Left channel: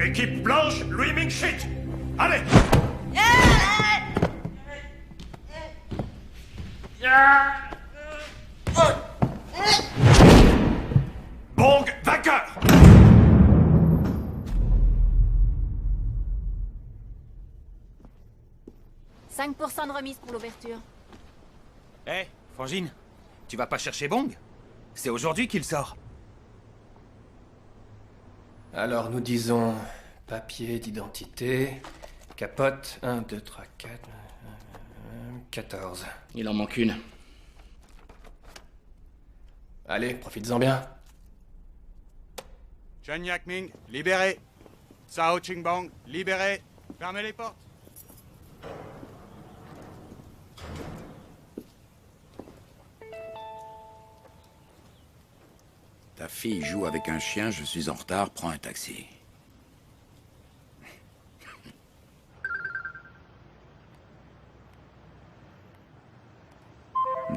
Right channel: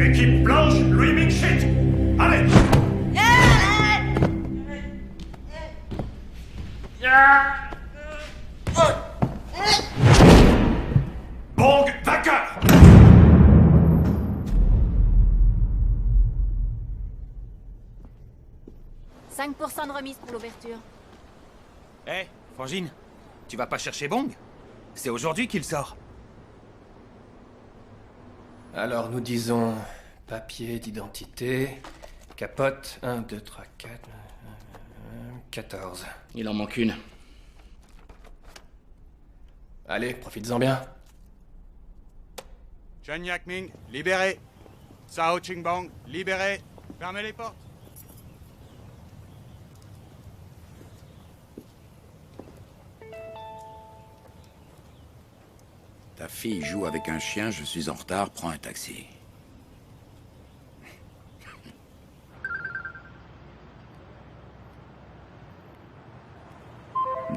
Équipe blanche, Louis Ming-Shit. Allez. Bong vainqueur. 5% de remise pour l'ouverture. Hé, Frangine, tu vas pas chercher Bong? C'est aujourd'hui qu'il sort. Alors nous disons papier d'identité, capote, 1, 2, 3, 4, 14. Il en manque une. Allez, profites-en bien. Chen Yakming, libéré. Sao Qingbang, libéré. Fermez les portes. Ta fille joue avec un chien, je suis en retard, prends un taxi.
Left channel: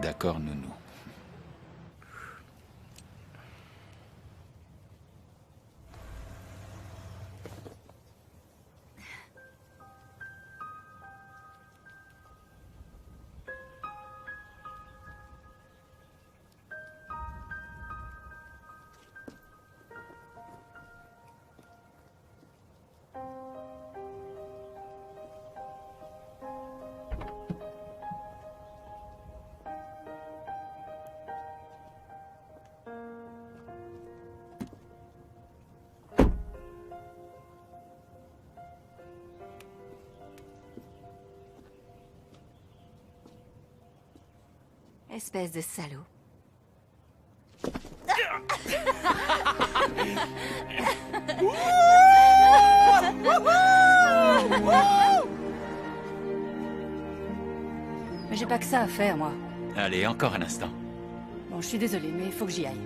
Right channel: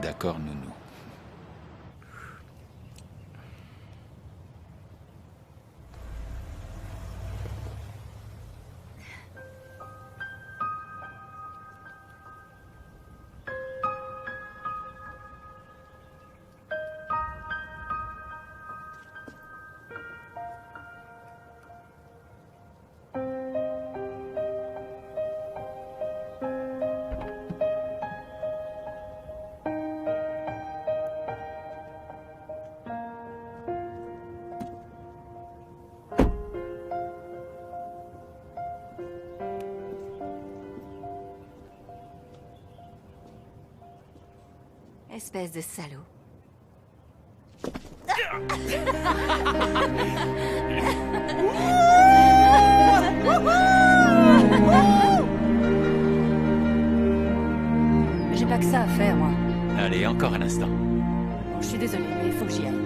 D'accord, nounou. Espèce de salaud. Mais j'ai pas que ça à faire, moi. Allez, encore un instant. Bon, je suis désolée, mais il faut que j'y aille.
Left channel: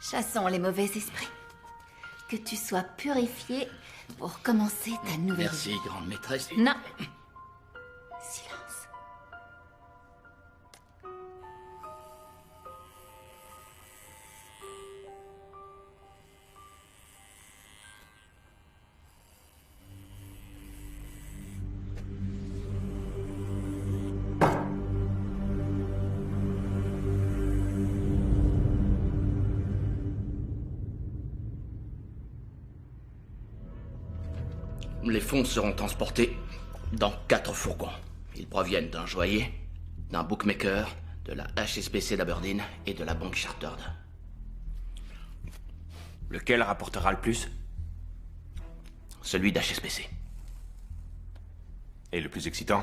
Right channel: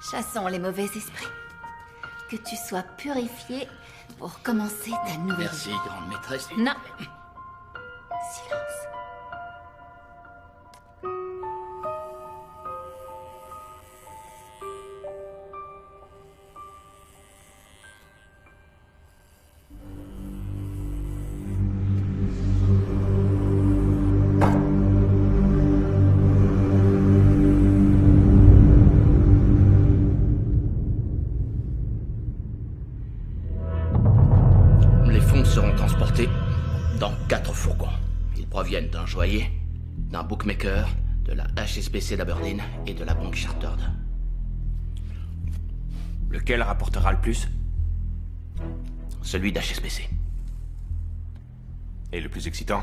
Chassons les mauvais esprits. Que tu sois purifié pour commencer ta nouvelle Merci, vie. grande maîtresse. Non. Silence. Les fonds seront transportés dans 4 fourgons. Ils proviennent d'un joaillier, d'un bookmaker, de la HSBC d'Aberdeen et de la banque Chartered. Lequel rapportera le plus? Celui d'HSBC. Et le plus excitant?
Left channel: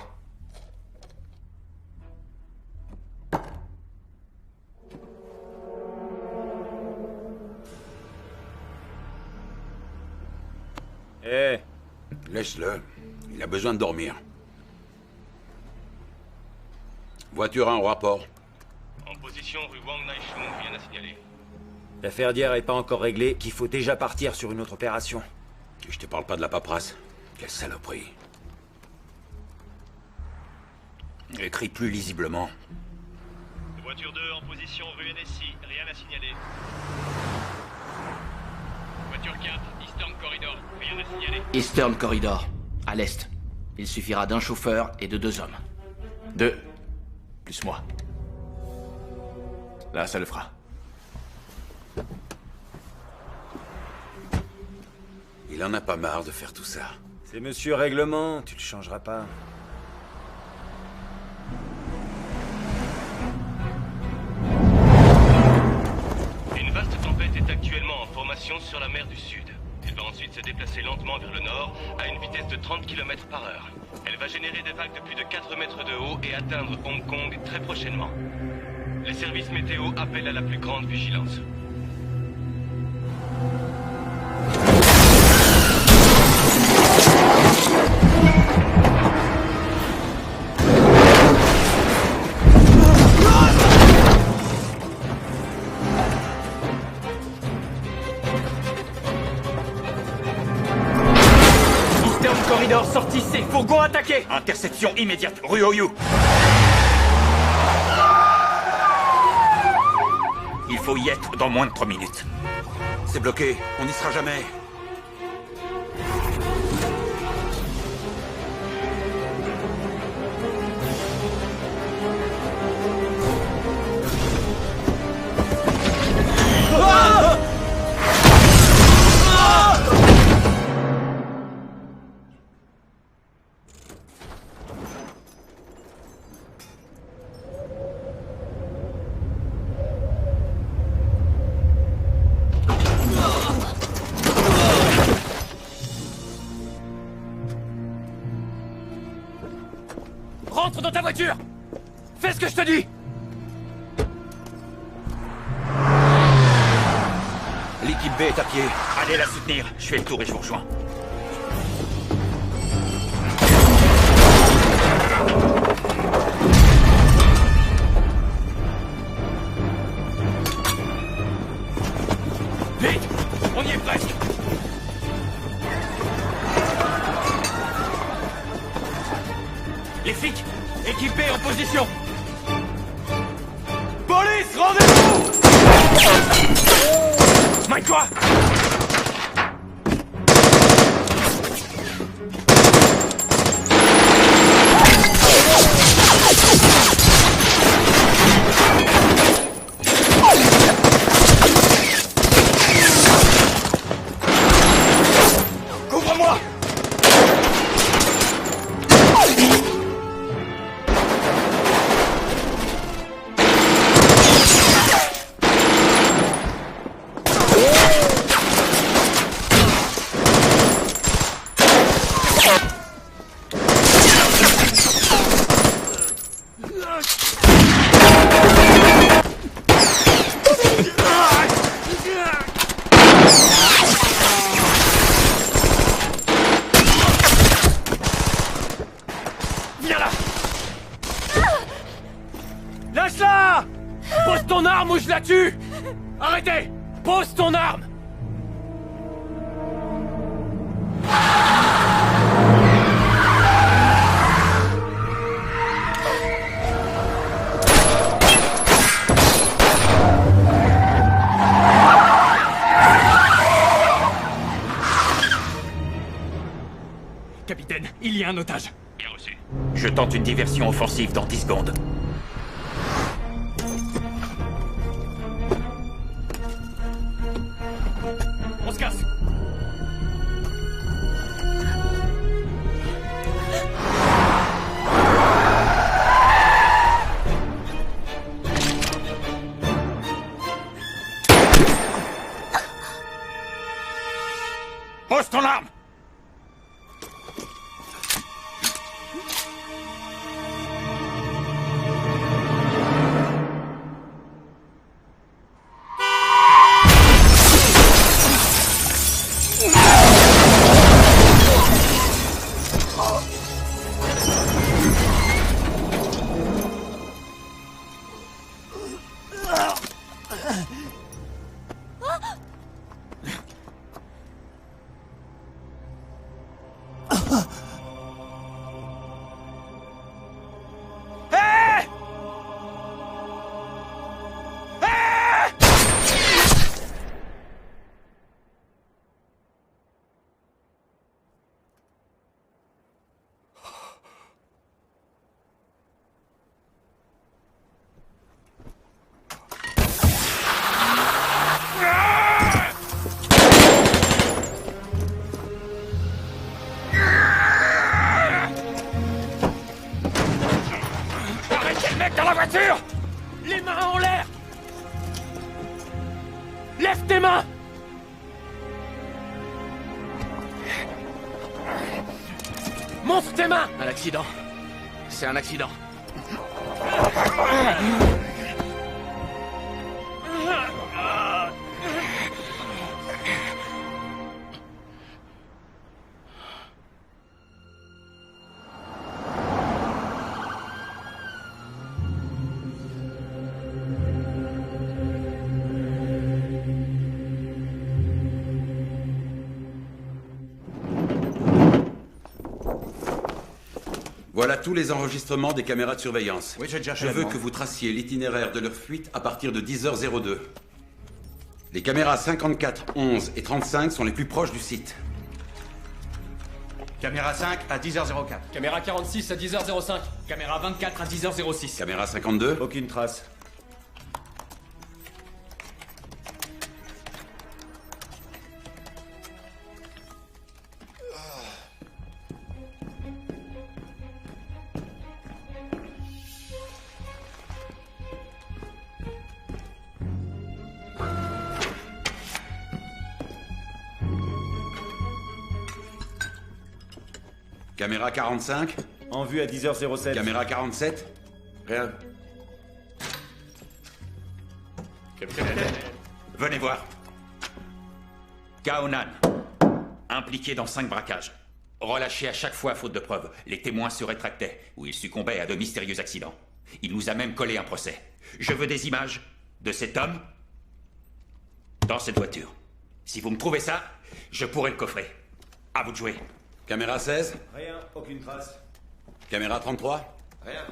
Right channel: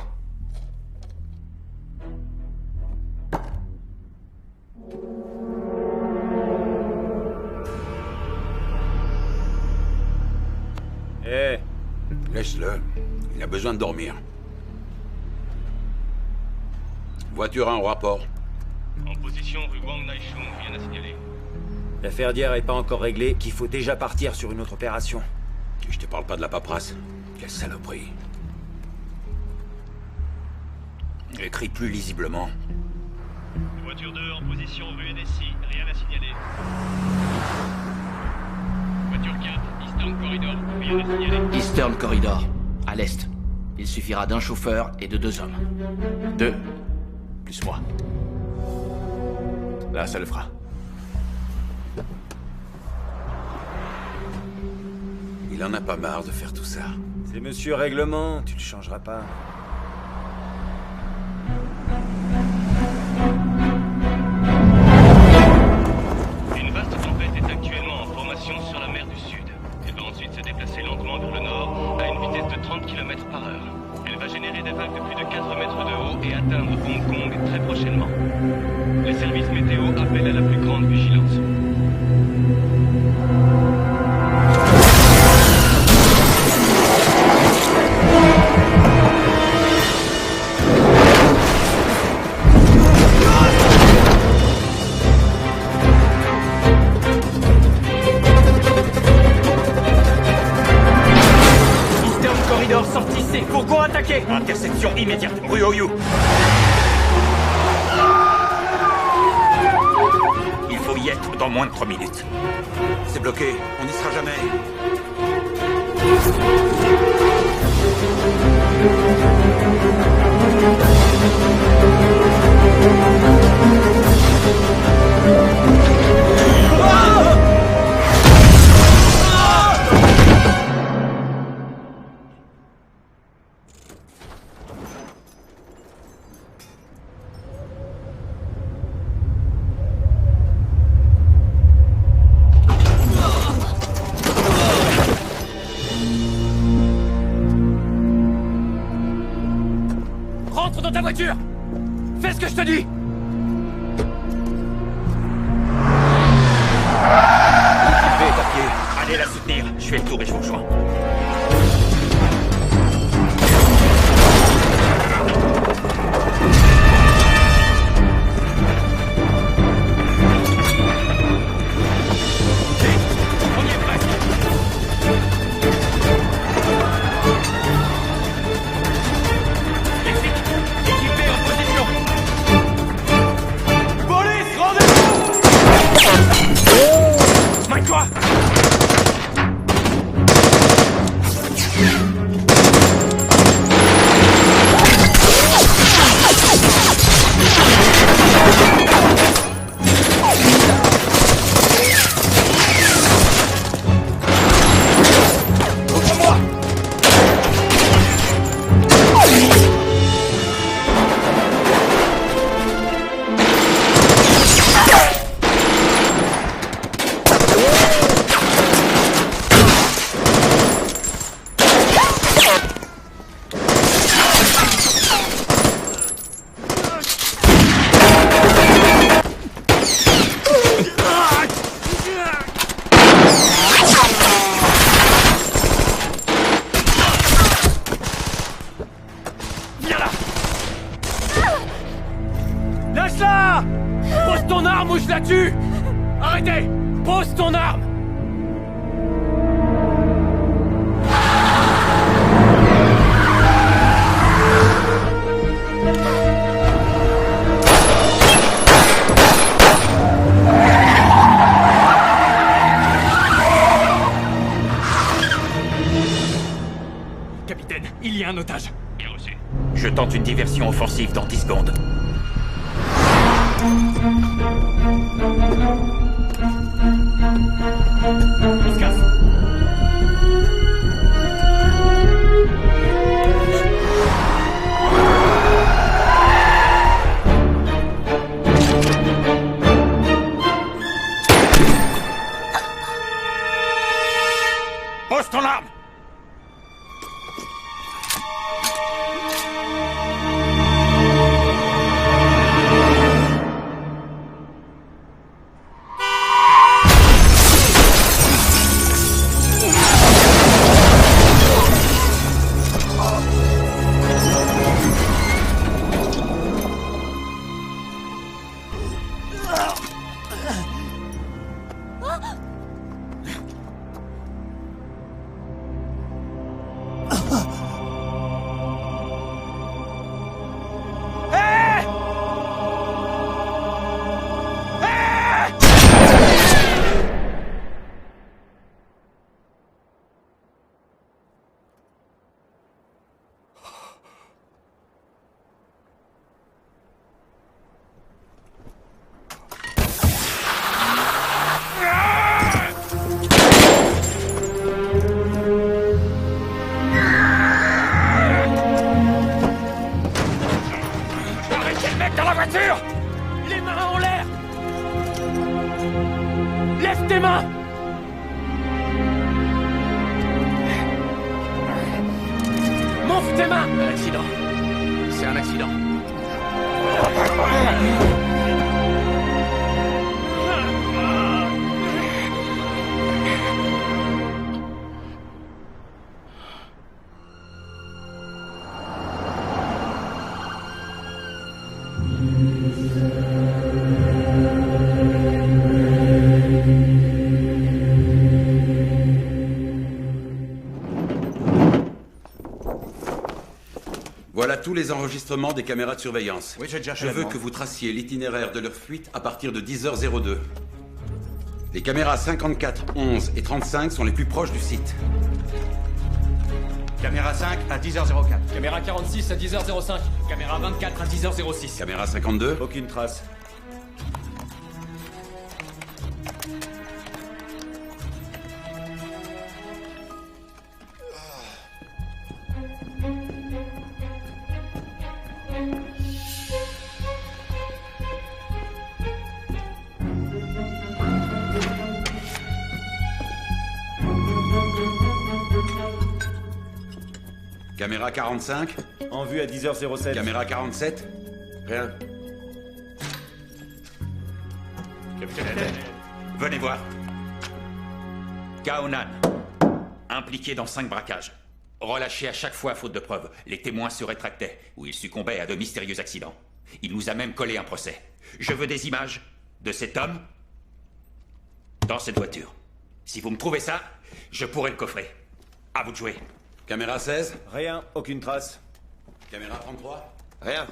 Eh, Laisse-le. Il a besoin de dormir. Voiture en rapport. En position rue Wang Naishun, rien à signaler. L'affaire d'hier est pas encore réglée, qu'il faut déjà partir sur une autre opération. Et je te parle pas de la paperasse. Quelle saloperie. Écris plus lisiblement. Voiture 2 en position rue NSI, rien à signaler. Voiture 4, Eastern Corridor, rien à signaler. Eastern Corridor, à l'est. Il suffira d'un chauffeur et de 2 hommes. 2, plus moi. Là, ça le fera. Il en a pas marre de faire tout ça. C'est Monsieur Règlement, tu le changeras pas. Une vaste tempête est actuellement en formation sur la mer du Sud. Elle va ensuite se déplacer lentement vers le nord à une vitesse de 30 km/h. Elle va générer des vagues de plus de 4 mètres de haut et atteindre Hong Kong très prochainement. Les services météo appellent à la plus grande vigilance. Corridor, sortissez! Fourgon attaqué! Interception immédiate, rue Oyu. Il faut y être dans moins de 3 minutes. C'est bloqué, on n'y sera jamais. Rentre dans ta voiture! Fais ce que je te dis! L'équipe B est à pied. Allez la soutenir. Je fais le tour et je vous rejoins. Vite! On y est presque! Les flics! Équipe B en position! Police, rendez-vous! Mets-toi! Ouvre-moi! Viens là! Lâche-la! Pose ton arme ou je la tue! Arrêtez! Pose ton arme! Capitaine, il y a un otage. Bien reçu. Je tente une diversion offensive dans 10 secondes. On se casse. Pose ton arme! mecs dans la voiture! Les mains en l'air! Lève tes mains! Monte tes mains! Un accident. C'est un accident. Voilà tous les enregistrements des caméras de surveillance. Oui, j'ai déjà Je veux que vous traciez l'itinéraire de leur fuite à partir de 10h02. Les caméras 54, 11 et 35 sont les plus proches du site. Caméra 5 à 10h04. Caméra 46 à 10h05. Caméra 24 à 10h06. Caméra 52. Aucune trace. Caméra 45. En vue à 10h07. Caméra 47. Rien. Capitaine. Venez voir. Kaonan. Impliqué dans 5 braquages. Relâché à chaque fois à faute de preuves. Les témoins se rétractaient, ou il succombait à de mystérieux accidents. Il nous a même collé un procès. Je veux des images de cet homme dans cette voiture. Si vous me trouvez ça, je pourrai le coffrer. À vous de jouer. Caméra 16. Rien, aucune trace. Caméra 33. Rien.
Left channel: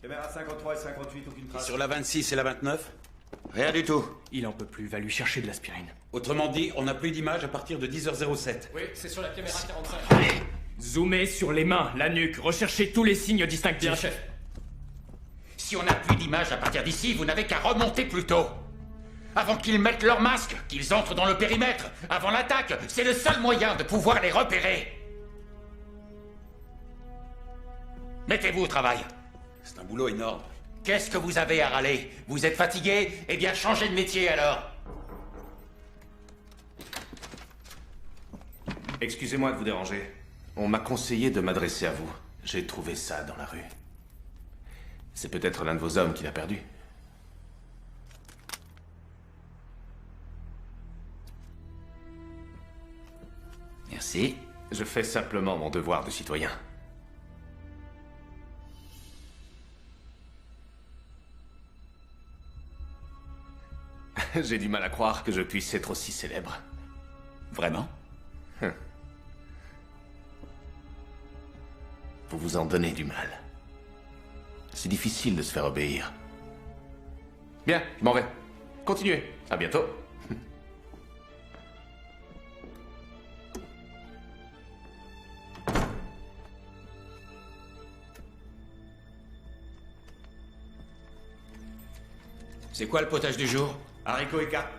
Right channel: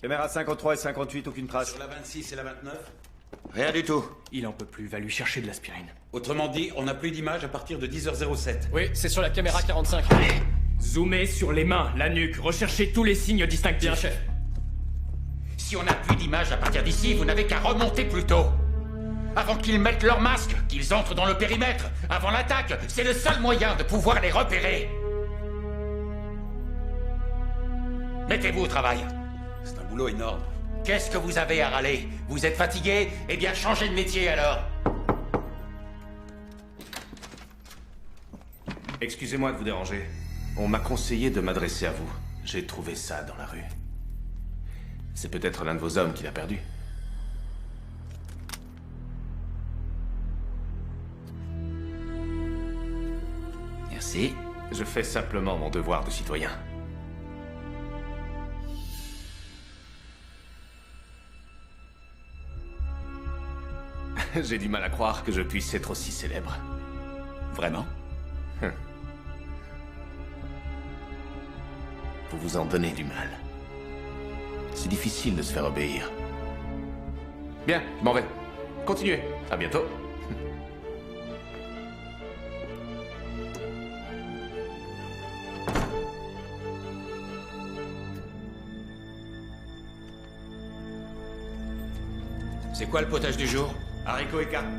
Caméra 53 et 58, aucune trace. Sur la 26 et la 29. Rien du tout. Il en peut plus, va lui chercher de l'aspirine. Autrement dit, on n'a plus d'images à partir de 10h07. Oui, c'est sur la caméra 45. Zoomez sur les mains, la nuque, recherchez tous les signes distinctifs. Bien, chef. Si on n'a plus d'images à partir d'ici, vous n'avez qu'à remonter plus tôt. Avant qu'ils mettent leur masque, qu'ils entrent dans le périmètre, avant l'attaque, c'est le seul moyen de pouvoir les repérer. Mettez-vous au travail. C'est un boulot énorme. Qu'est-ce que vous avez à râler? Vous êtes fatigué? Eh bien, changez de métier alors. Excusez-moi de vous déranger. On m'a conseillé de m'adresser à vous. J'ai trouvé ça dans la rue. C'est peut-être l'un de vos hommes qui l'a perdu. Merci. Je fais simplement mon devoir de citoyen. J'ai du mal à croire que je puisse être aussi célèbre. Vraiment? Vous vous en donnez du mal. C'est difficile de se faire obéir. Bien, je m'en vais. Continuez. À bientôt. C'est quoi le potage du jour? Haricots et carpes.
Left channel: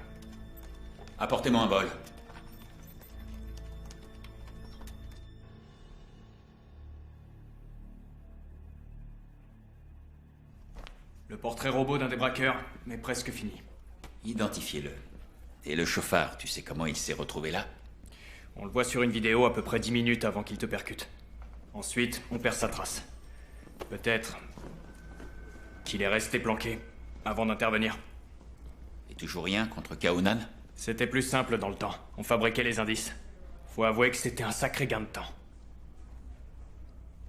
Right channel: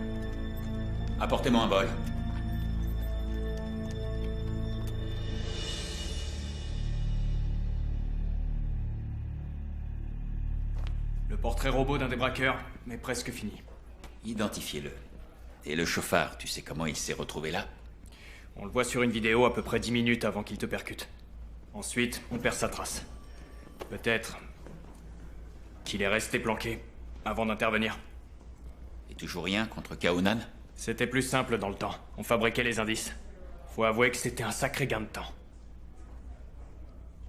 Apportez-moi un bol. Le portrait robot d'un des braqueurs, mais presque fini. Identifiez-le. Et le chauffard, tu sais comment il s'est retrouvé là? On le voit sur une vidéo à peu près 10 minutes avant qu'il te percute. Ensuite, on perd sa trace. Peut-être qu'il est resté planqué avant d'intervenir. Et toujours rien contre Kaonan? C'était plus simple dans le temps. On fabriquait les indices. Faut avouer que c'était un sacré gain de temps.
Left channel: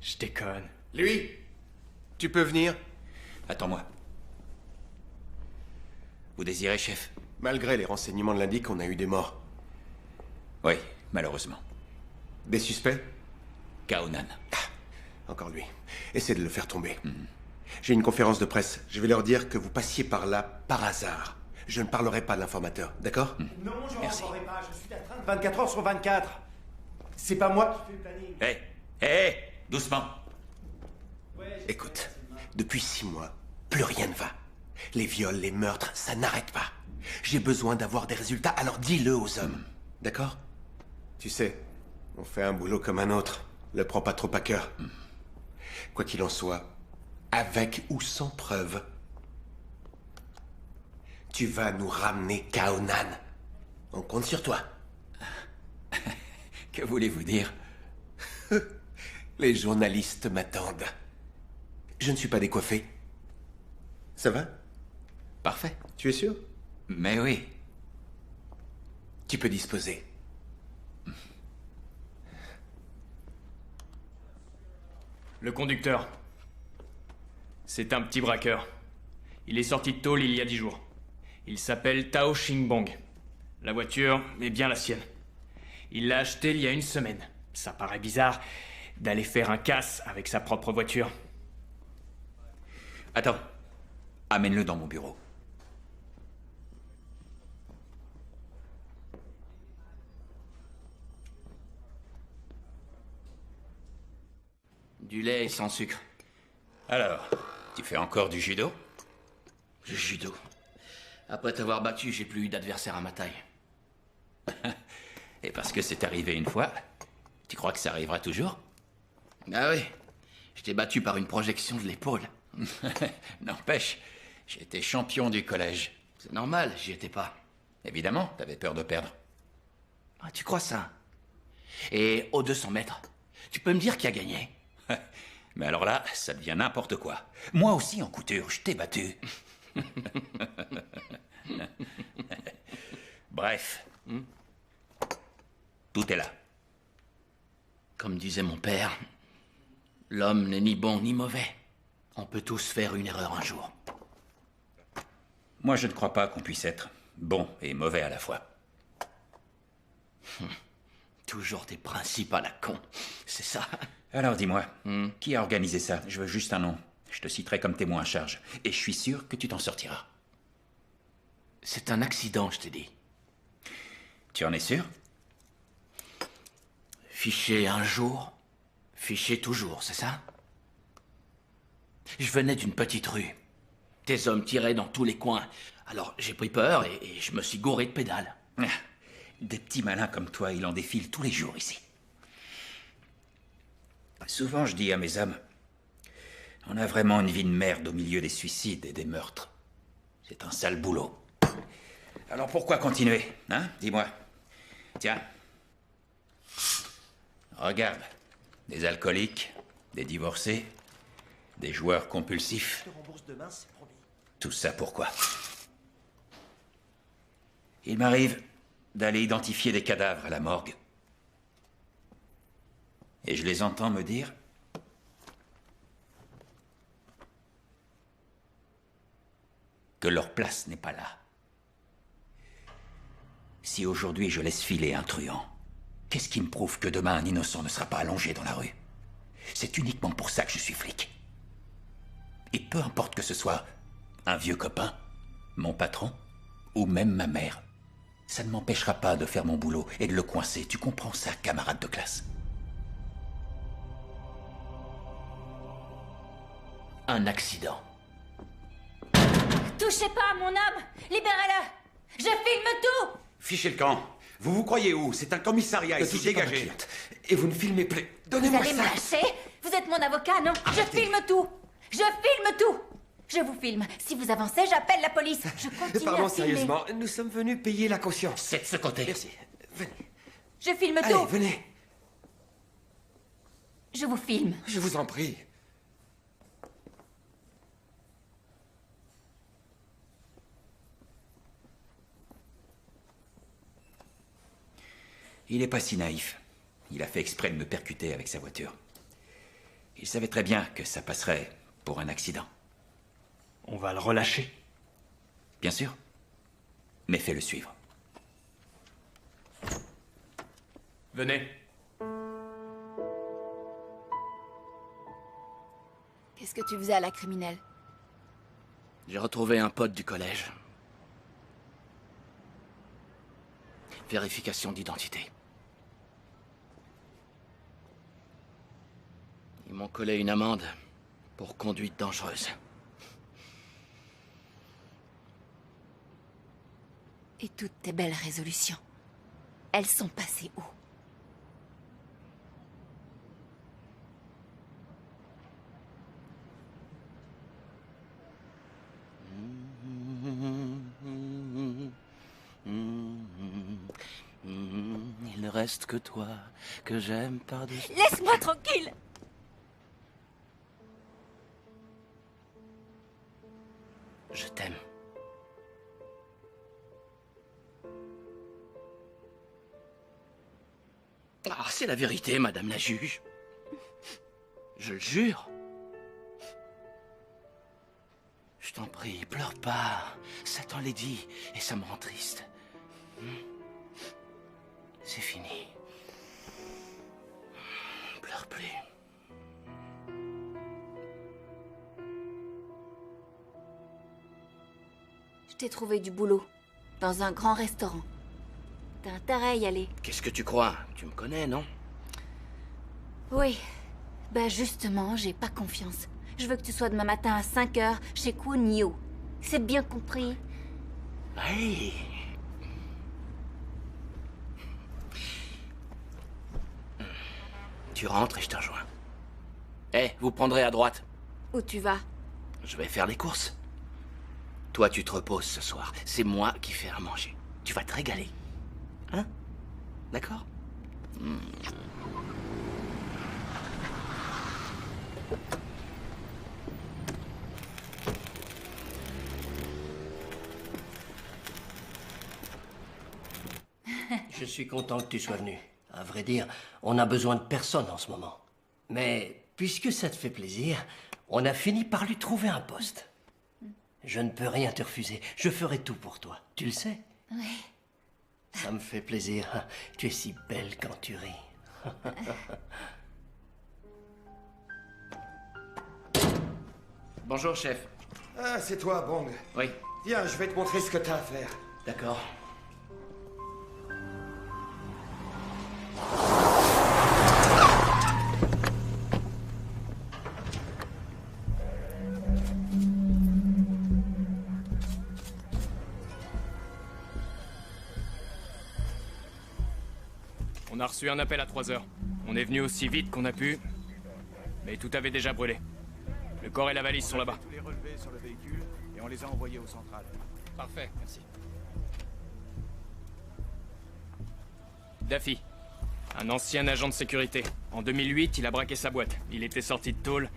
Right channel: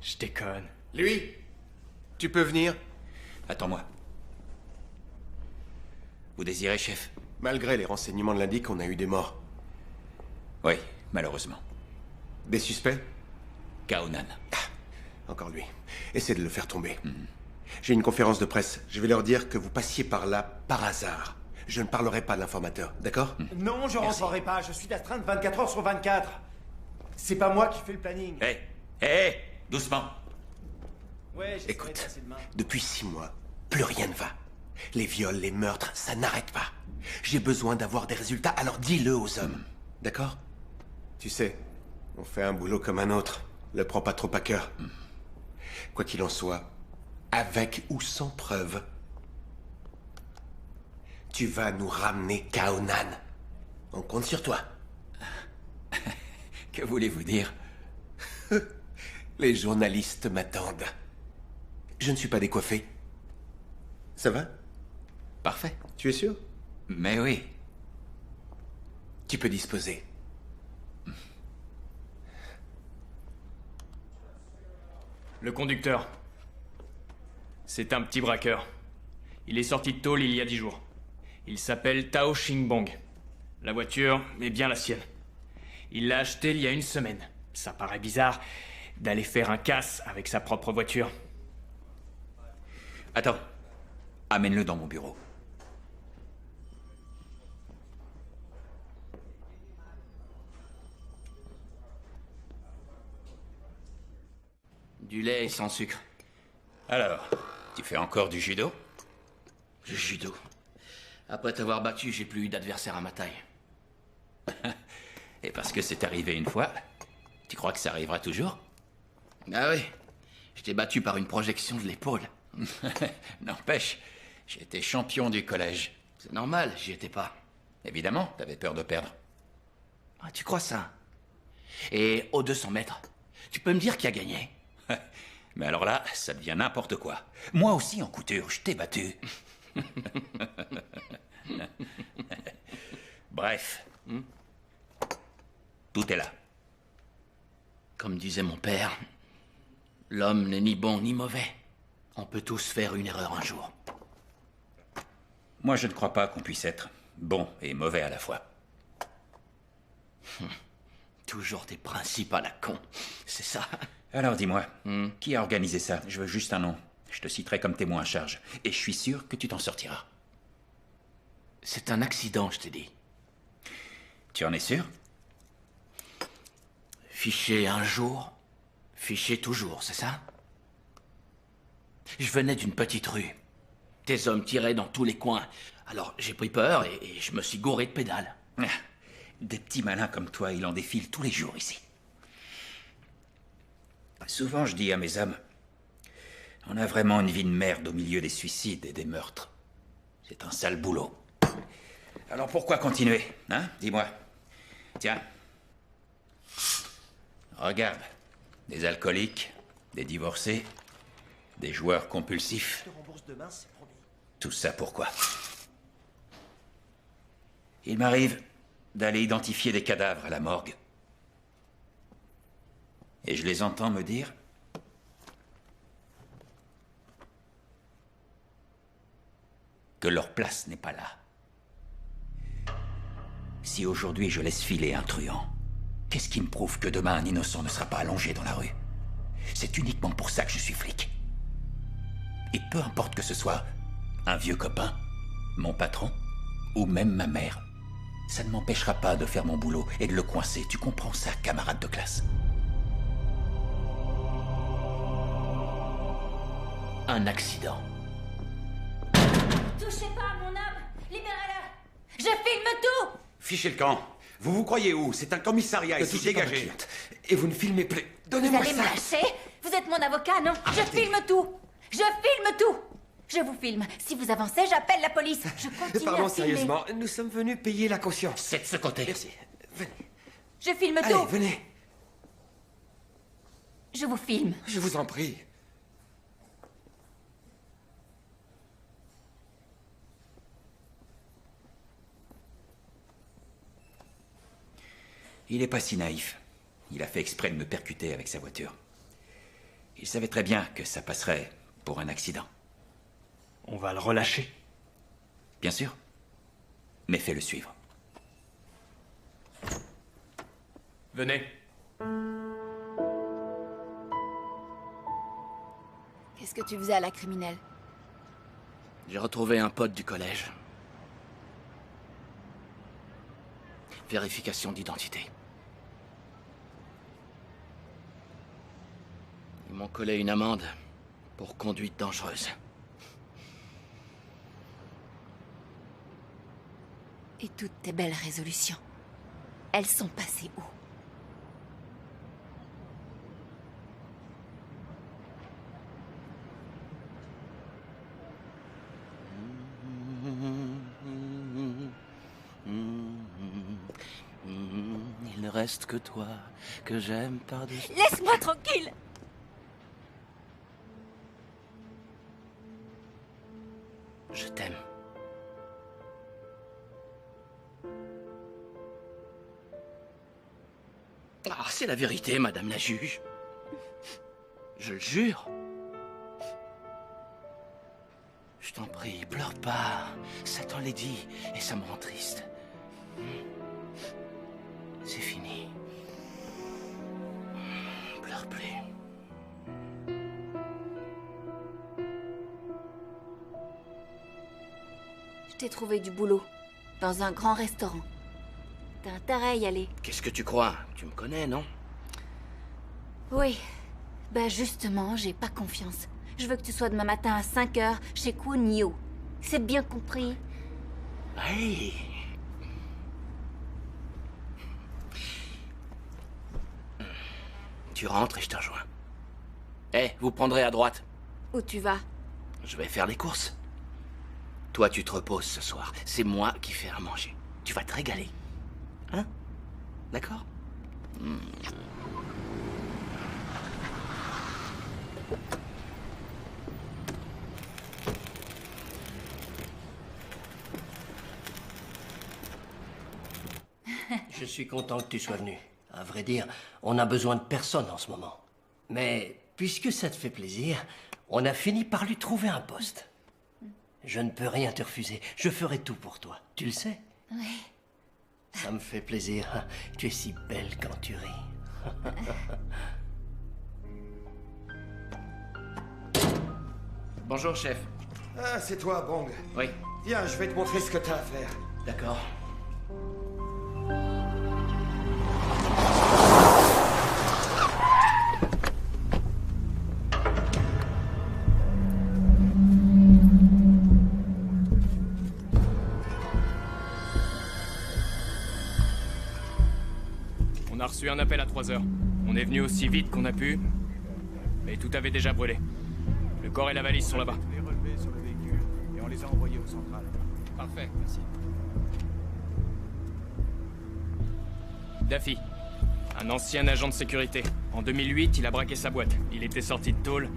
Je déconne. Lui, tu peux venir? Attends-moi. Vous désirez, chef? Malgré les renseignements de l'indique, on a eu des morts. Oui, malheureusement. Des suspects? Kaonan. Encore lui. Essaie de le faire tomber. J'ai une conférence de presse. Je vais leur dire que vous passiez par là par hasard. Je ne parlerai pas de l'informateur, d'accord? Non, je rentrerai pas. Je suis d'astreinte 24 heures sur 24. C'est pas moi qui fais le planning. Hé, doucement. Ouais, écoute, depuis 6 mois, plus rien ne va. Les viols, les meurtres, ça n'arrête pas. J'ai besoin d'avoir des résultats, alors dis-le aux hommes. D'accord? Tu sais, on fait un boulot comme un autre. Le prends pas trop à cœur. Quoi qu'il en soit, Avec ou sans preuve. Tu vas nous ramener Kaonan. On compte sur toi. Que voulez-vous dire? Les journalistes m'attendent. Je ne suis pas décoiffé. Ça va? Parfait. Tu es sûr? Mais oui. Tu peux disposer. Le conducteur. C'est un petit braqueur. Il est sorti de tôle il y a 10 jours. Il s'appelle Tao Xingbong. La voiture est bien la sienne. Il l'a achetée il y a 1 semaine. Ça paraît bizarre d'aller faire un casse avec sa propre voiture. Attends. Amène-le dans mon bureau. Du lait sans sucre. Alors, tu fais encore du judo? Du judo. Après t'avoir battu, j'ai plus eu d'adversaire à ma taille. Et parce que c'est arrivé une fois, tu crois que ça arrivera toujours? Ah oui. Je t'ai battu par une projection de l'épaule. N'empêche, j'étais champion du collège. C'est normal, j'y étais pas. Évidemment, t'avais peur de perdre. Ah, tu crois ça? Et aux 200 mètres, tu peux me dire qui a gagné? Mais alors là, ça devient n'importe quoi. Moi aussi, en couture, je t'ai battu. Bref. Tout est là. Comme disait mon père, l'homme n'est ni bon ni mauvais. On peut tous faire une erreur un jour. Moi, je ne crois pas qu'on puisse être bon et mauvais à la fois. Toujours des principes à la con, c'est ça? Alors dis-moi, qui a organisé ça? Je veux juste un nom. Je te citerai comme témoin à charge. Et je suis sûr que tu t'en sortiras. C'est un accident, je t'ai dit. Tu en es sûr? Fiché un jour, fiché toujours, c'est ça? Je venais d'une petite rue. Tes hommes tiraient dans tous les coins. Alors j'ai pris peur et je me suis gouré de pédales. Des petits malins comme toi, il en défile tous les jours ici. Souvent, je dis à mes hommes, on a vraiment une vie de merde au milieu des suicides et des meurtres. C'est un sale boulot. Alors pourquoi continuer, hein? Dis-moi. Tiens. Regarde. Des alcooliques, des divorcés, des joueurs compulsifs. Je te rembourse demain, c'est promis. Tout ça pourquoi? Il m'arrive d'aller identifier des cadavres à la morgue. Et je les entends me dire que leur place n'est pas là. Si aujourd'hui je laisse filer un truand, qu'est-ce qui me prouve que demain un innocent ne sera pas allongé dans la rue? C'est uniquement pour ça que je suis flic. Et peu importe que ce soit un vieux copain, mon patron, ou même ma mère, ça ne m'empêchera pas de faire mon boulot et de le coincer. Tu comprends ça, camarade de classe? Un accident. Touchez pas à mon homme! Libérez-le! Je filme tout! Fichez le camp. Vous vous croyez où? C'est un commissariat ici, dégagez. Et vous ne filmez plus. Vous Donnez-moi allez me ça. lâcher? Vous êtes mon avocat, non? Je filme tout! Je filme tout! Je vous filme. Si vous avancez, j'appelle la police. Je continue Pardon, à filmer. sérieusement, nous sommes venus payer la caution. C'est de ce côté. Merci. Venez. Je filme Allez, tout! venez. Je vous filme. Je vous en prie. Il est pas si naïf. Il a fait exprès de me percuter avec sa voiture. Il savait très bien que ça passerait pour un accident. On va le relâcher. Bien sûr. Mais fais-le suivre. Venez. Qu'est-ce que tu faisais à la criminelle? J'ai retrouvé un pote du collège. Vérification d'identité. Ils m'ont collé une amende pour conduite dangereuse. Et toutes tes belles résolutions, elles sont passées où? reste que toi, que j'aime par-dessus. Laisse-moi tranquille! Je t'aime. Ah, c'est la vérité, madame la juge. Je le jure. Je t'en prie, pleure pas. Satan l'a dit, et ça me rend triste. C'est fini. Pleure plus. Je t'ai trouvé du boulot. Dans un grand restaurant. T'as intérêt à y aller. Qu'est-ce que tu crois? Tu me connais, non? Oui. Bah justement, j'ai pas confiance. Je veux que tu sois demain matin à 5h chez Kwon Yo. C'est bien compris? Hey. Tu rentres et je te rejoins. Eh, vous prendrez à droite. Où tu vas? Je vais faire les courses. Toi, tu te reposes ce soir. C'est moi qui fais à manger. Tu vas te régaler. Hein? D'accord? Je suis content que tu sois venu. À vrai dire, on a besoin de personne en ce moment. Mais puisque ça te fait plaisir, on a fini par lui trouver un poste. Je ne peux rien te refuser. Je ferai tout pour toi. Tu le sais? Oui. Ça me fait plaisir. Tu es si belle quand tu ris. Bonjour, chef. Ah, c'est toi, Bong. Oui. Viens, je vais te montrer ce que t'as à faire. D'accord. On a reçu un appel à 3h. On est venu aussi vite qu'on a pu, mais tout avait déjà brûlé. Le corps et la valise sont là-bas. On a les relevés sur le véhicule et on les a envoyés au central. Parfait, merci. Daffy, un ancien agent de sécurité. En 2008, il a braqué sa boîte. Il était sorti de tôle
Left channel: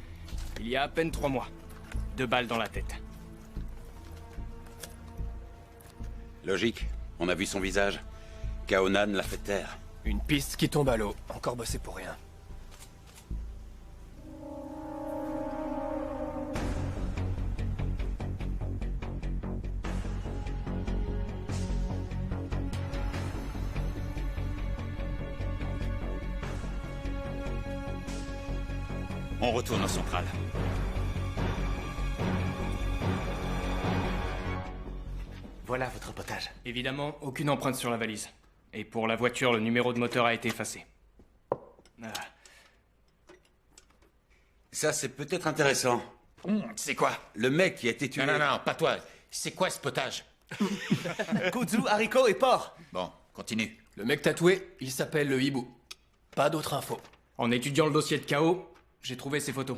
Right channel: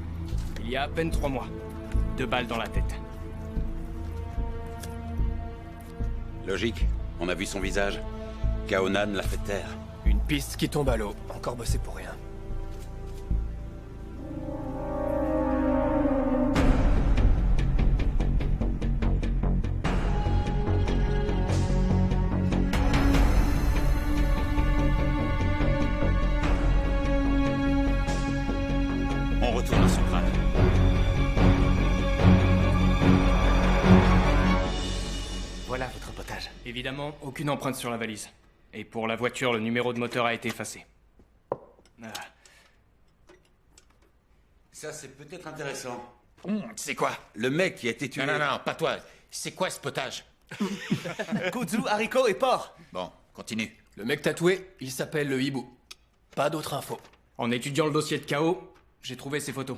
il y a à peine 3 mois. 2 balles dans la tête. Logique, on a vu son visage. Kaonan l'a fait taire. Une piste qui tombe à l'eau. Encore bossé pour rien. On retourne au central. Voilà votre potage. Évidemment, aucune empreinte sur la valise. Et pour la voiture, le numéro de moteur a été effacé. Ah. Ça, c'est peut-être intéressant. C'est quoi? Le mec qui a été tué... Non, pas toi. C'est quoi ce potage? Kudzu, haricots et porc. Bon, continue. Le mec tatoué, il s'appelle le hibou. Pas d'autres infos. En étudiant le dossier de KO, j'ai trouvé ses photos.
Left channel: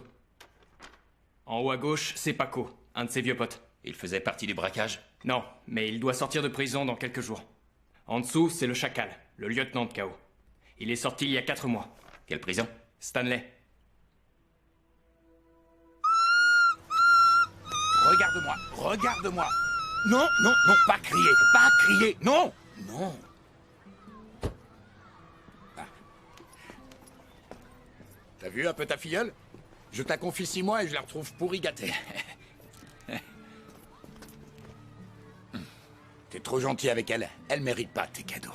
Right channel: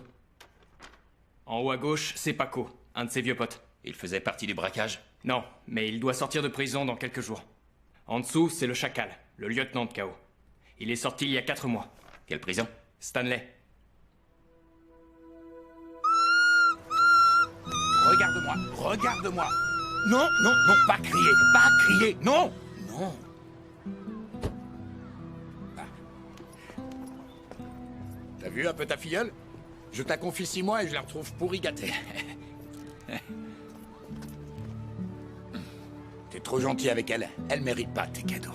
En haut à gauche, c'est Paco, un de ses vieux potes. Il faisait partie du braquage? Non, mais il doit sortir de prison dans quelques jours. En dessous, c'est le Chacal, le lieutenant de KO. Il est sorti il y a 4 mois. Quelle prison? Stanley. Regarde-moi. Non, pas crier, non. T'as vu un peu ta filleule? Je te la confie 6 mois et je la retrouve pourri gâtée. T'es trop gentil avec elle. Elle mérite pas tes cadeaux.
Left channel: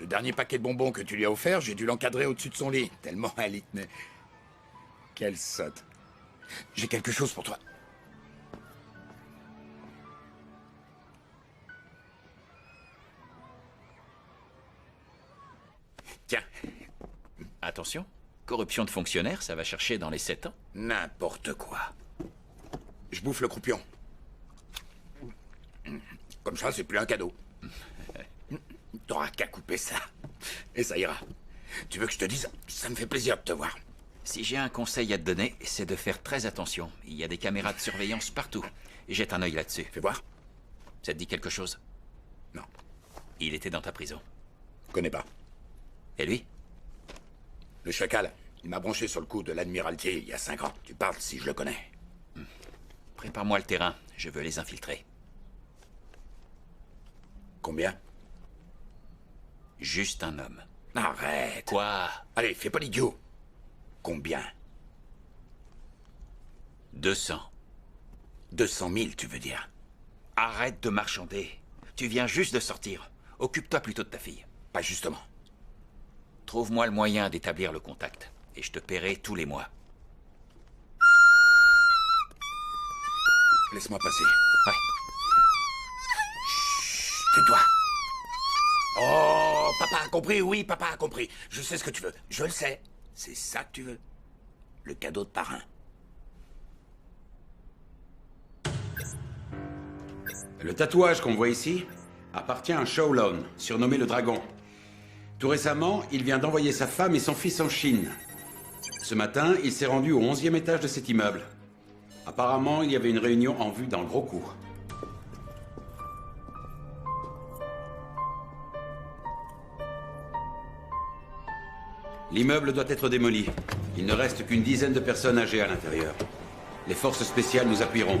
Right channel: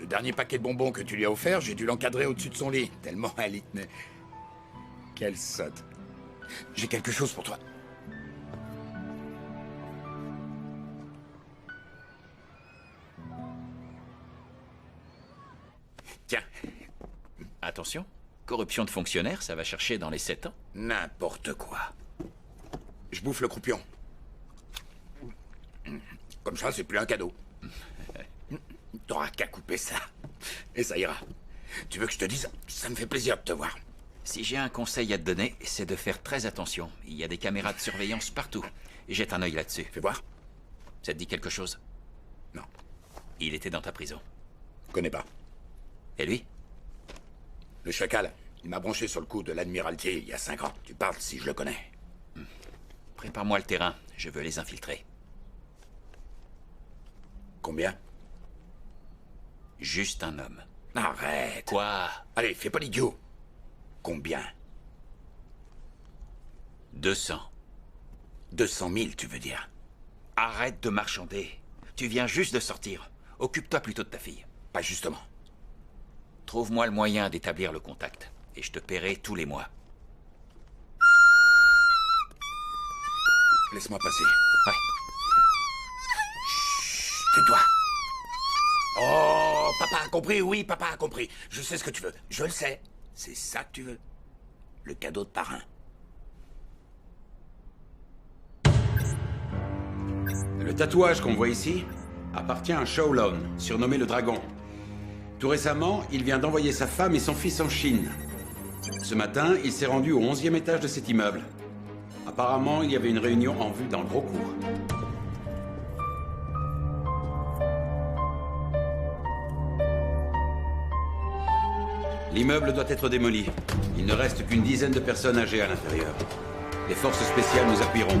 Le dernier paquet de bonbons que tu lui as offert, j'ai dû l'encadrer au-dessus de son lit, tellement elle y tenait. Quelle sotte. J'ai quelque chose pour toi. Tiens. Attention. Corruption de fonctionnaire, ça va chercher dans les 7 ans. N'importe quoi. Je bouffe le croupion. Comme ça, c'est plus un cadeau. T'auras qu'à couper ça. Et ça ira. Tu veux que je te dise? Ça me fait plaisir de te voir. Si j'ai un conseil à te donner, c'est de faire très attention. Il y a des caméras de surveillance partout. Jette un œil là-dessus. Fais voir. Ça te dit quelque chose? Non. Il était dans ta prison. Connais pas. Et lui? Le chacal, il m'a branché sur le coup de l'Admiralty il y a 5 ans. Tu parles si je le connais. Prépare-moi le terrain, je veux les infiltrer. Combien? Juste un homme. Arrête. Quoi? Allez, fais pas l'idiot. Combien? 200. 200 000, tu veux dire? Arrête de marchander. Tu viens juste de sortir. Occupe-toi plutôt de ta fille. Pas justement. Trouve-moi le moyen d'établir le contact. Et je te paierai tous les mois. Laisse-moi passer. Ouais. Chut, tais-toi. Oh, papa a compris, oui, papa a compris. Je sais ce que tu veux, je le sais. C'est ça que tu veux. Le cadeau de parrain. Le tatouage qu'on voit ici appartient à Shaolon, surnommé le Dragon. Tout récemment, il vient d'envoyer sa femme et son fils en Chine. Ce matin, il s'est rendu au 11e étage de cet immeuble. Apparemment, il y avait une réunion en vue dans le gros cours. L'immeuble doit être démoli. Il ne reste qu'une dizaine de personnes âgées à l'intérieur. Les forces spéciales nous appuieront.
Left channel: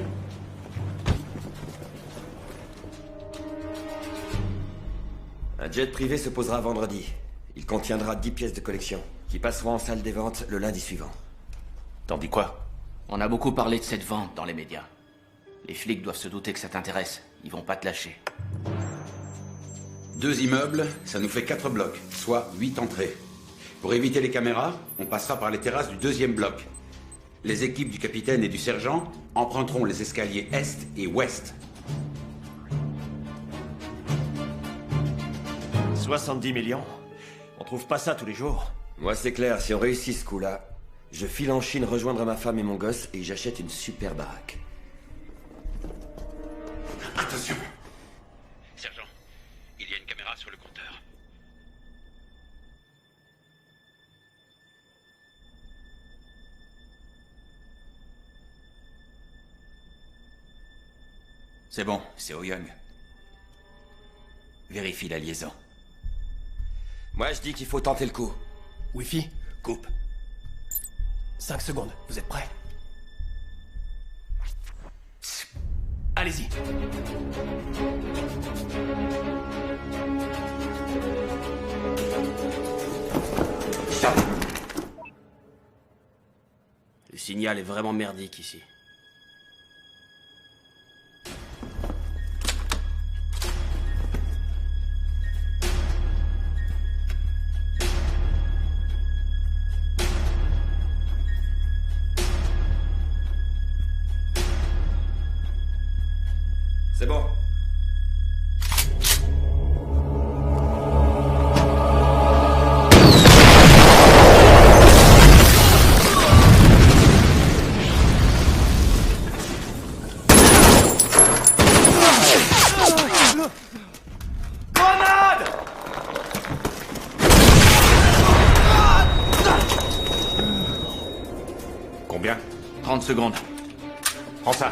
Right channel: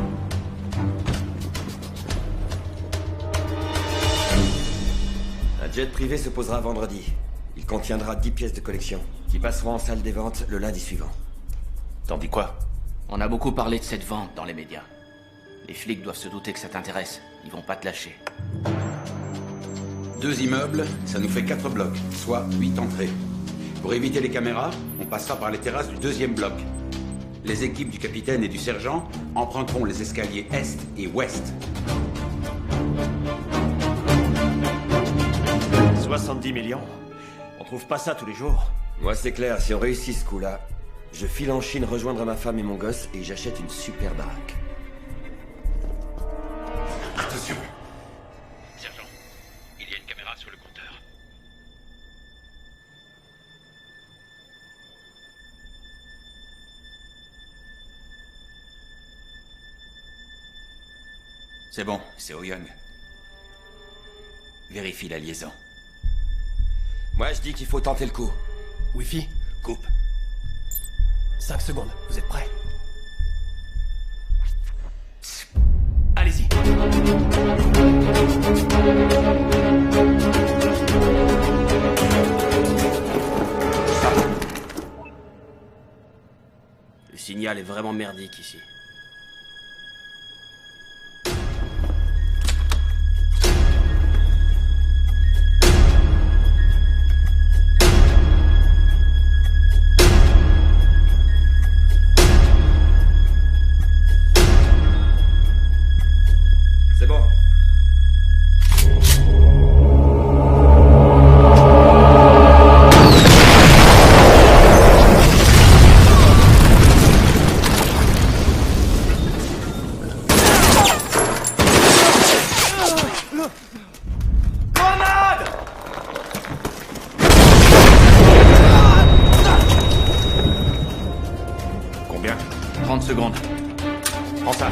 Un jet privé se posera vendredi. Il contiendra 10 pièces de collection, qui passeront en salle des ventes le lundi suivant. T'en dis quoi? On a beaucoup parlé de cette vente dans les médias. Les flics doivent se douter que ça t'intéresse. Ils vont pas te lâcher. 2 immeubles, ça nous fait 4 blocs, soit 8 entrées. Pour éviter les caméras, on passera par les terrasses du 2e bloc. Les équipes du capitaine et du sergent emprunteront les escaliers est et ouest. 70 millions. On trouve pas ça tous les jours. Moi, c'est clair, si on réussit ce coup-là, je file en Chine rejoindre ma femme et mon gosse et j'achète une super baraque. Attention! Sergent, il y a une caméra sur le compteur. C'est bon, c'est Oyoung. Vérifie la liaison. Moi, je dis qu'il faut tenter le coup. Wi-Fi, coupe. 5 secondes, vous êtes prêts? Allez-y. Le signal est vraiment merdique ici. C'est bon. Grenade! Combien? 30 secondes. Prends ça.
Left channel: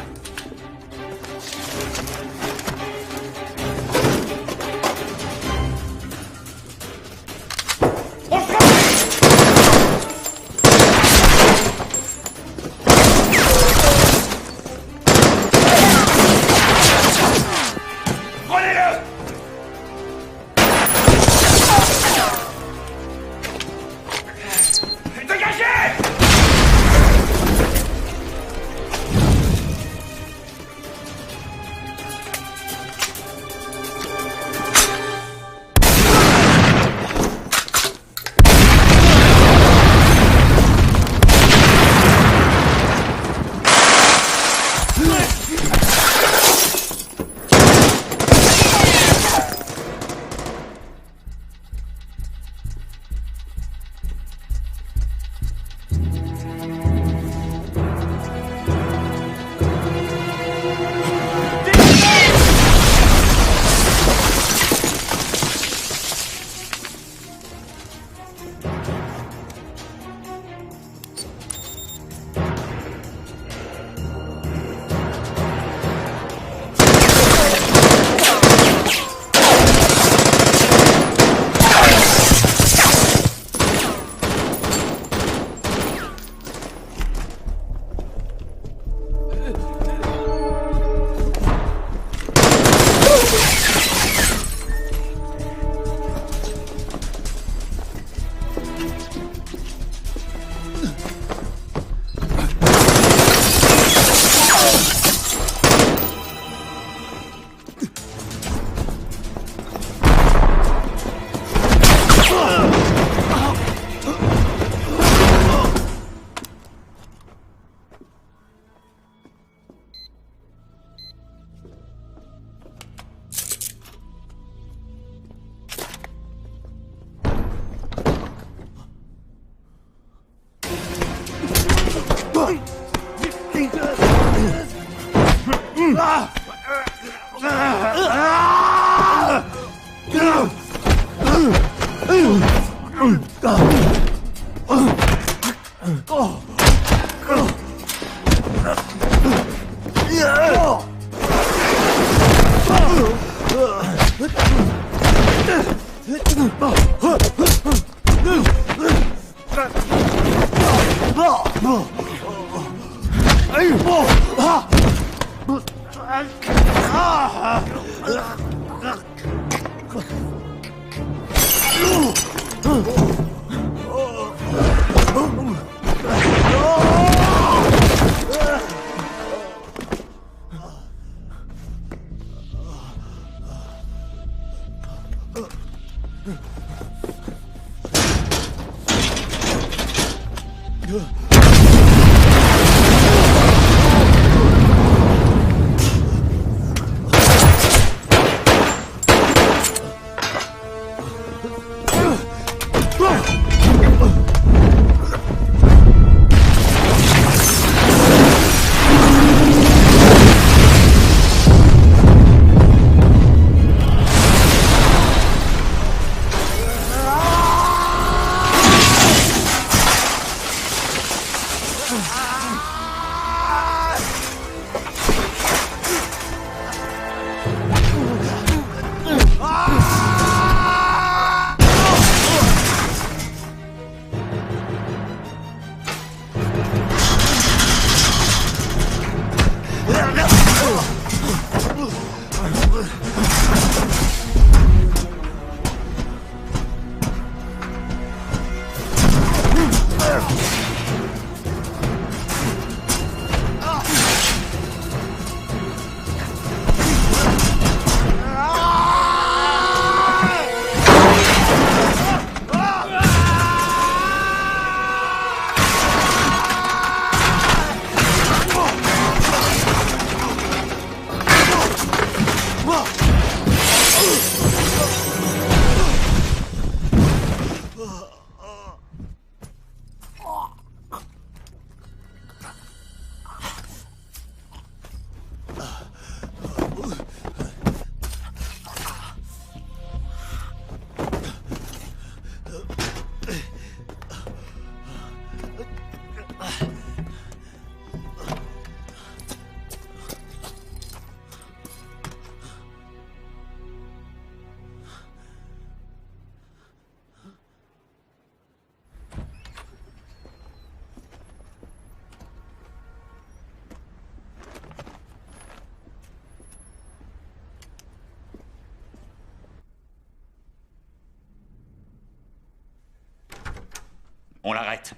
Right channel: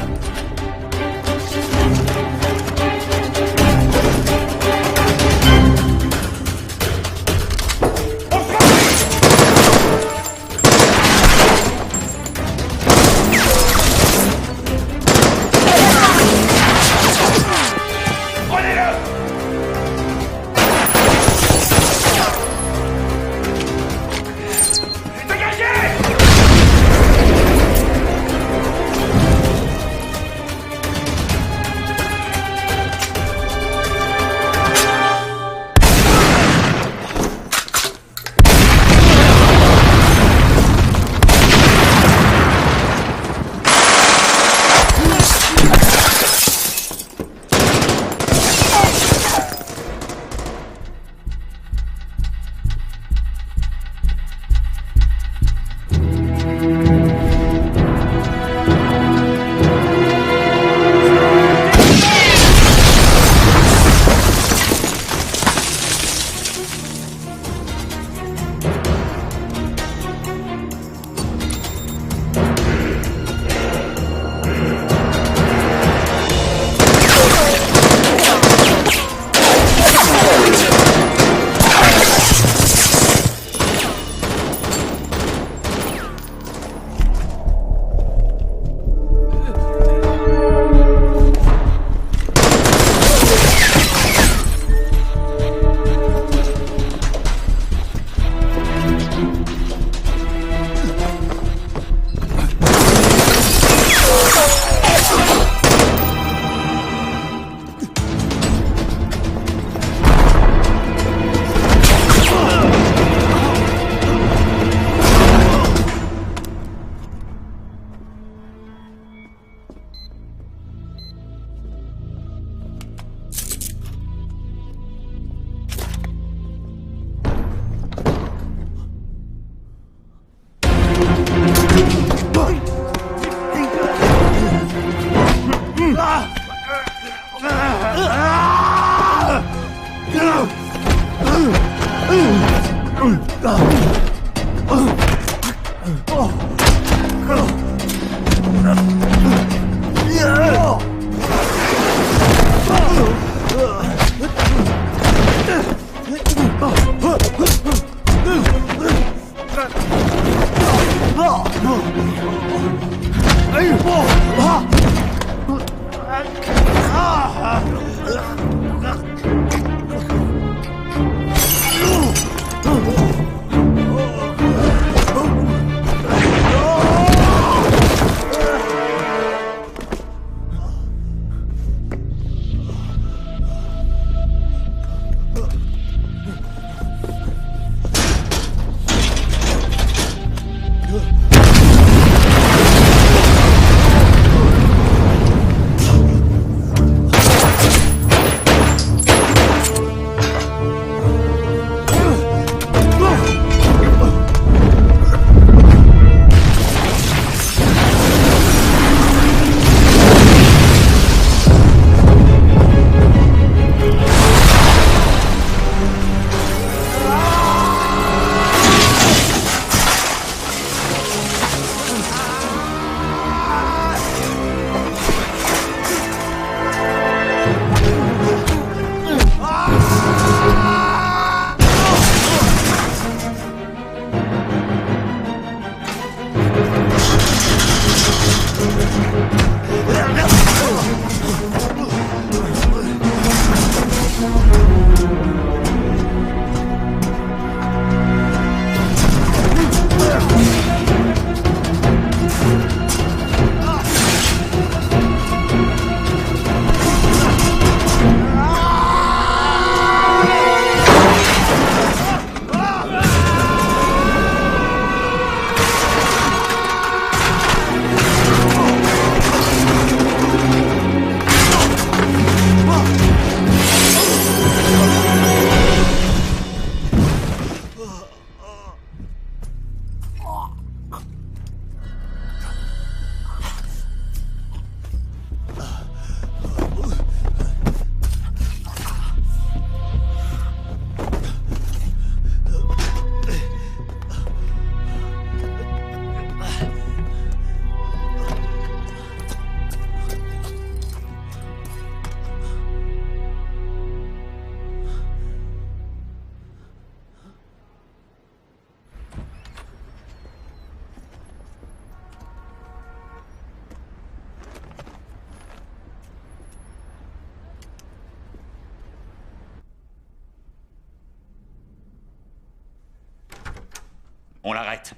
On l'arrête.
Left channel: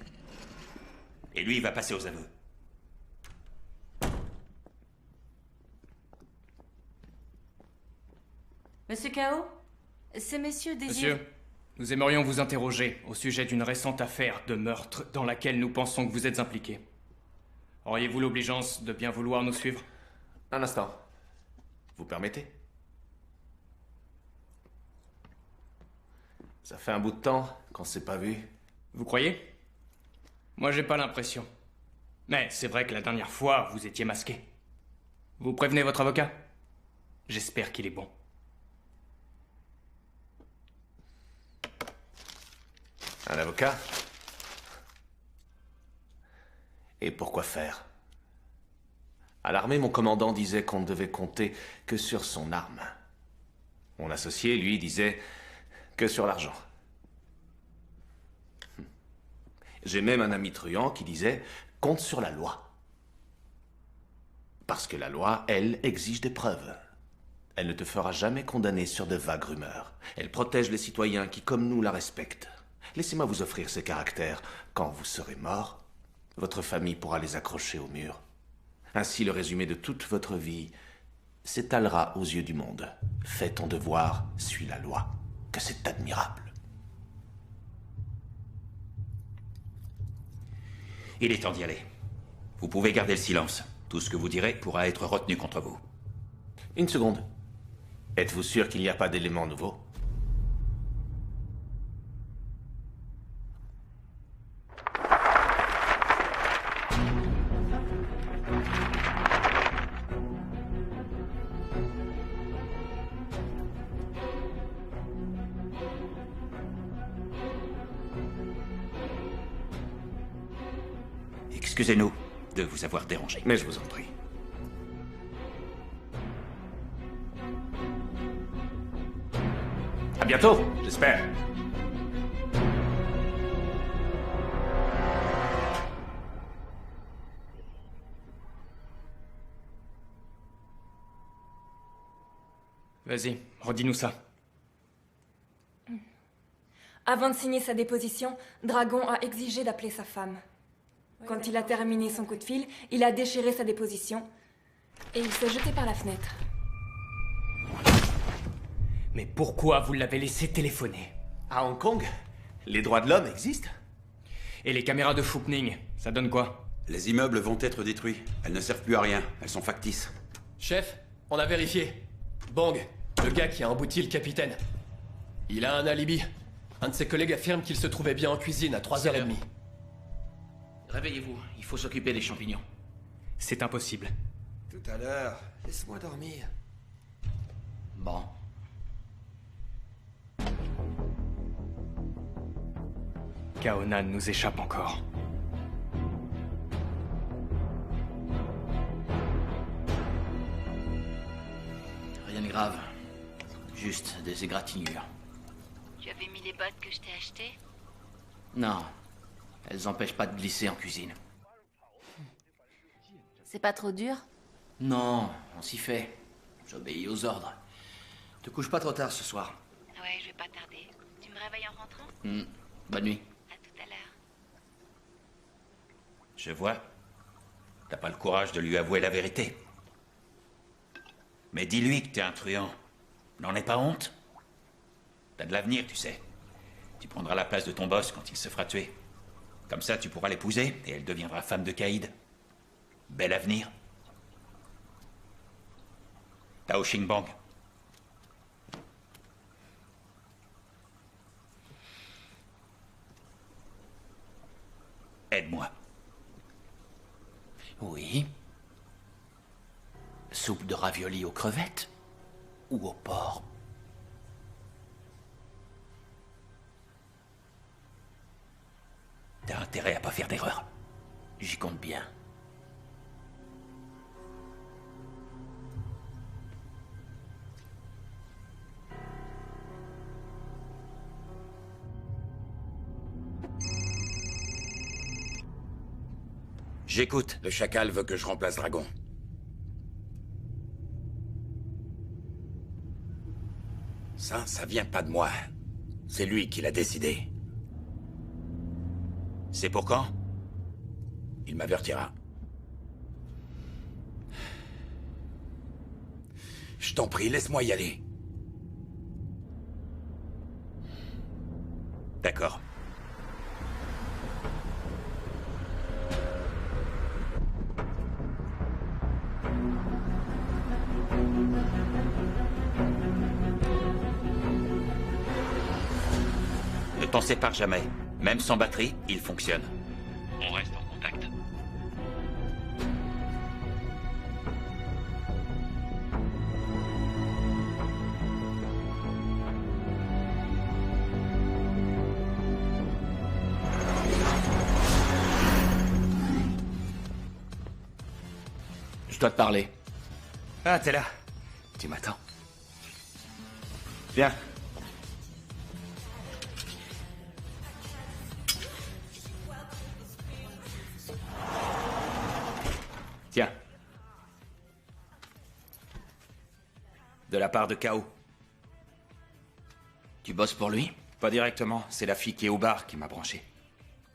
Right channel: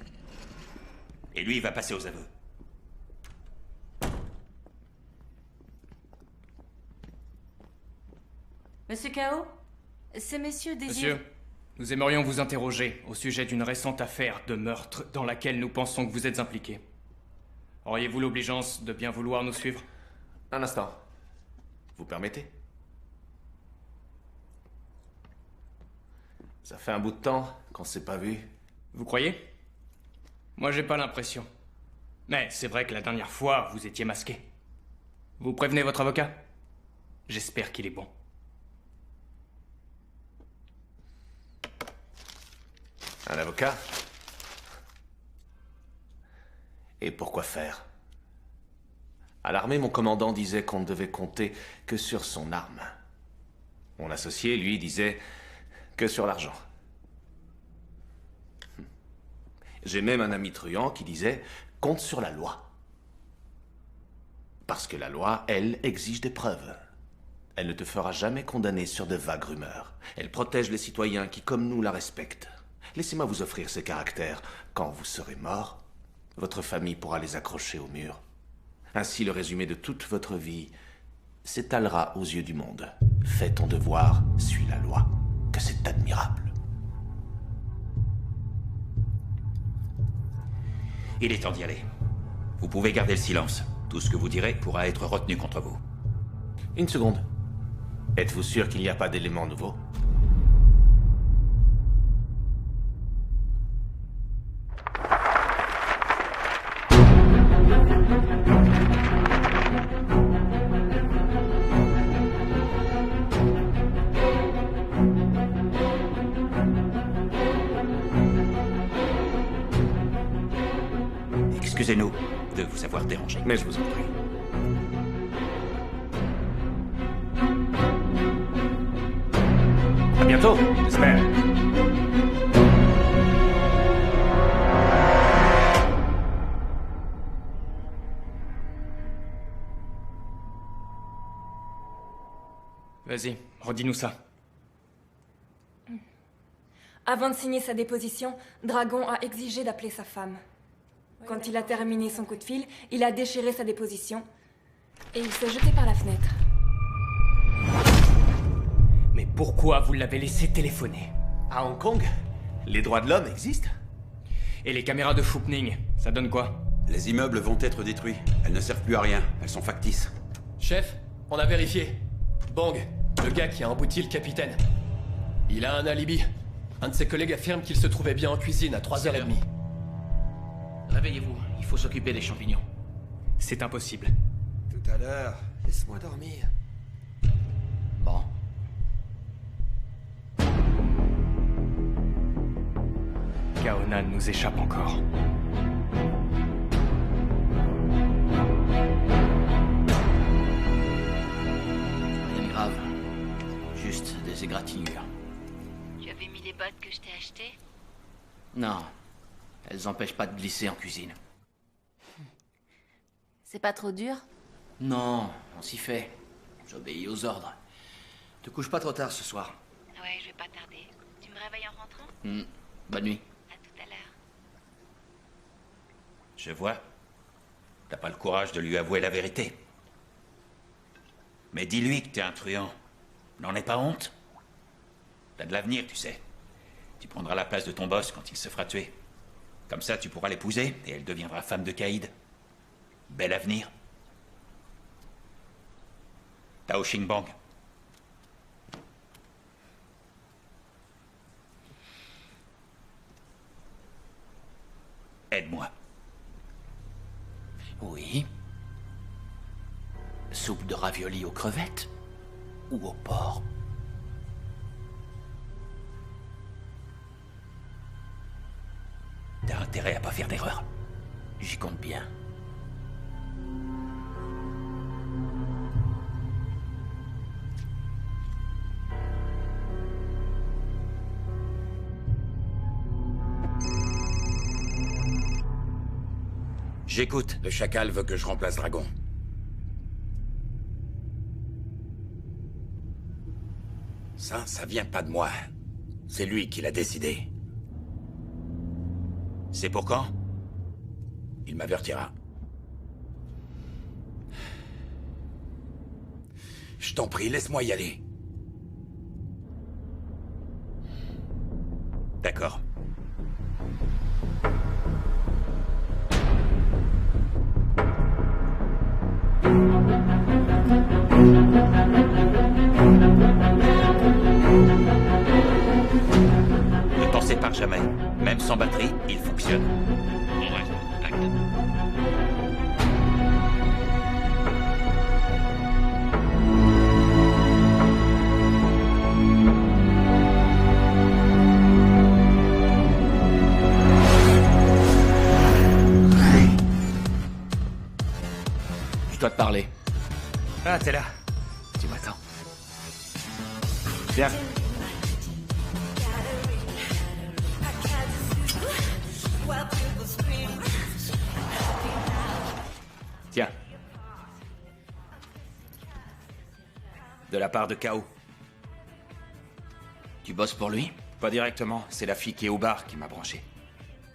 Et lui, il va passer aux aveux. Monsieur Kao, ces messieurs désirent... Monsieur, nous aimerions vous interroger au sujet d'une récente affaire de meurtre dans laquelle nous pensons que vous êtes impliqué. Auriez-vous l'obligeance de bien vouloir nous suivre? Un instant. Vous permettez? Ça fait un bout de temps qu'on s'est pas vu. Vous croyez? Moi, j'ai pas l'impression. Mais c'est vrai que la dernière fois, vous étiez masqué. Vous prévenez votre avocat? J'espère qu'il est bon. Un avocat? Et pourquoi faire? À l'armée, mon commandant disait qu'on ne devait compter que sur son arme. Mon associé, lui, disait que sur l'argent. J'ai même un ami truand qui disait « compte sur la loi ». Parce que la loi, elle, exige des preuves. Elle ne te fera jamais condamner sur de vagues rumeurs. Elle protège les citoyens qui, comme nous, la respectent. Laissez-moi vous offrir ces caractères. Quand vous serez mort, votre famille pourra les accrocher au mur. Ainsi, le résumé de toute votre vie s'étalera aux yeux du monde. Fais ton devoir, suis la loi. Que c'est admirable. Il est temps d'y aller. Vous pouvez garder le silence. Tout ce que vous direz pourra être retenu contre vous. Une seconde. Êtes-vous sûr qu'il n'y a pas d'éléments nouveaux? Excusez-nous de vous avoir dérangé. Mais je vous en prie. À bientôt, j'espère. Vas-y, redis-nous ça. Avant de signer sa déposition, Dragon a exigé d'appeler sa femme. Quand il a terminé son coup de fil, il a déchiré sa déposition et il s'est jeté par la fenêtre. Mais pourquoi vous l'avez laissé téléphoner? À Hong Kong, les droits de l'homme existent. Et les caméras de Fookning, ça donne quoi? Les immeubles vont être détruits. Elles ne servent plus à rien. Elles sont factices. Chef, on a vérifié. Bang, le gars qui a embouti le capitaine. Il a un alibi. Un de ses collègues affirme qu'il se trouvait bien en cuisine à 3h30. Réveillez-vous, il faut s'occuper des champignons. C'est impossible. Tout à l'heure, laisse-moi dormir. Bon. Kaonan nous échappe encore. Rien de grave. Juste des égratignures. Tu avais mis les bottes que je t'ai achetées? Non. Elles empêchent pas de glisser en cuisine. C'est pas trop dur? Non, on s'y fait. J'obéis aux ordres. Te couche pas trop tard ce soir. Ouais, je vais pas tarder. Tu me réveilles en rentrant? Bonne nuit. À tout à l'heure. Je vois. T'as pas le courage de lui avouer la vérité. Mais dis-lui que t'es un truand. N'en aie pas honte. T'as de l'avenir, tu sais. Tu prendras la place de ton boss quand il se fera tuer. Comme ça, tu pourras l'épouser et elle deviendra femme de Caïd. Bel avenir. Tao Xingbang. Aide-moi. Oui. Soupe de ravioli aux crevettes ou au porc? T'as intérêt à pas faire d'erreur. J'y compte bien. J'écoute. Le chacal veut que je remplace Dragon. Ça vient pas de moi. C'est lui qui l'a décidé. C'est pour quand? Il m'avertira. Je t'en prie, laisse-moi y aller. D'accord. Ne t'en sépare jamais. Même sans batterie, il fonctionne. On reste en contact. Je dois te parler. Ah, t'es là. Tu m'attends. Viens. Tiens. De la part de Kao. Tu bosses pour lui? Pas directement, c'est la fille qui est au bar qui m'a branché.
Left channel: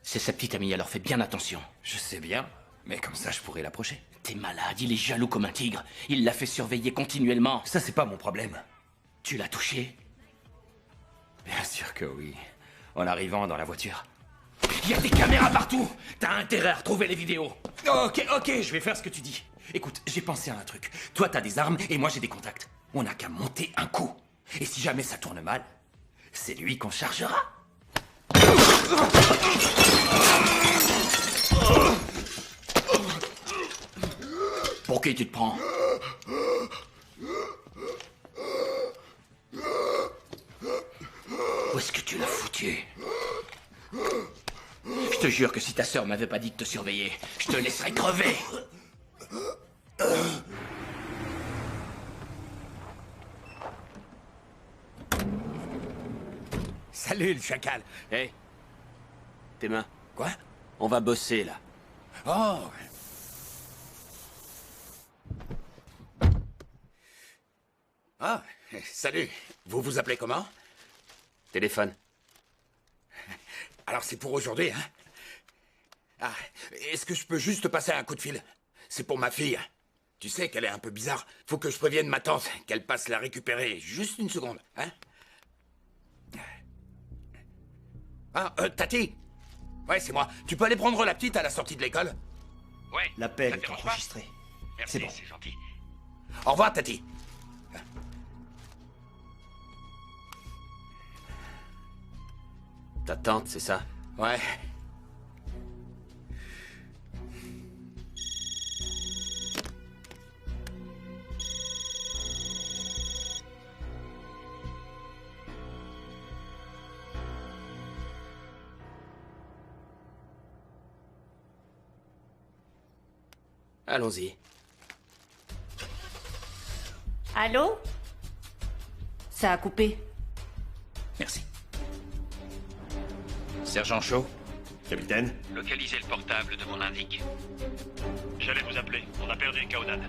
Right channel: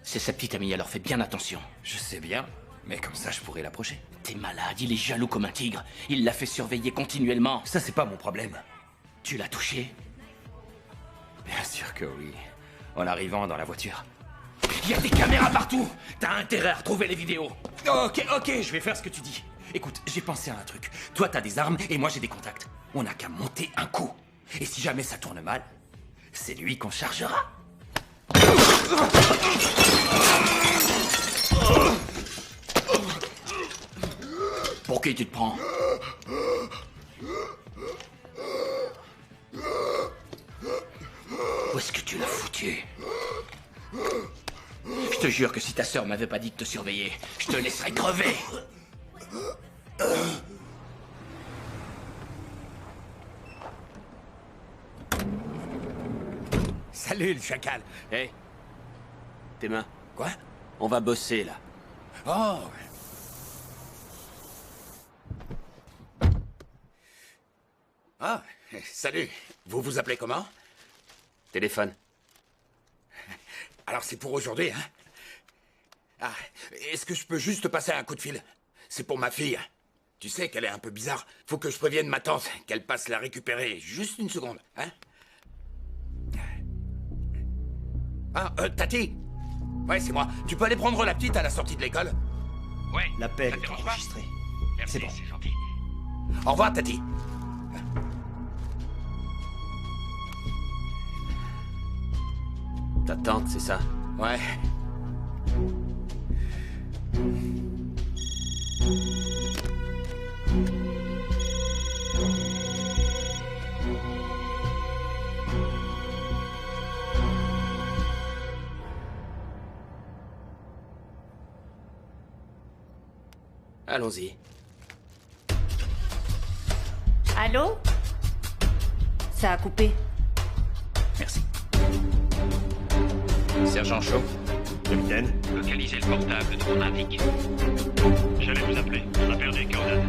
C'est sa petite amie, alors fais bien attention. Je sais bien, mais comme ça je pourrais l'approcher. T'es malade, il est jaloux comme un tigre. Il l'a fait surveiller continuellement. Ça c'est pas mon problème. Tu l'as touché? Bien sûr que oui. En arrivant dans la voiture. Il y a des caméras partout! T'as intérêt à retrouver les vidéos! Ok, je vais faire ce que tu dis. Écoute, j'ai pensé à un truc. Toi t'as des armes et moi j'ai des contacts. On n'a qu'à monter un coup. Et si jamais ça tourne mal, c'est lui qu'on chargera. Pour qui tu te prends? Où est-ce que tu l'as foutu? Je te jure que si ta sœur m'avait pas dit de te surveiller, je te laisserais crever. Salut, le chacal. Hé, tes mains. Quoi? On va bosser, là. Oh. Ah, salut. Vous vous appelez comment? Téléphone. Alors c'est pour aujourd'hui, hein? Ah, est-ce que je peux juste passer un coup de fil? C'est pour ma fille. Tu sais qu'elle est un peu bizarre. Faut que je prévienne ma tante qu'elle passe la récupérer. Juste une seconde, hein? Ah, Tati? Ouais, c'est moi. Tu peux aller prendre la petite à la sortie de l'école? Ouais. L'appel est enregistré. Merci, c'est gentil. Au revoir, Tati. Ta tante, c'est ça? Ouais. Allons-y. Allô? Ça a coupé. Merci. Sergent Shaw? Capitaine? Localisez le portable de mon indique. J'allais vous appeler. On a perdu Kaodan.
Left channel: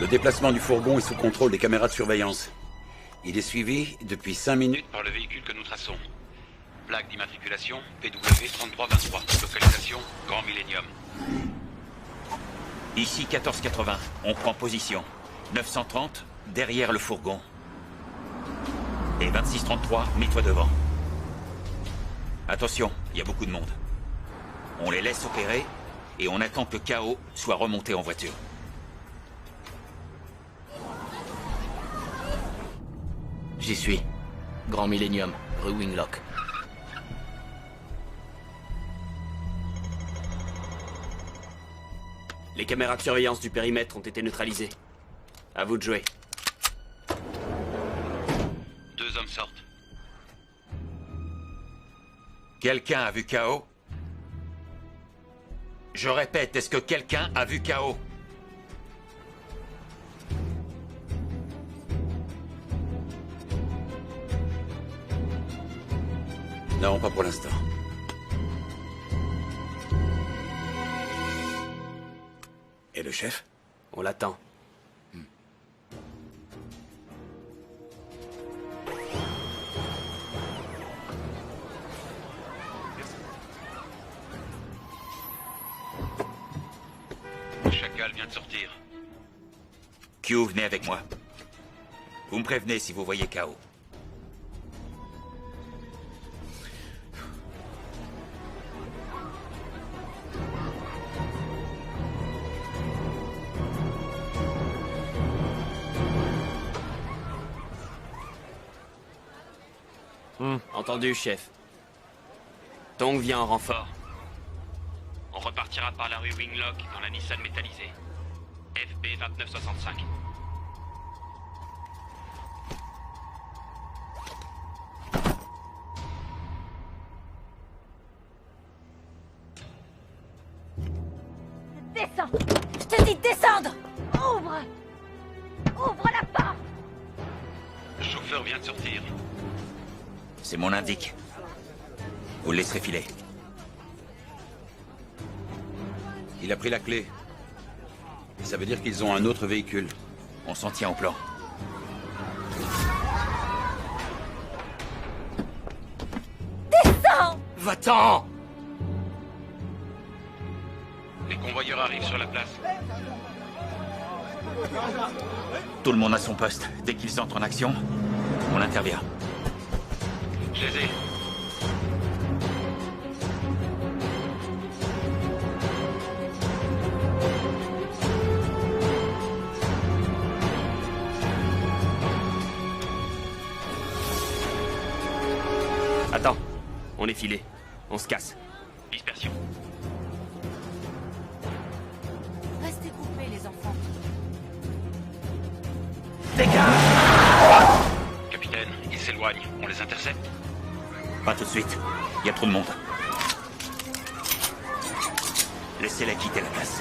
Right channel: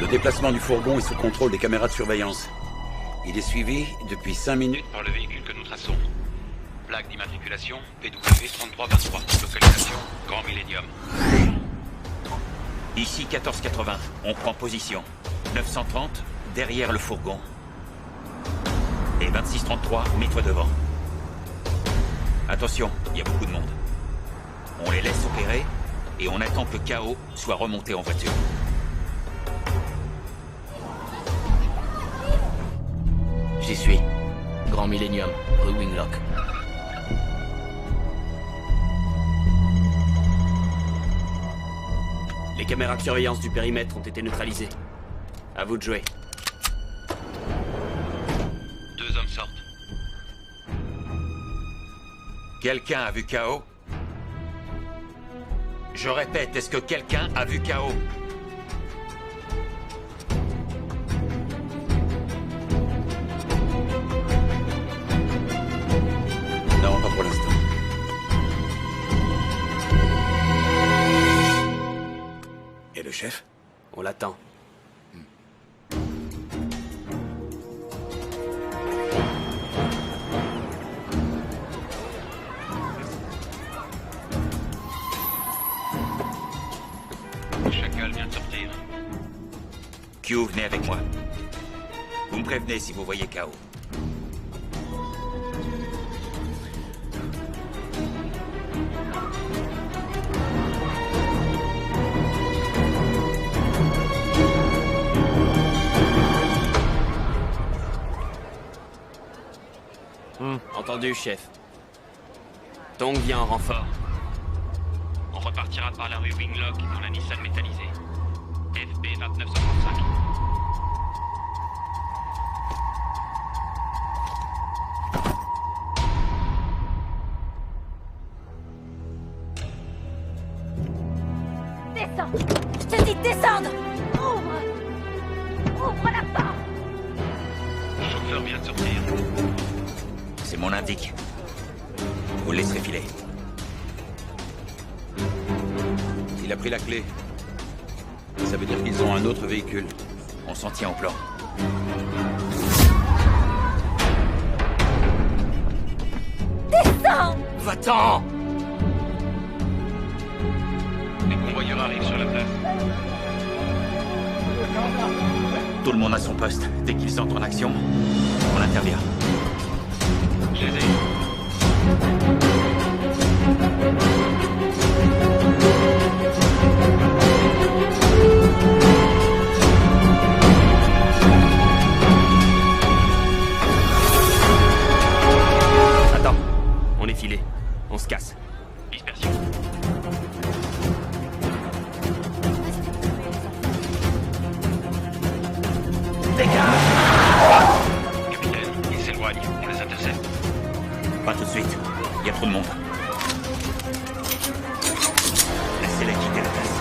Le déplacement du fourgon est sous contrôle des caméras de surveillance. Il est suivi depuis 5 minutes par le véhicule que nous traçons. Plaque d'immatriculation PW3323. Localisation Grand Millennium. Ici 1480. On prend position. 930 derrière le fourgon. Et 2633 mets-toi devant. Attention, il y a beaucoup de monde. On les laisse opérer et on attend que KO soit remonté en voiture. J'y suis. Grand Millennium, rue Winglock. Les caméras de surveillance du périmètre ont été neutralisées. À vous de jouer. 2 hommes sortent. Quelqu'un a vu KO? Je répète, est-ce que quelqu'un a vu KO? Non, pas pour l'instant. Et le chef? On l'attend. Le chacal vient de sortir. Q, venez avec moi. Vous me prévenez si vous voyez KO. Entendu, chef. Tong vient en renfort. On repartira par la rue Winglock dans la Nissan métallisée. FB 2965. Descends! Je te dis de descendre! Ouvre! Ouvre la porte! Le chauffeur vient de sortir. C'est mon indique. Vous le laisserez filer. Il a pris la clé. Ça veut dire qu'ils ont un autre véhicule. On s'en tient au plan. Descends! Va-t'en! Les convoyeurs arrivent sur la place. Tout le monde à son poste. Dès qu'ils entrent en action, on intervient. Je les ai. Attends. On est filé. On se casse. Dispersion. Restez coupés, les enfants. Dégage! Pas tout de suite. Il y a trop de monde. Laissez-les quitter la place.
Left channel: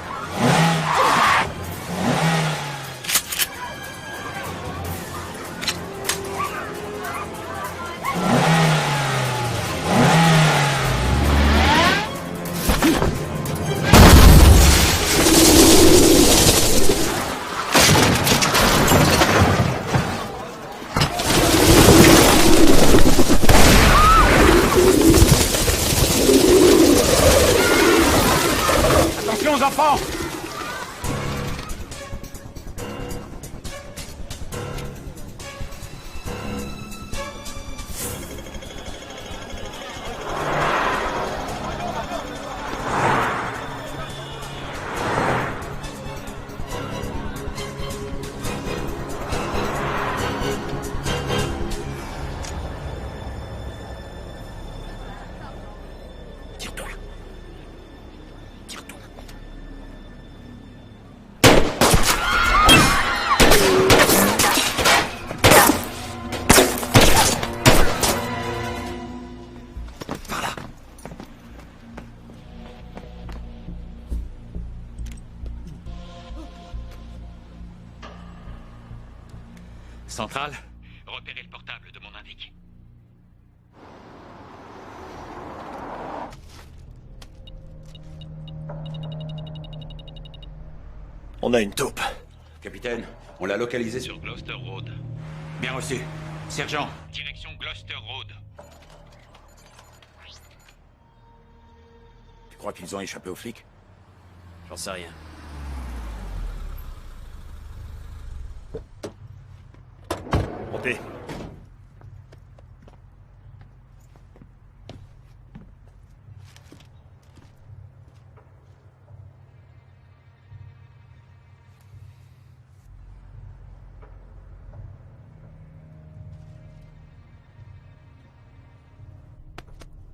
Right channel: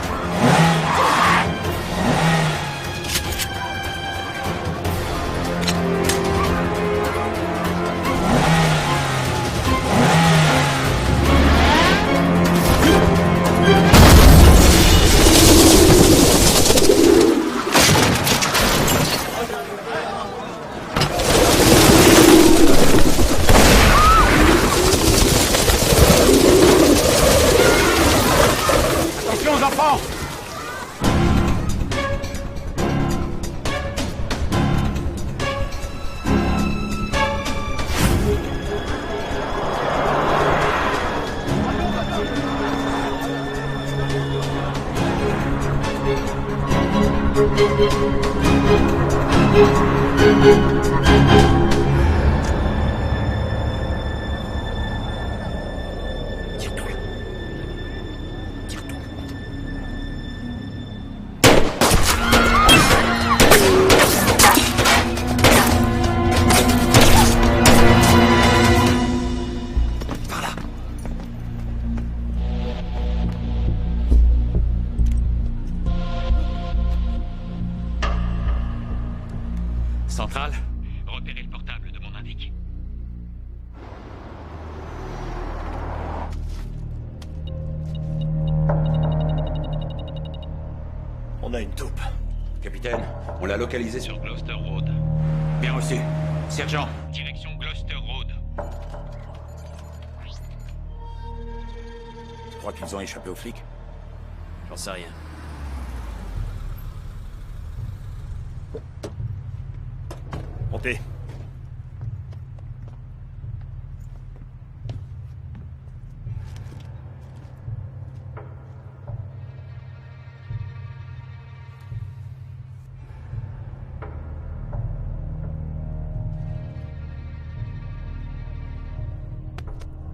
Enfants! Tire-toi. Tire-toi. Par là. Centrale, repérez le portable de mon indique. On a une taupe. Capitaine, on l'a localisé sur... Sur Gloucester Road. Bien reçu. Sergent, Direction Gloucester Road. Tu crois qu'ils ont échappé aux flics? J'en sais rien. Montez.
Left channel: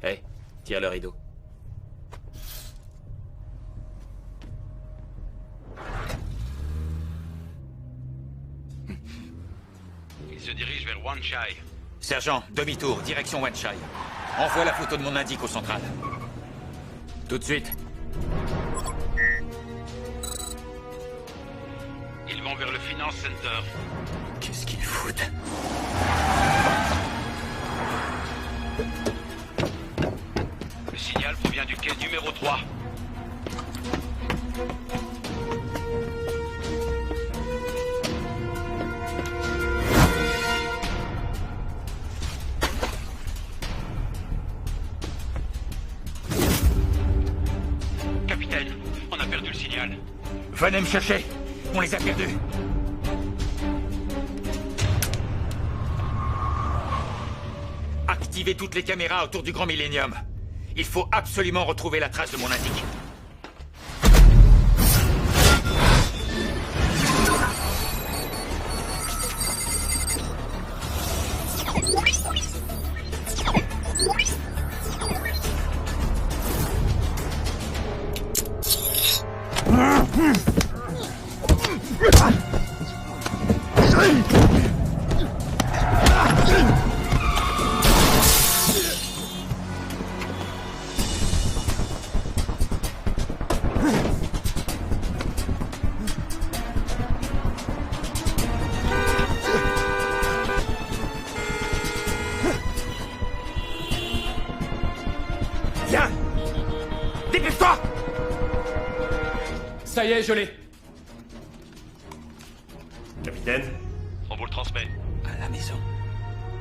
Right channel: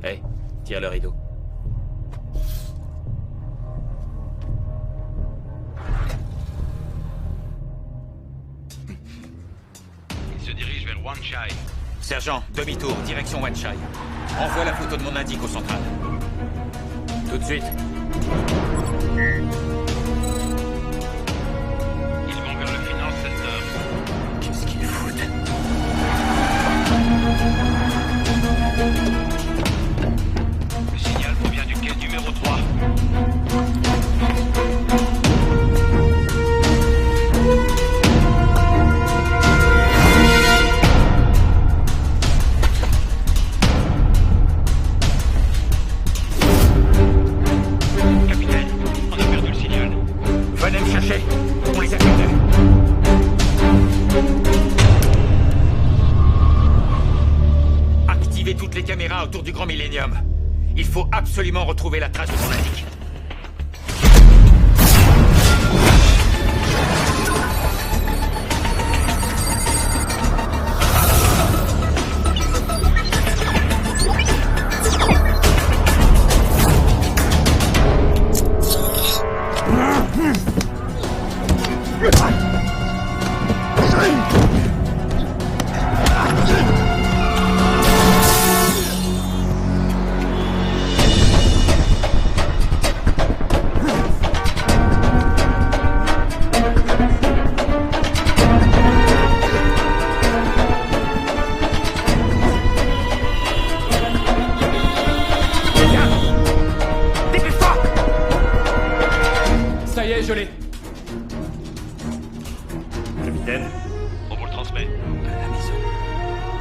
Hey, tire le rideau. Il se dirige vers Wanchai. sergent, demi-tour, direction Wanchai. Envoie la photo de mon indique au central. Tout de suite. Ils vont vers le Finance Center. Qu'est-ce qu'ils foutent? Le signal provient du quai numéro 3. Capitaine, on a perdu le signal. Venez me chercher. On les a perdus. Activez toutes les caméras autour du Grand Millennium. Il faut absolument retrouver la trace de mon indique. Viens! Dépêche-toi! Ça y est, je l'ai. Capitaine? On vous le transmet. À la maison.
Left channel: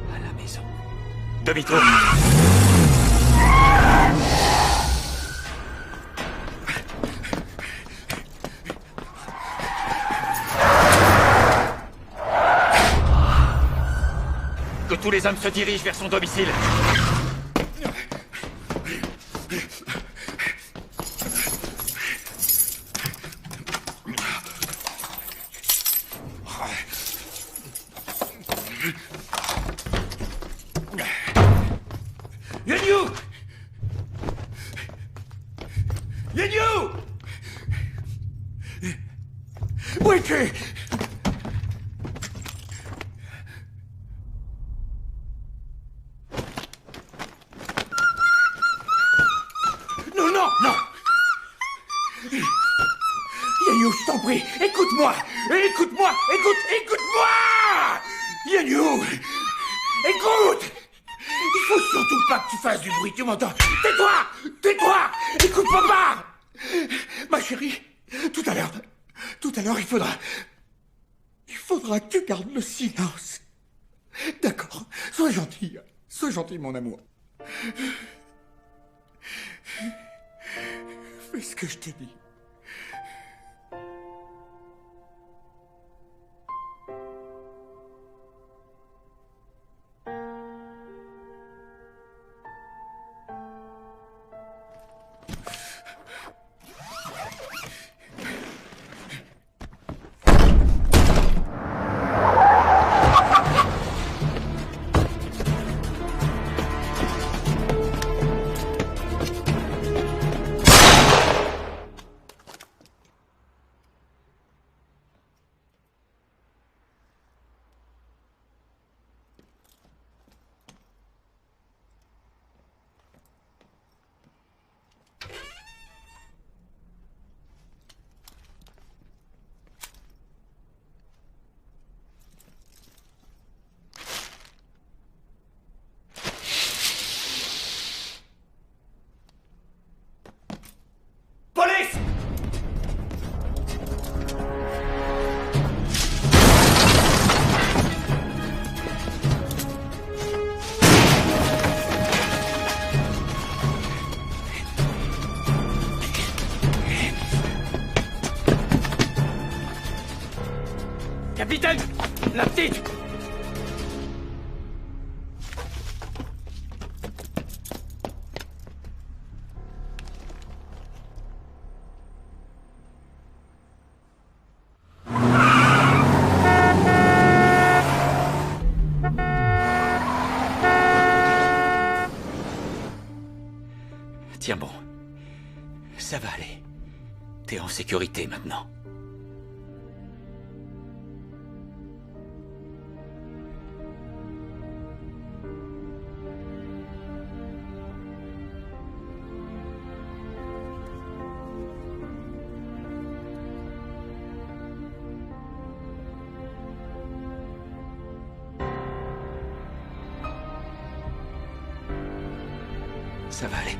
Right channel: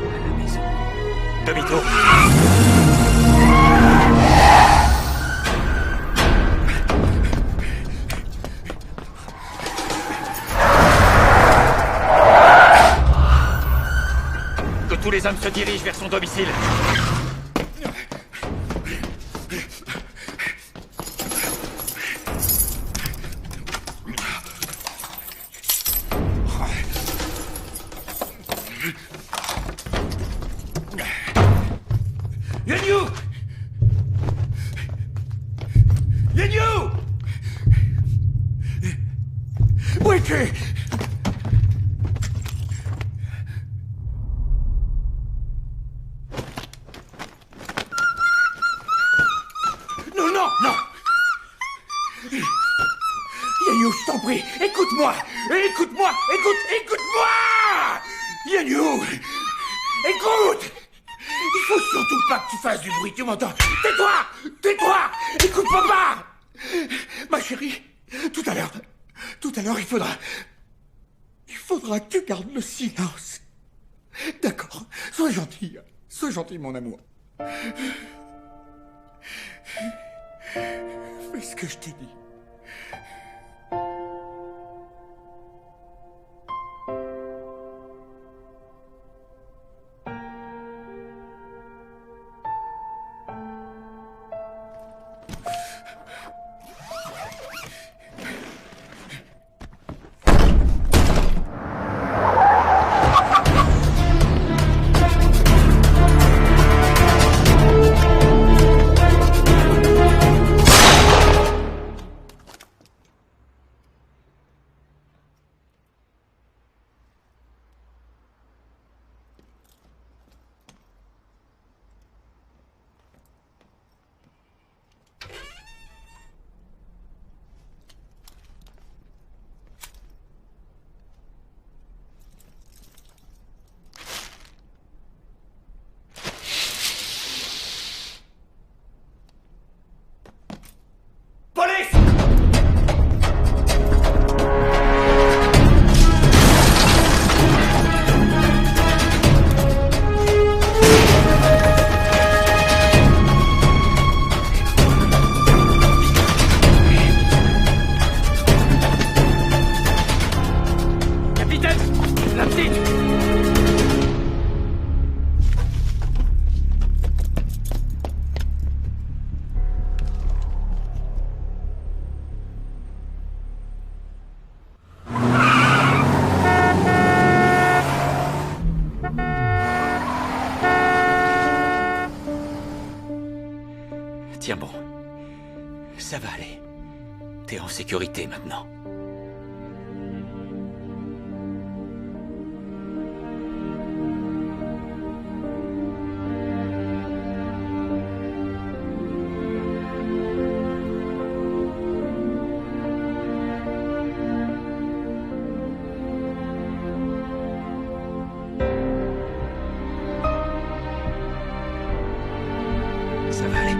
À la maison. Demi-tour. Que tous les hommes se dirigent vers son domicile. Yenyu! Yenyu! Wiki! bruit. Écoute-moi. Écoute-moi. Écoute-moi. Yannou. Écoute. Il faut surtout pas que tu fasses du bruit, tu m'entends? Tais-toi. Écoute papa. Ma chérie, tout à l'heure, il faudra que tu gardes le silence. D'accord? Sois gentil, mon amour. Fais ce que je t'ai dit. Capitaine! La petite! Tiens bon. Ça va aller. T'es en sécurité maintenant. Ça va aller.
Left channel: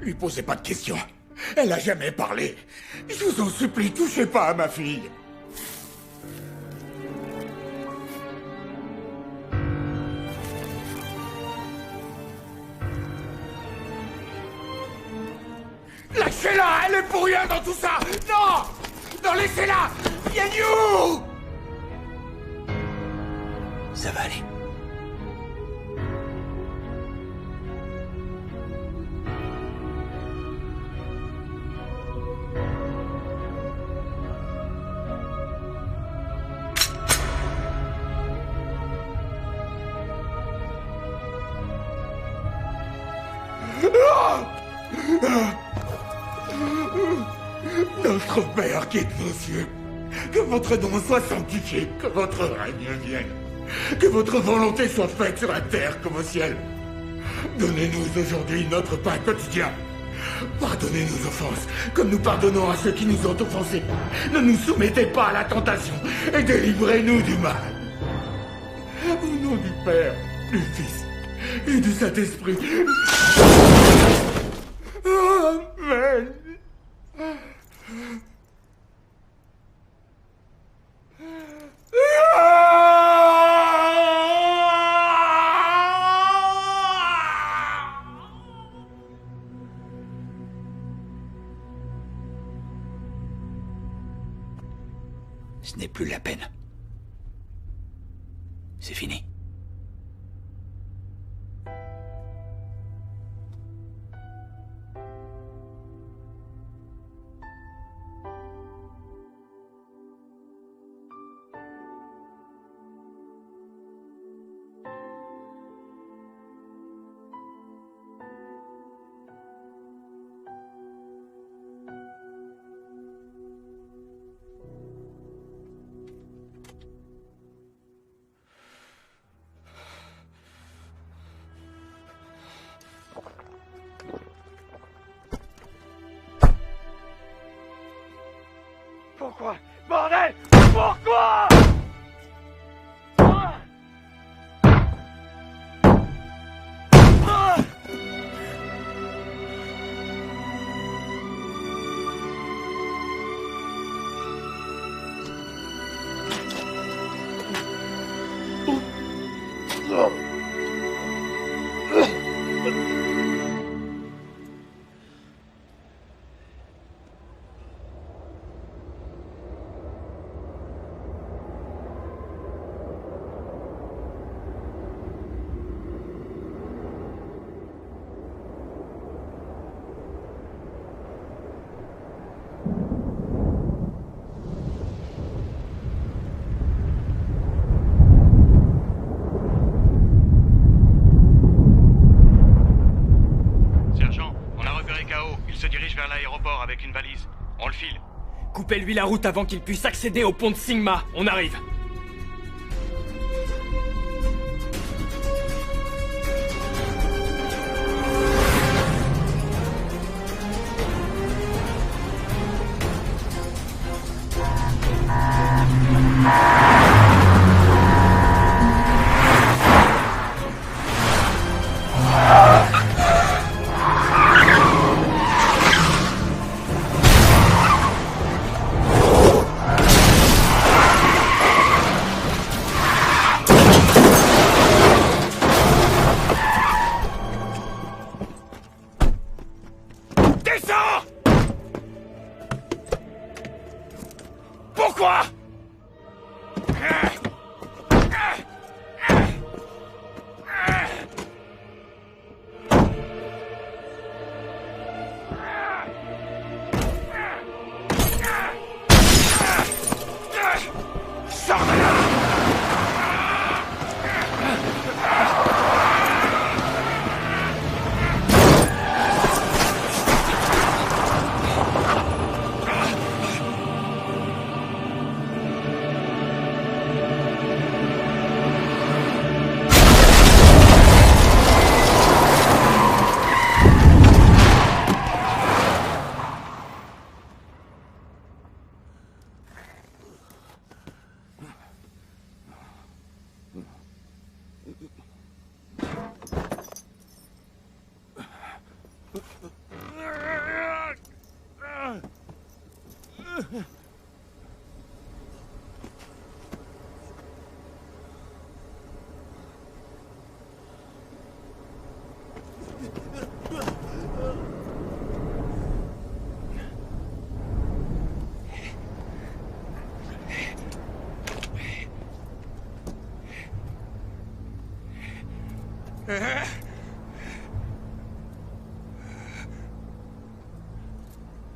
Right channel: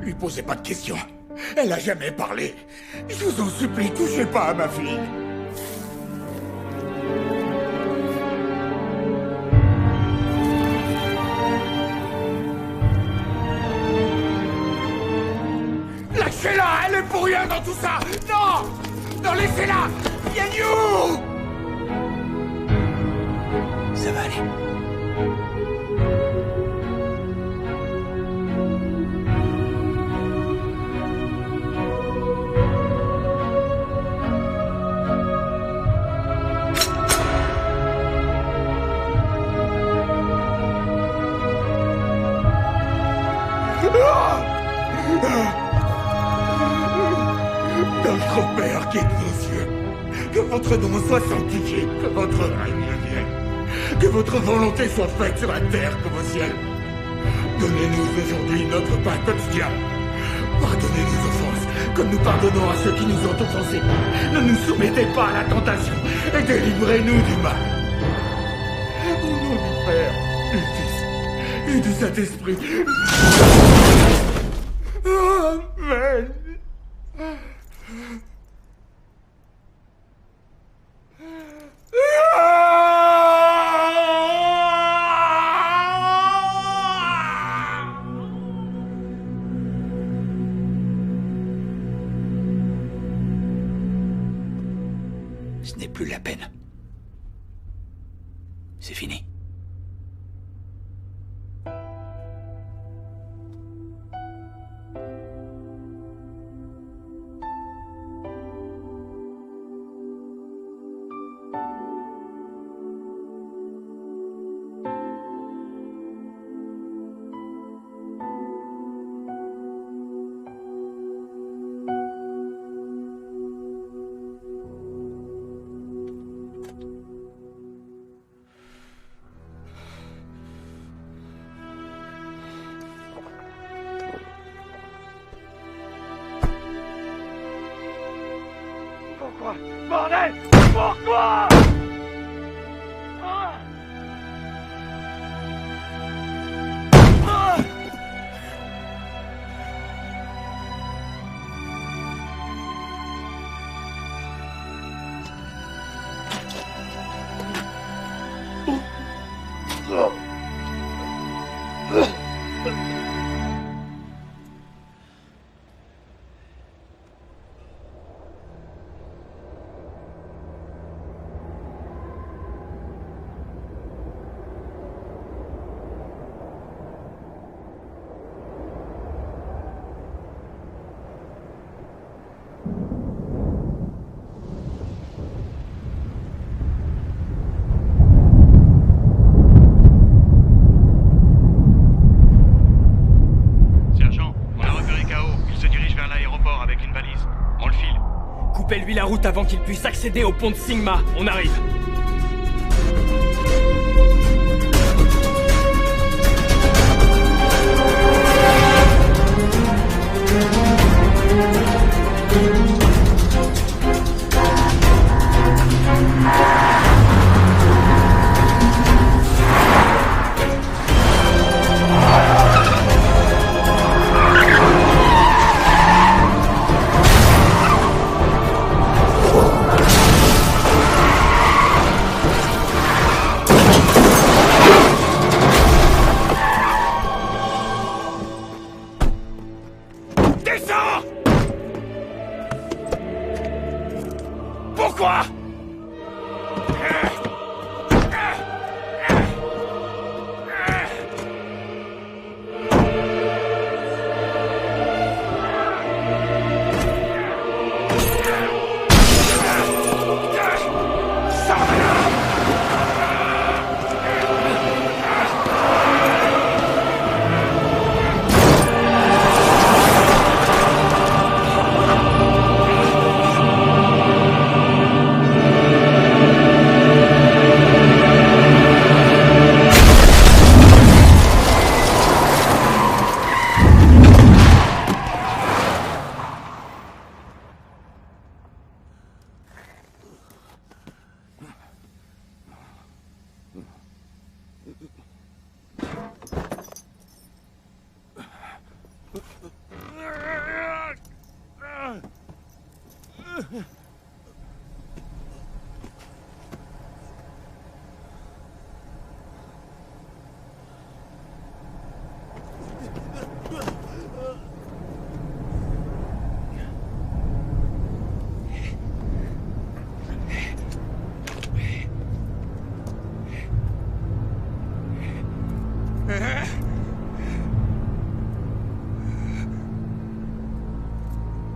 Lui posez pas de questions. Elle a jamais parlé. Je vous en supplie, touchez pas à ma fille. Lâchez-la, elle est pour rien dans tout ça. Non, non, laissez-la. Yannou. Ça va aller. Notre Père qui est aux cieux, que votre nom soit sanctifié, que votre règne vienne, que votre volonté soit faite sur la terre comme au ciel. Donnez-nous aujourd'hui notre pain quotidien. Pardonnez nos offenses, comme nous pardonnons à ceux qui nous ont offensés. Ne nous soumettez pas à la tentation et délivrez-nous du mal. Au nom du Père, du Fils et du Saint-Esprit. Amen. Ce n'est plus la peine. C'est fini. Coupez-lui la route avant qu'il puisse accéder au pont de Sigma. On arrive. Descends! Pourquoi? Sors de là!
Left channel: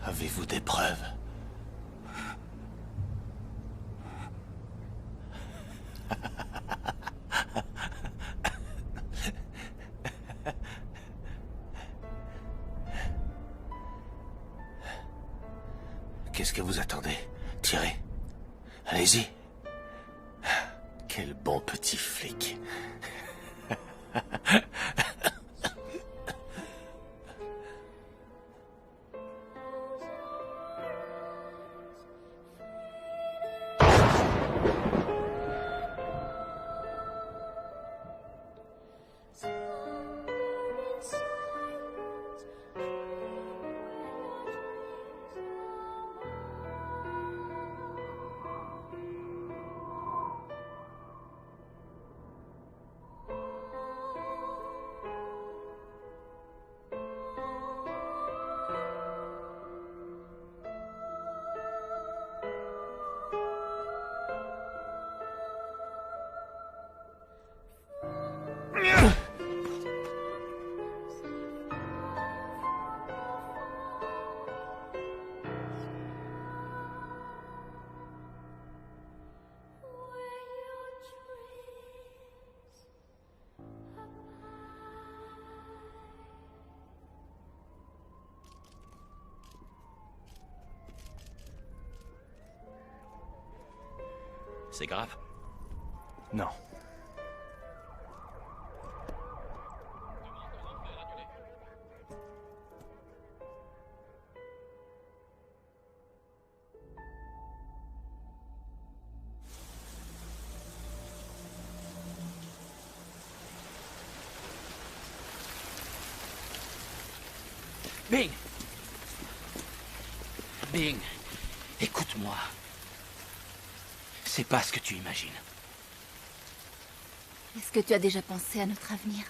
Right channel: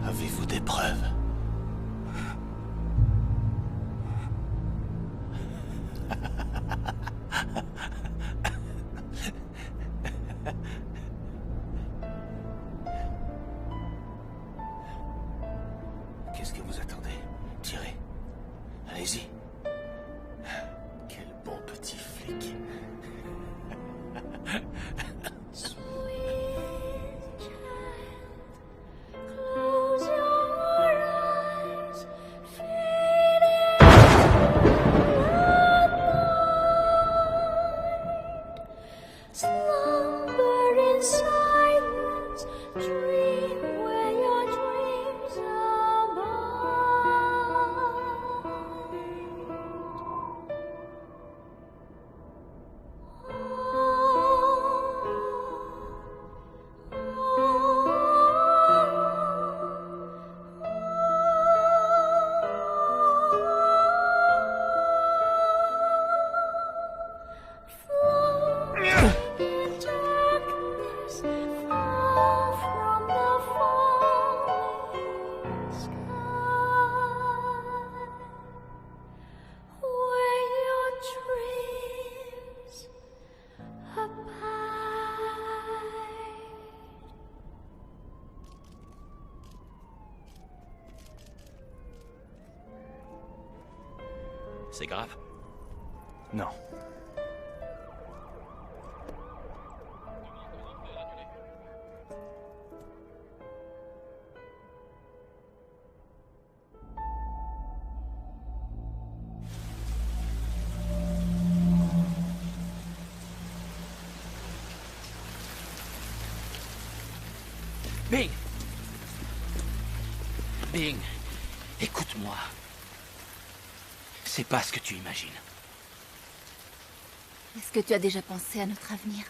Avez-vous des preuves? Qu'est-ce que vous attendez? Tirez. Allez-y. Quel bon petit flic. C'est grave? Non. Bing! Bing, écoute-moi. C'est pas ce que tu imagines. Est-ce que tu as déjà pensé à notre avenir?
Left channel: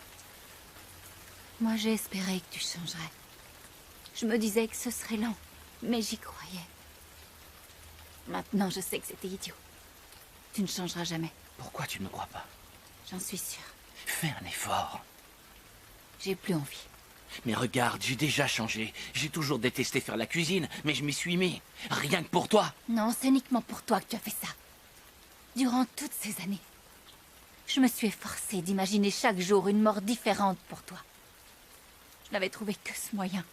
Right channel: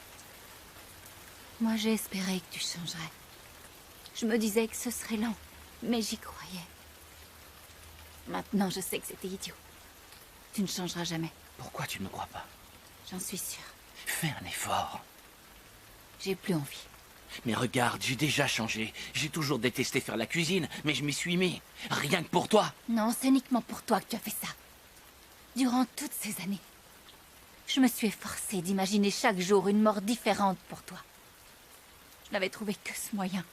Moi, j'ai espéré que tu changerais. Je me disais que ce serait lent, mais j'y croyais. Maintenant, je sais que c'était idiot. Tu ne changeras jamais. Pourquoi tu ne me crois pas? J'en suis sûre. Fais un effort. J'ai plus envie. Mais regarde, j'ai déjà changé. J'ai toujours détesté faire la cuisine, mais je m'y suis mis. Rien que pour toi. Non, c'est uniquement pour toi que tu as fait ça. Durant toutes ces années, je me suis efforcée d'imaginer chaque jour une mort différente pour toi. Je n'avais trouvé que ce moyen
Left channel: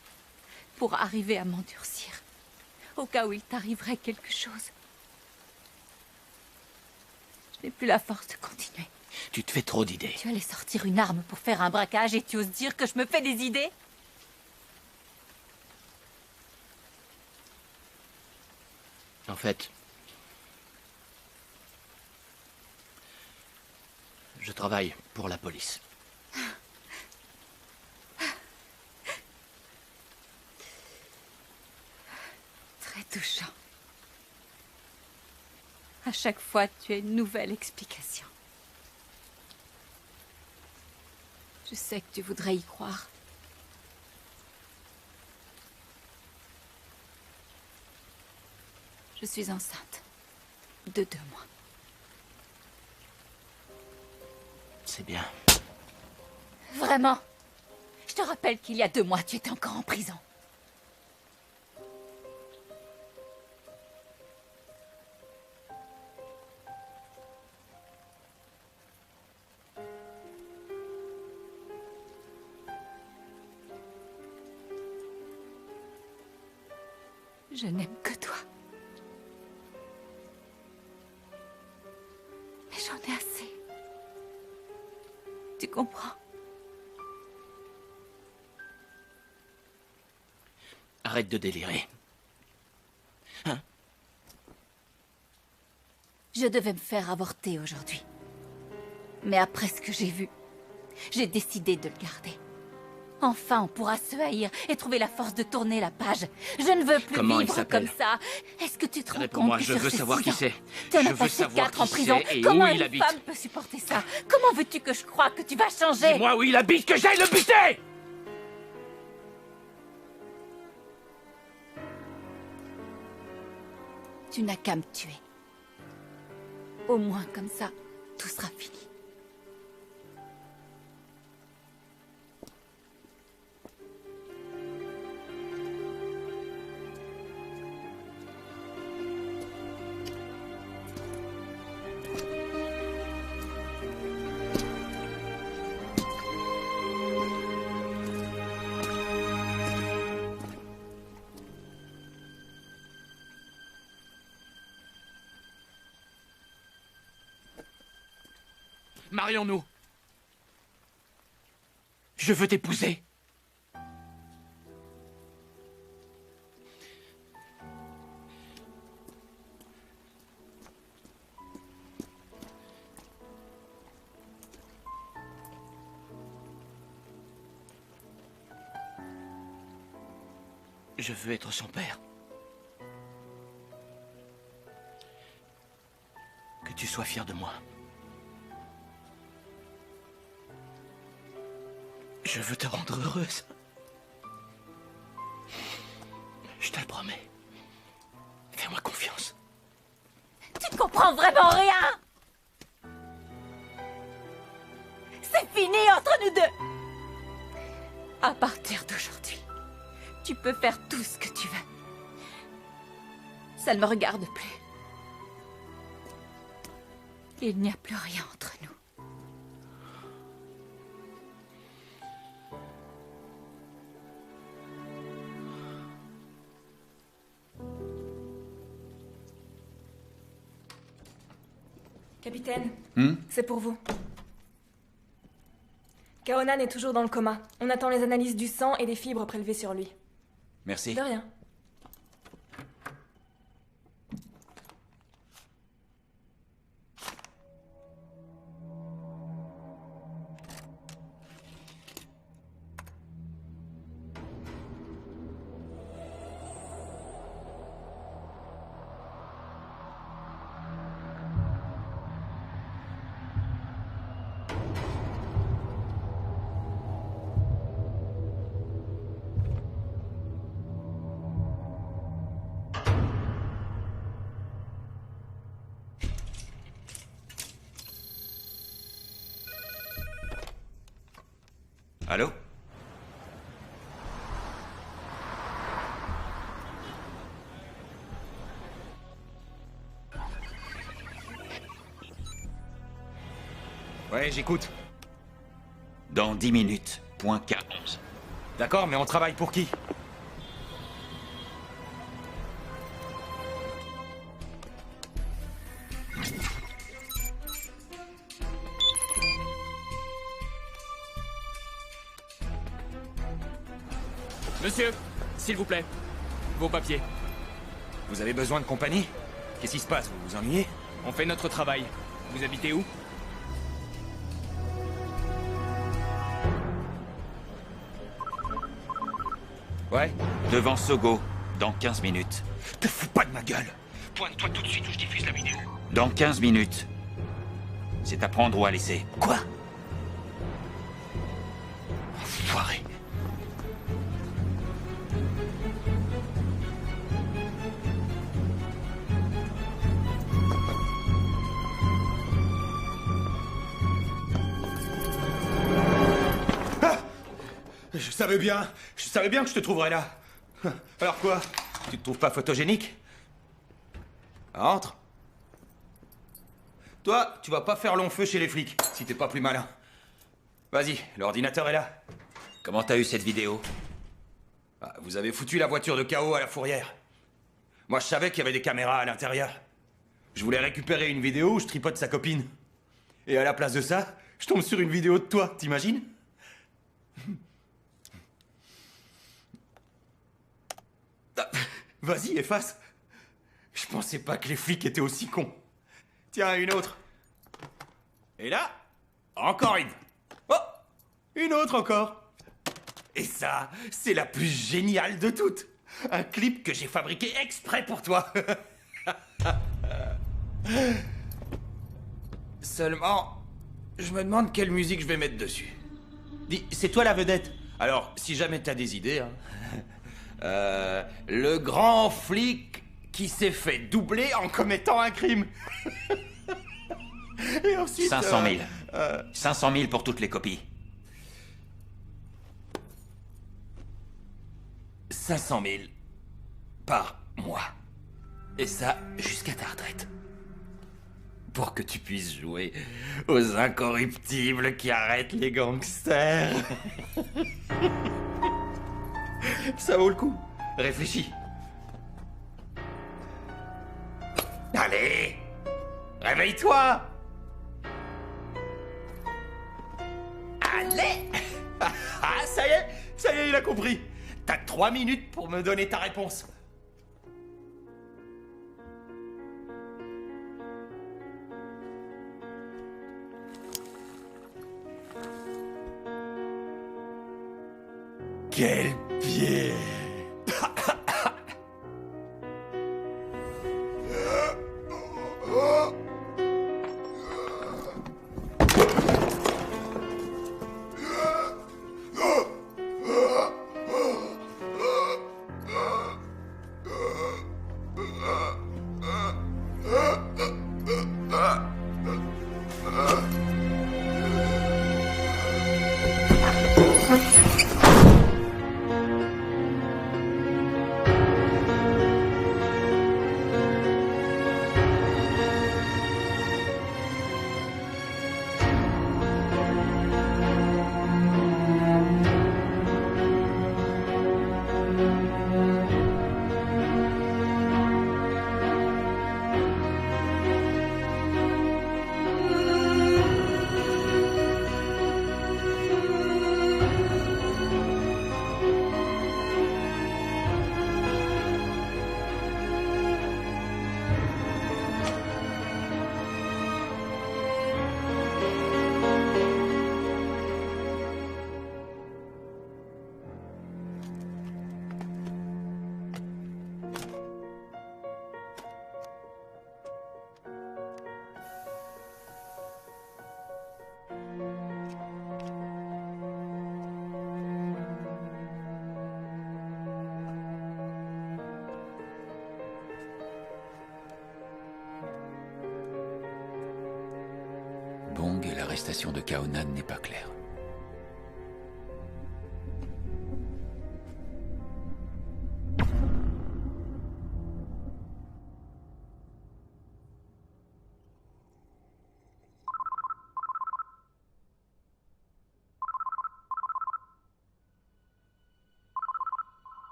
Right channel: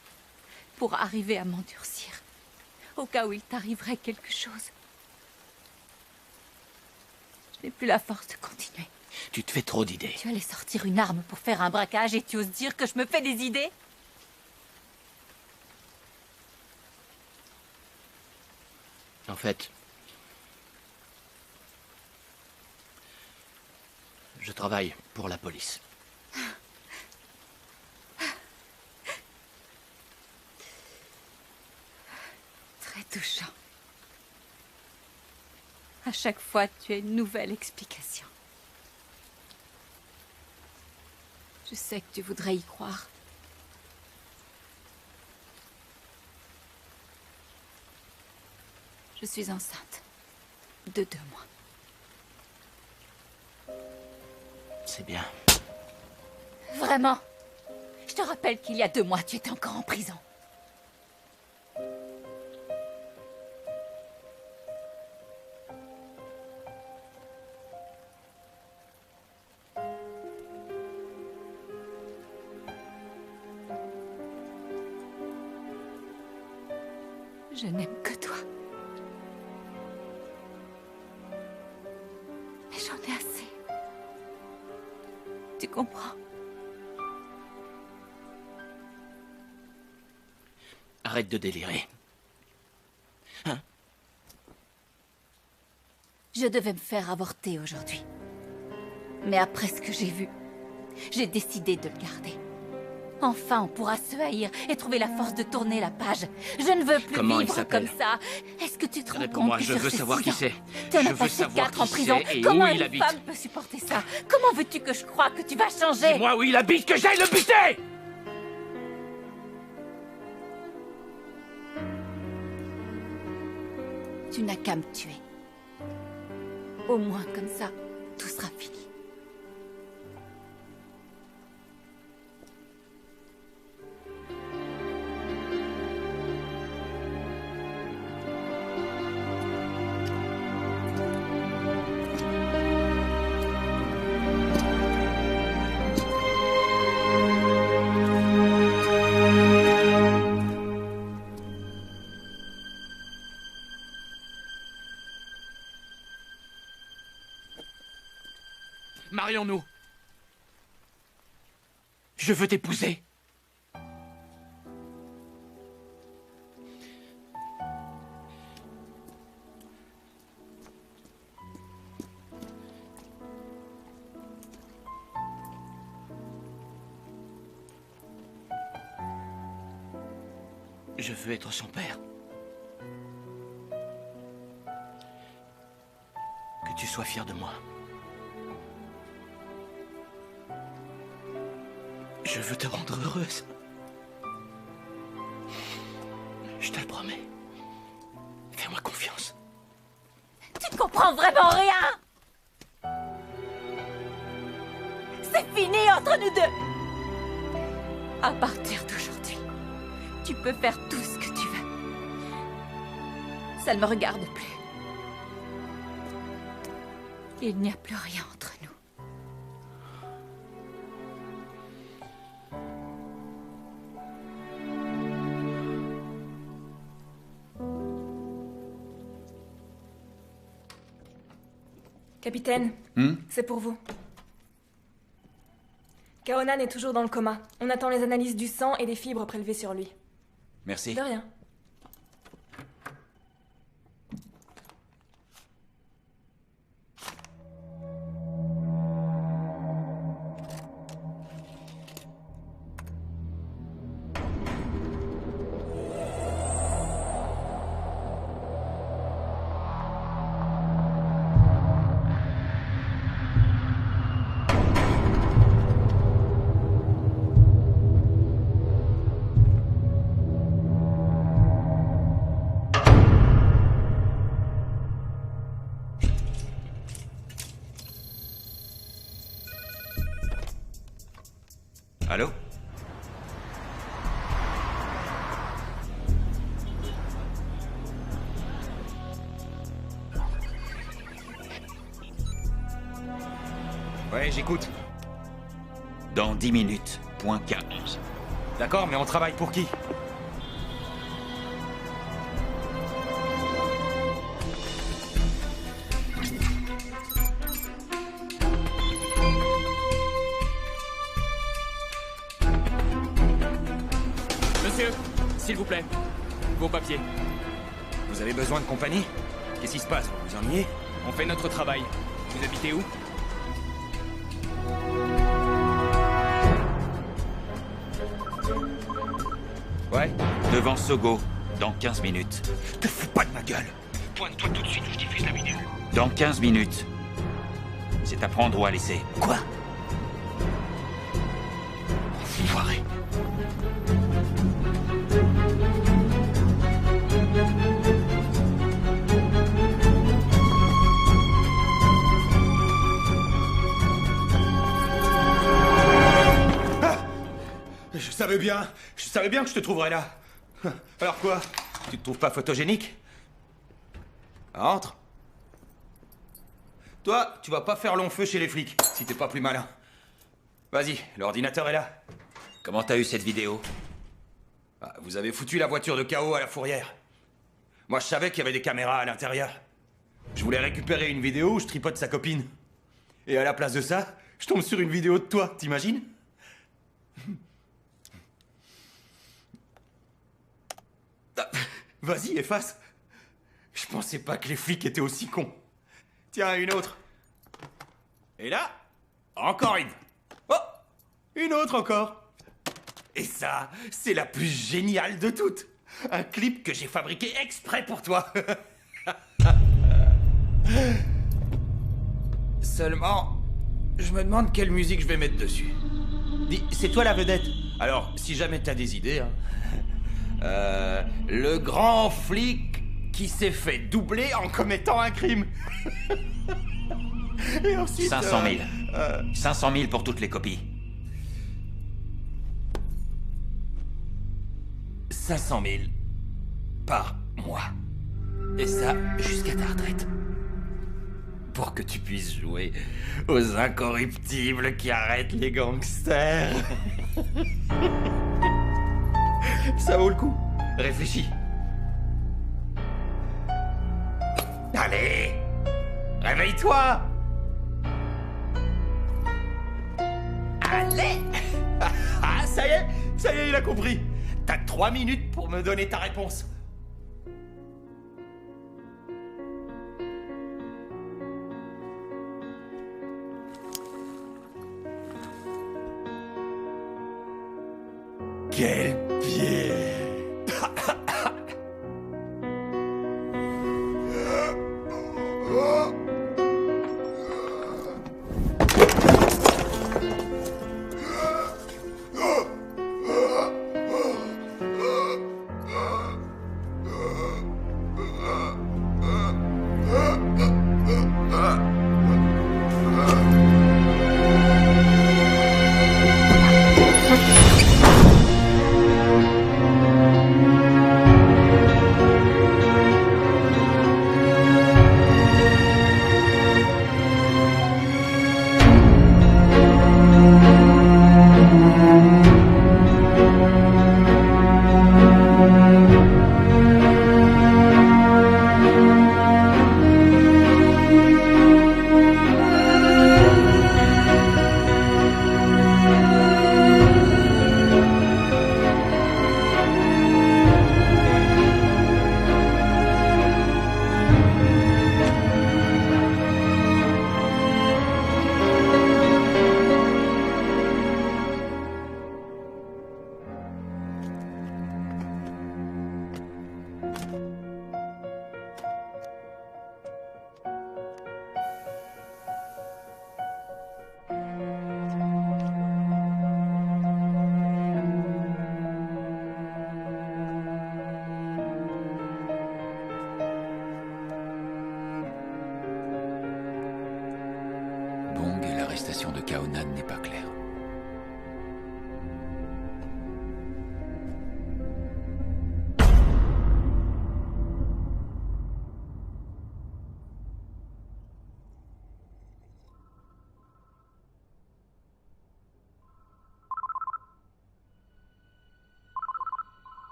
pour arriver à m'endurcir. au cas où il t'arriverait quelque chose. Je n'ai plus la force de continuer. Tu te fais trop d'idées. Tu allais sortir une arme pour faire un braquage et tu oses dire que je me fais des idées? En fait, je travaille pour la police. Très touchant. À chaque fois, tu as une nouvelle explication. Je sais que tu voudrais y croire. Je suis enceinte. De 2 mois. C'est bien. Vraiment? Je te rappelle qu'il y a 2 mois, tu étais encore en prison. Je n'aime que toi. Mais j'en ai assez. Tu comprends? Arrête de délirer. Hein? Je devais me faire avorter aujourd'hui. Mais après ce que j'ai vu, j'ai décidé de le garder. Enfin, on pourra se haïr et trouver la force de tourner la page. Je ne veux plus Comment il vivre s'appelle? comme ça. Est-ce que tu te rends compte Réponds-moi, que je sur veux ces savoir 6 qui ans, c'est. tu en Je as veux passé savoir 4 en qui prison. c'est et Comment où il une habite. femme peut supporter ça? Comment veux-tu que je croie que tu vas changer? Dis-moi où il habite, que j'aille le buter! Tu n'as qu'à me tuer. Au moins comme ça, tout sera fini. Marions-nous. Je veux t'épouser. Je veux être son père. Que tu sois fier de moi. Je veux te rendre heureuse. Je te le promets. Fais-moi confiance. Tu comprends vraiment rien? C'est fini entre nous deux. À partir d'aujourd'hui, tu peux faire tout ce que tu veux. Ça ne me regarde plus. Il n'y a plus rien entre nous. Capitaine, c'est pour vous. Kaonan est toujours dans le coma. On attend les analyses du sang et des fibres prélevées sur lui. Merci. De rien. Allô? Ouais, j'écoute. Dans 10 minutes, point K11. D'accord, mais on travaille pour qui? Monsieur, s'il vous plaît, vos papiers. Vous avez besoin de compagnie? Qu'est-ce qui se passe? Vous vous ennuyez? On fait notre travail. Vous habitez où? Ouais. Devant Sogo, dans 15 minutes. Te fous pas de ma gueule! Pointe-toi tout de suite où je diffuse la vidéo. Dans 15 minutes. C'est à prendre ou à laisser. Quoi? Enfoiré. Je savais bien que je te trouverais là. Alors quoi? Tu te trouves pas photogénique? Entre. Toi, tu vas pas faire long feu chez les flics, si t'es pas plus malin. Vas-y, l'ordinateur est là. Comment t'as eu cette vidéo? Ah, vous avez foutu la voiture de KO à la fourrière. Moi, je savais qu'il y avait des caméras à l'intérieur. Je voulais récupérer une vidéo où je tripote sa copine. Et à la place de ça, je tombe sur une vidéo de toi, t'imagines? Vas-y, efface. Je pensais pas que les flics étaient aussi cons. Tiens, une autre. Et là, encore une. Oh, une autre encore. Et ça, c'est la plus géniale de toutes. Un clip que j'ai fabriqué exprès pour toi. Seulement, je me demande quelle musique je vais mettre dessus. Dis, c'est toi la vedette. Alors, si jamais t'as des idées, hein. Le grand flic qui s'est fait doubler en commettant un crime. Et ensuite... 500 000. 500 000 pour toutes les copies. 500 000 par mois. Et ça, jusqu'à ta retraite. Pour que tu puisses jouer aux incorruptibles qui arrêtent les gangsters. Ça vaut le coup. Réfléchis. Allez, réveille-toi. Allez. Ah, ça y est, il a compris. T'as 3 minutes pour me donner ta réponse. Quel pied! Bong et l'arrestation de Kaonan n'est pas claire.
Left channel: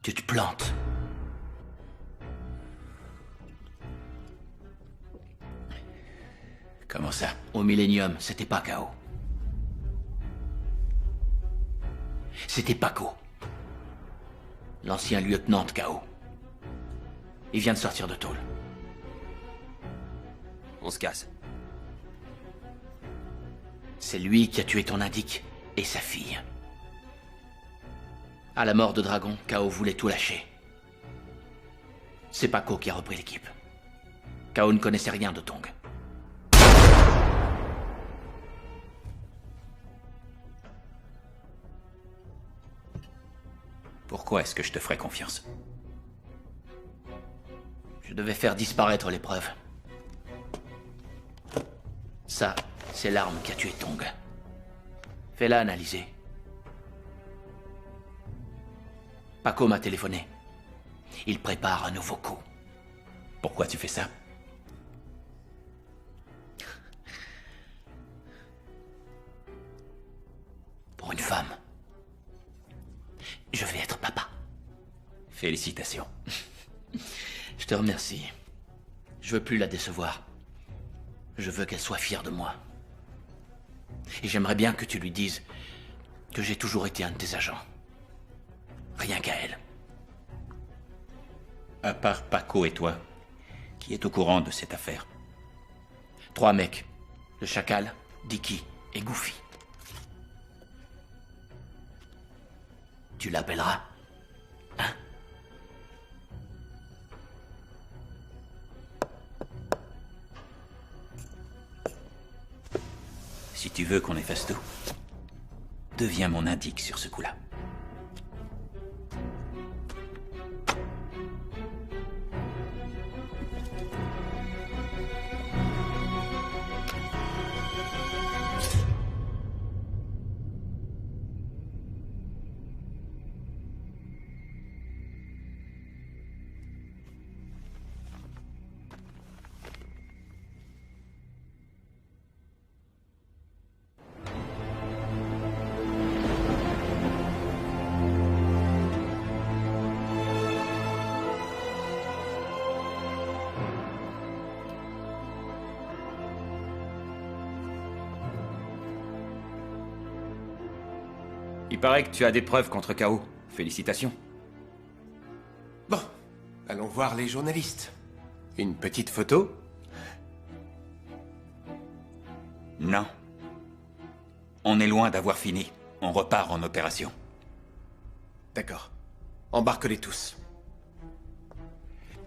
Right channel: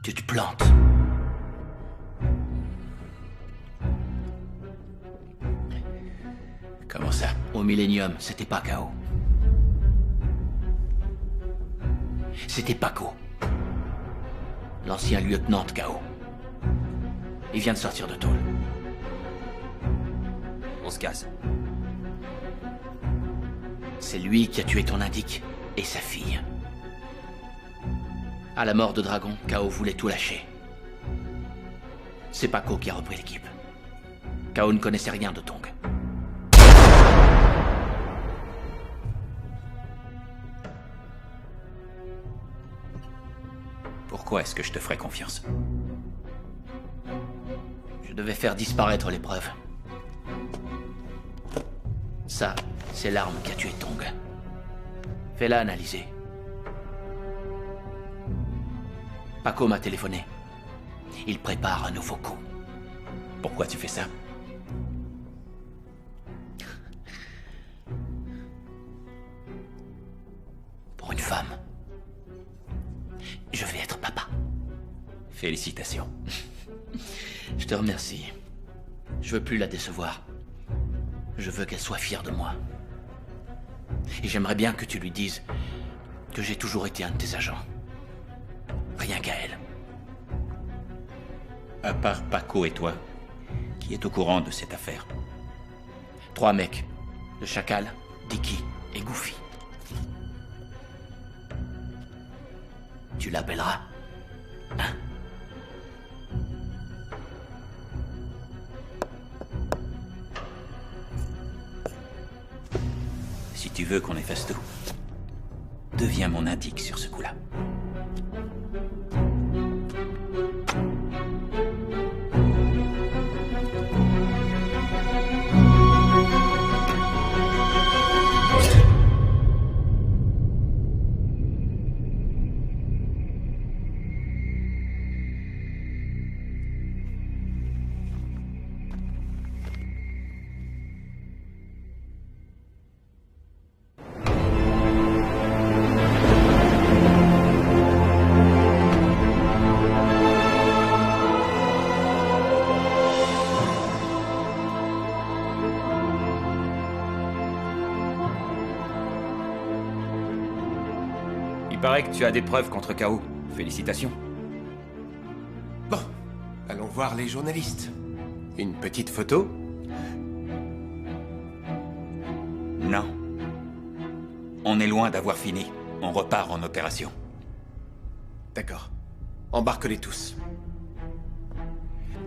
Tu te plantes. Comment ça? Au Millennium, c'était pas K.O. C'était Paco. L'ancien lieutenant de K.O. Il vient de sortir de tôle. On se casse. C'est lui qui a tué ton indique et sa fille. À la mort de Dragon, K.O. voulait tout lâcher. C'est Paco qui a repris l'équipe. K.O. ne connaissait rien de Tong. Pourquoi est-ce que je te ferais confiance? Je devais faire disparaître les preuves. Ça, c'est l'arme qui a tué Tong. Fais-la analyser. Paco m'a téléphoné. Il prépare un nouveau coup. Pourquoi tu fais ça? Pour une femme. Je vais être papa. Félicitations. Je te remercie. Je veux plus la décevoir. Je veux qu'elle soit fière de moi. Et j'aimerais bien que tu lui dises que j'ai toujours été un de tes agents. Rien qu'à elle. À part Paco et toi, qui est au courant de cette affaire? 3 mecs. Le Chacal, Dicky et Goofy. Tu l'appelleras, hein? Si tu veux qu'on efface tout, deviens mon indique sur ce coup-là. Il paraît que tu as des preuves contre K.O. Félicitations. Bon, allons voir les journalistes. Une petite photo? Non. On est loin d'avoir fini. On repart en opération. D'accord. Embarque-les tous.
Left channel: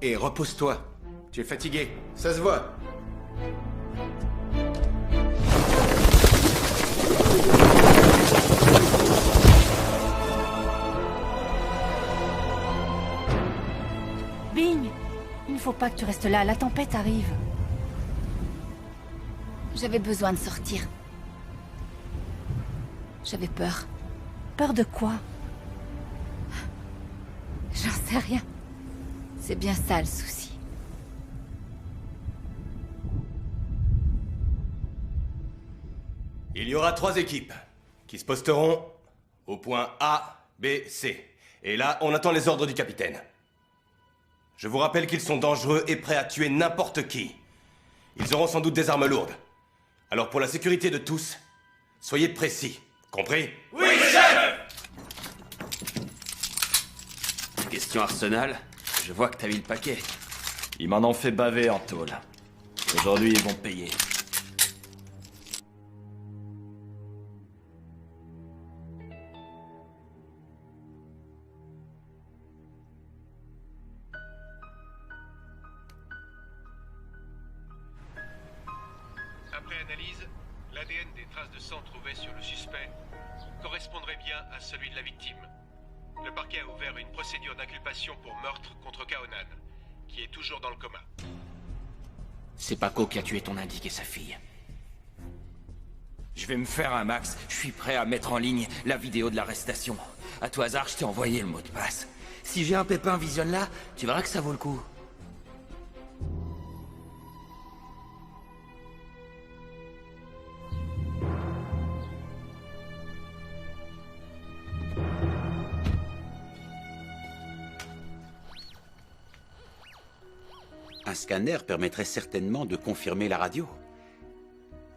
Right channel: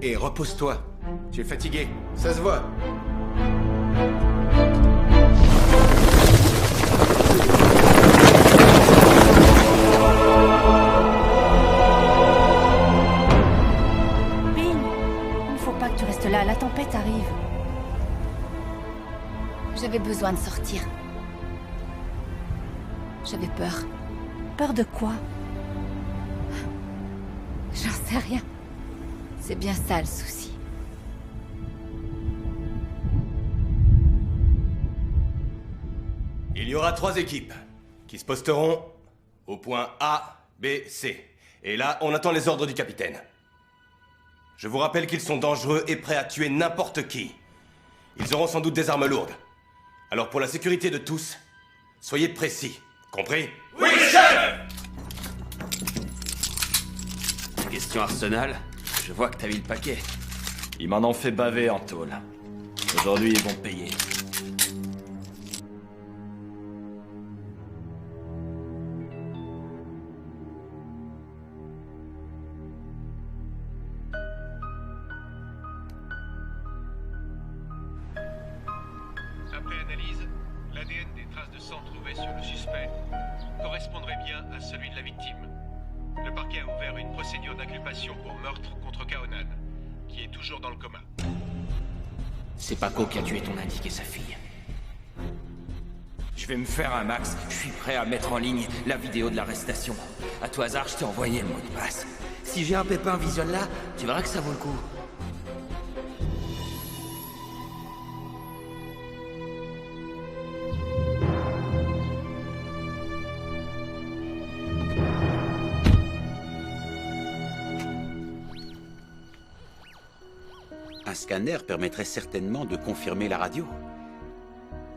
Et repose-toi. Tu es fatigué, ça se voit. Bing, il ne faut pas que tu restes là, la tempête arrive. J'avais besoin de sortir. J'avais peur. Peur de quoi? J'en sais rien. C'est bien ça le souci. Il y aura 3 équipes qui se posteront au point A, B, C. Et là, on attend les ordres du capitaine. Je vous rappelle qu'ils sont dangereux et prêts à tuer n'importe qui. Ils auront sans doute des armes lourdes. Alors pour la sécurité de tous, soyez précis. Compris? Oui, chef! Question Arsenal, je vois que t'as mis le paquet. Ils m'en ont fait baver en tôle. Aujourd'hui, ils vont payer. Après analyse, l'ADN des traces de sang trouvées sur le suspect correspondrait bien à celui de la victime. Le parquet a ouvert une procédure d'inculpation pour meurtre contre Kaonan, qui est toujours dans le coma. C'est Paco qui a tué ton indique et sa fille. Je vais me faire un max, je suis prêt à mettre en ligne la vidéo de l'arrestation. À tout hasard, je t'ai envoyé le mot de passe. Si j'ai un pépin, visionne-la, tu verras que ça vaut le coup. Un scanner permettrait certainement de confirmer la radio.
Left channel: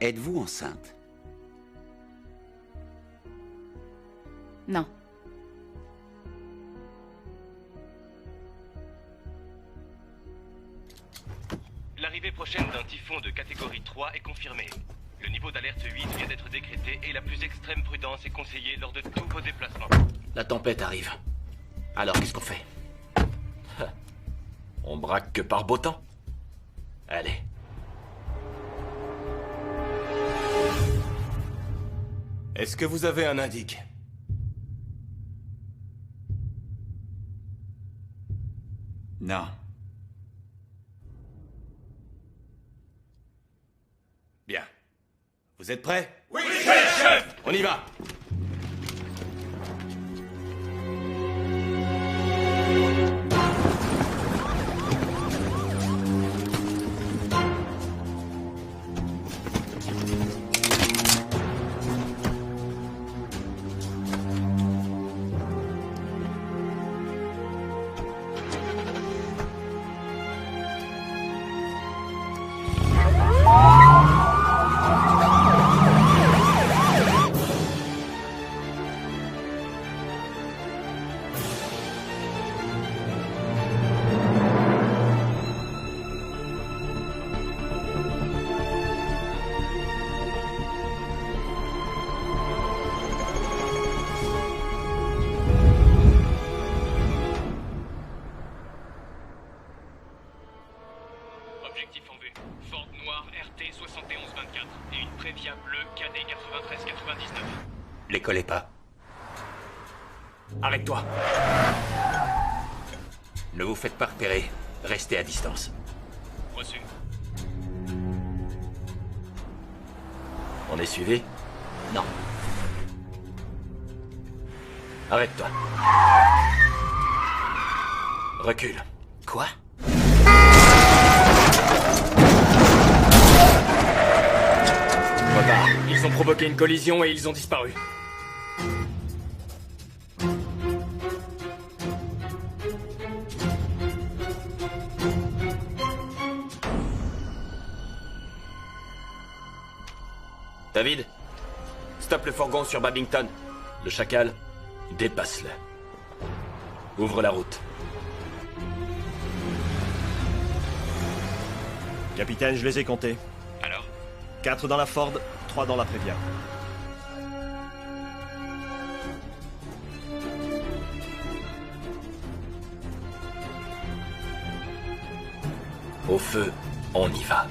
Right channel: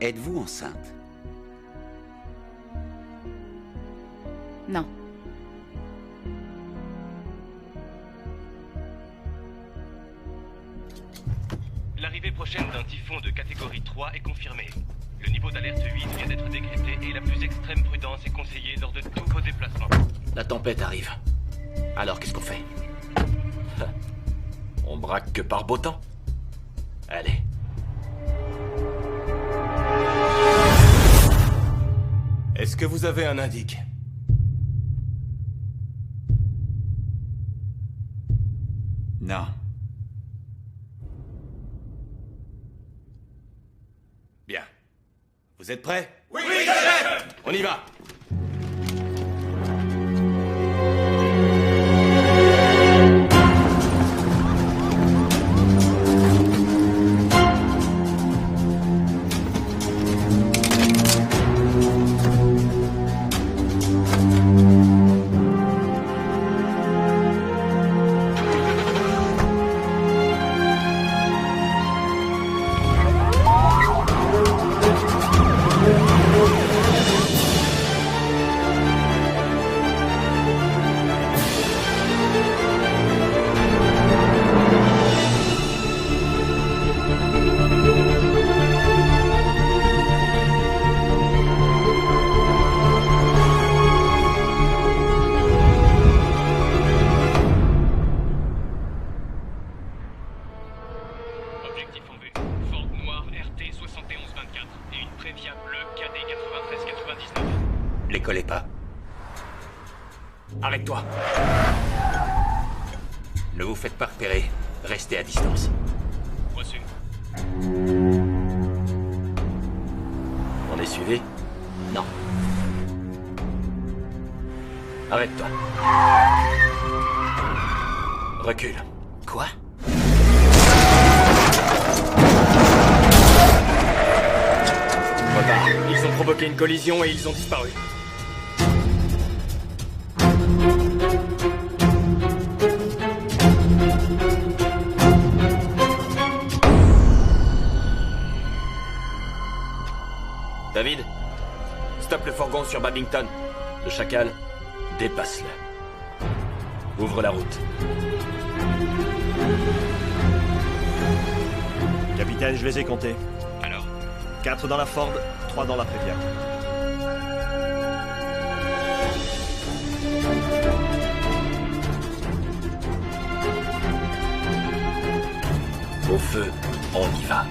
Êtes-vous enceinte? Non. L'arrivée prochaine d'un typhon de catégorie 3 est confirmée. Le niveau d'alerte 8 vient d'être décrété et la plus extrême prudence est conseillée lors de tous vos déplacements. La tempête arrive. Alors qu'est-ce qu'on fait? On braque que par beau temps. Allez. Est-ce que vous avez un indice? Non. Bien. Vous êtes prêts? Oui, chef! On y va! Objectif en vue. Ford Noir RT 7124 et une Previa bleue KD 9399. Les collez pas. Arrête-toi. Ne vous faites pas repérer. Restez à distance. Reçu. On est suivi? Non. Arrête-toi. Recule. Quoi? Repars. Ils ont provoqué une collision et ils ont disparu. David, stoppe le fourgon sur Babington. Le chacal, dépasse-le. Ouvre la route. Capitaine, je les ai comptés. Alors? 4 dans la Ford, 3 dans la Previa. Au feu, on y va.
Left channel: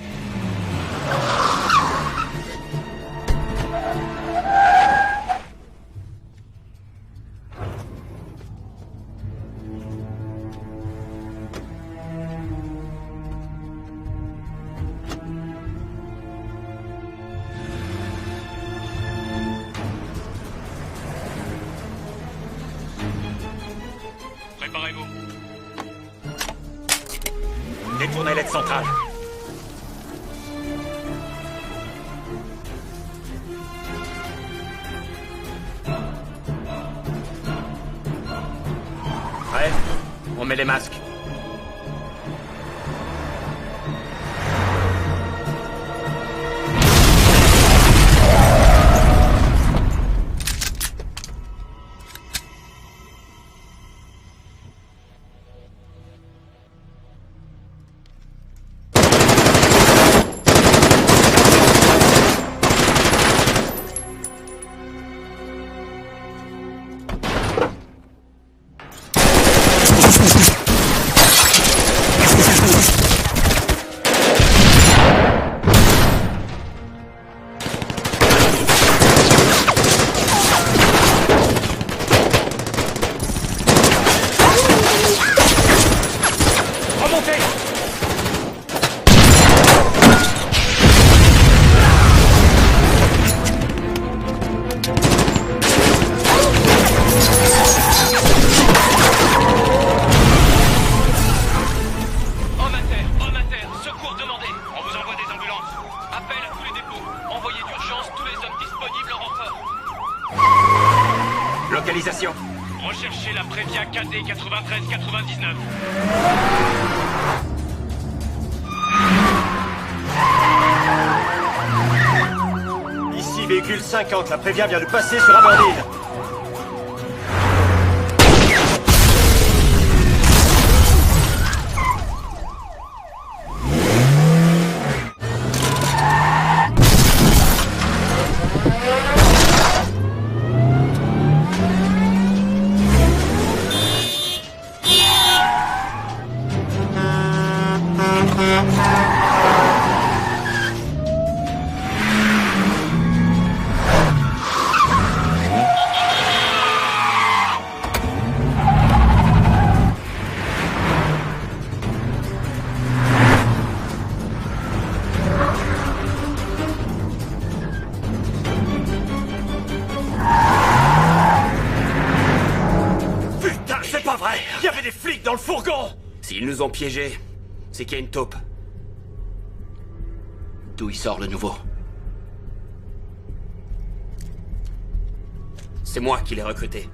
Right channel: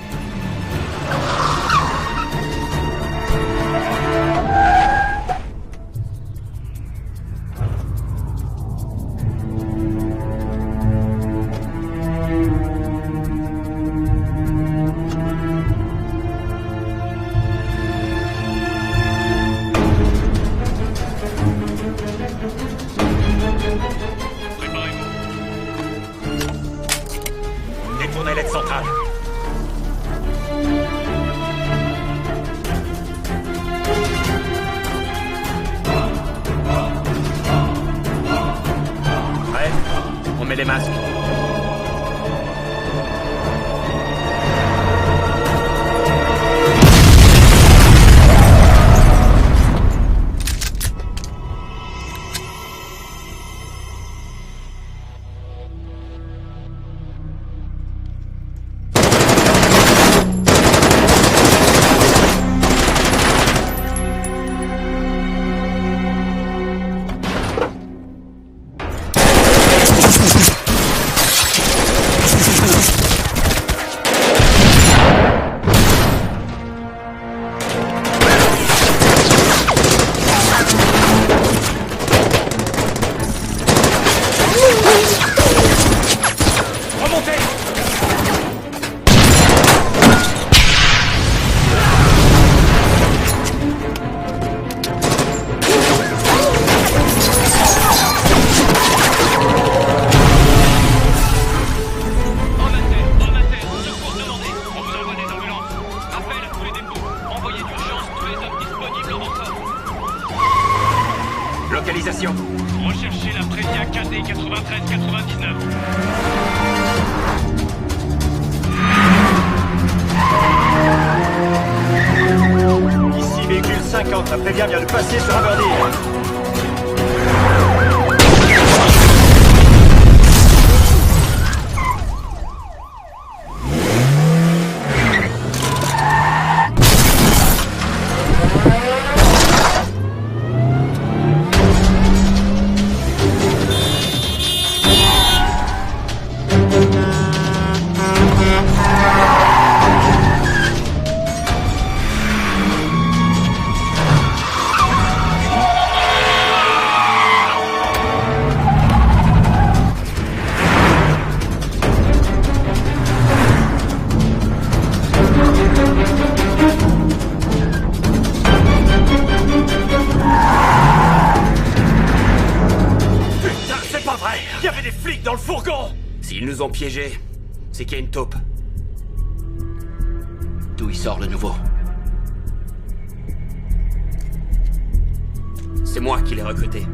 Préparez-vous. Détournez l'aide centrale. Prêt? On met les masques. Remontez! Homme à terre, secours demandé. On vous envoie des ambulances. Appel à tous les dépôts. Envoyez d'urgence tous les hommes disponibles en renfort. Localisation. Recherchez la Previa KD 9399. véhicule 50, la prévient vient de passer sur Aberdeen. S'ils nous ont piégés, c'est qu'il y a une taupe. D'où il sort le nouveau? C'est moi qui l'ai recruté.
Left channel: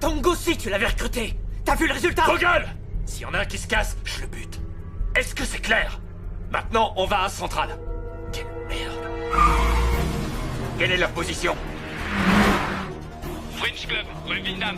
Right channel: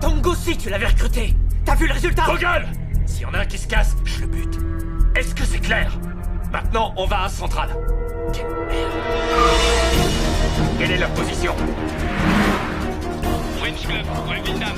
Tongo aussi, tu l'avais recruté. T'as vu le résultat? Vos gueules! S'il y en a un qui se casse, je le bute. Est-ce que c'est clair? Maintenant, on va à Centrale. Quelle merde. Quelle est leur position? French Club, rue Windham.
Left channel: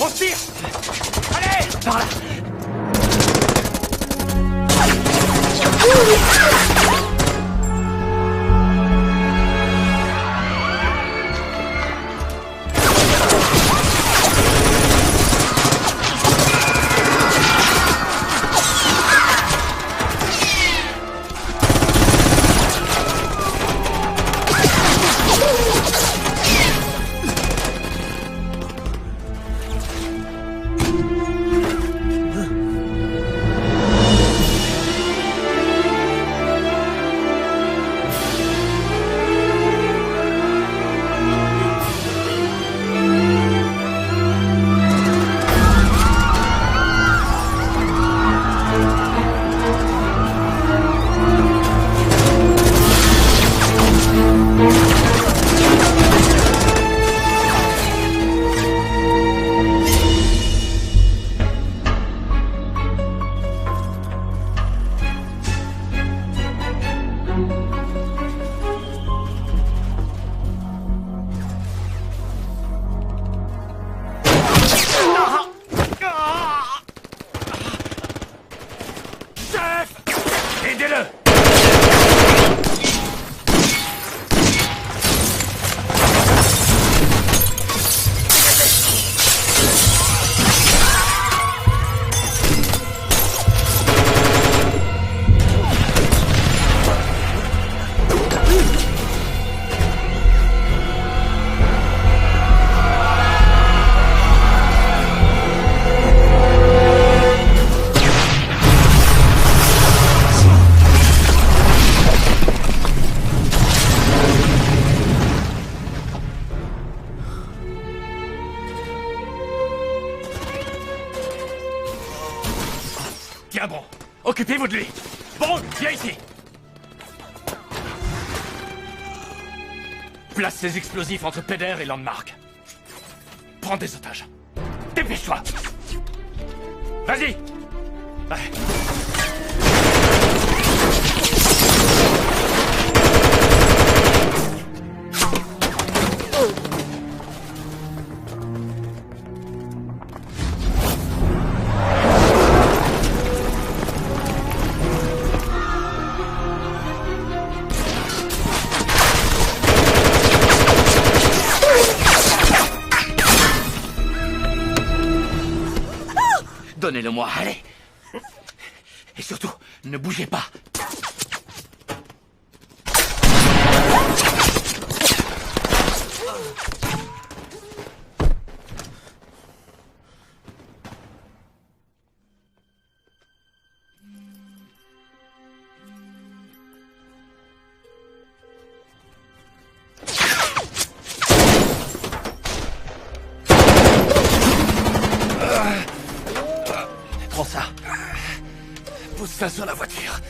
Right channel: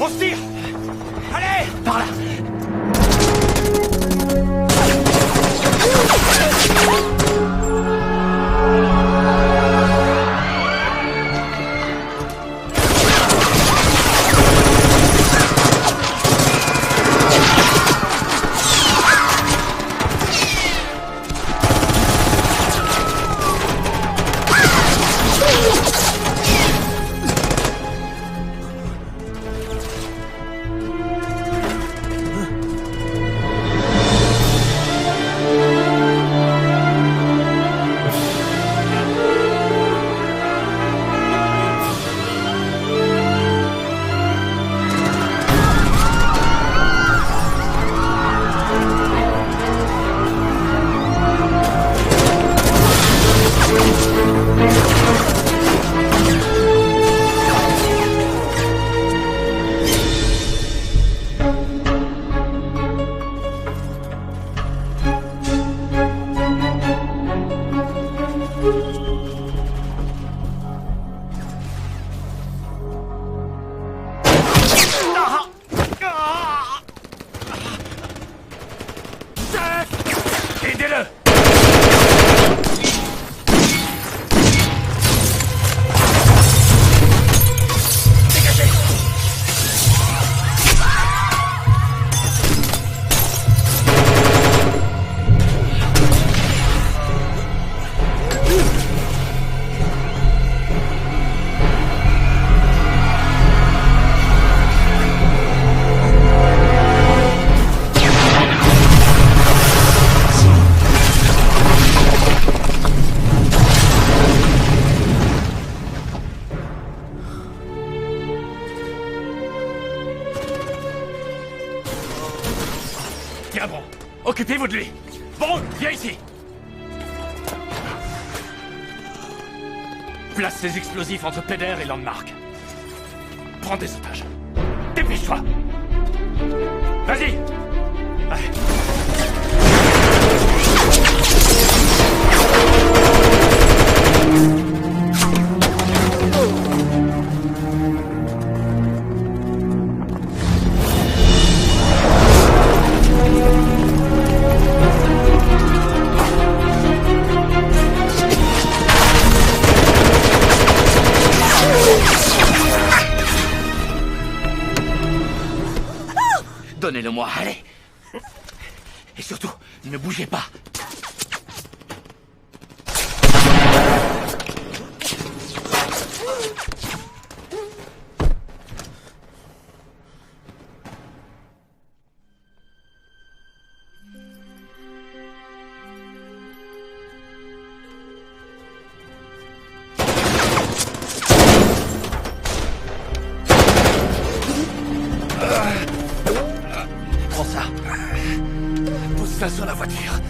On se tire! Allez! Par là! Aidez-le! Tiens bon, occupez-vous de lui. Bong, viens ici. Place ces explosifs entre Peder et Landmark. Prends des otages. Dépêche-toi. Vas-y. Ouais. Donnez-le-moi, allez. Et surtout, ne bougez pas. Prends ça. Pose ça sur la voiture.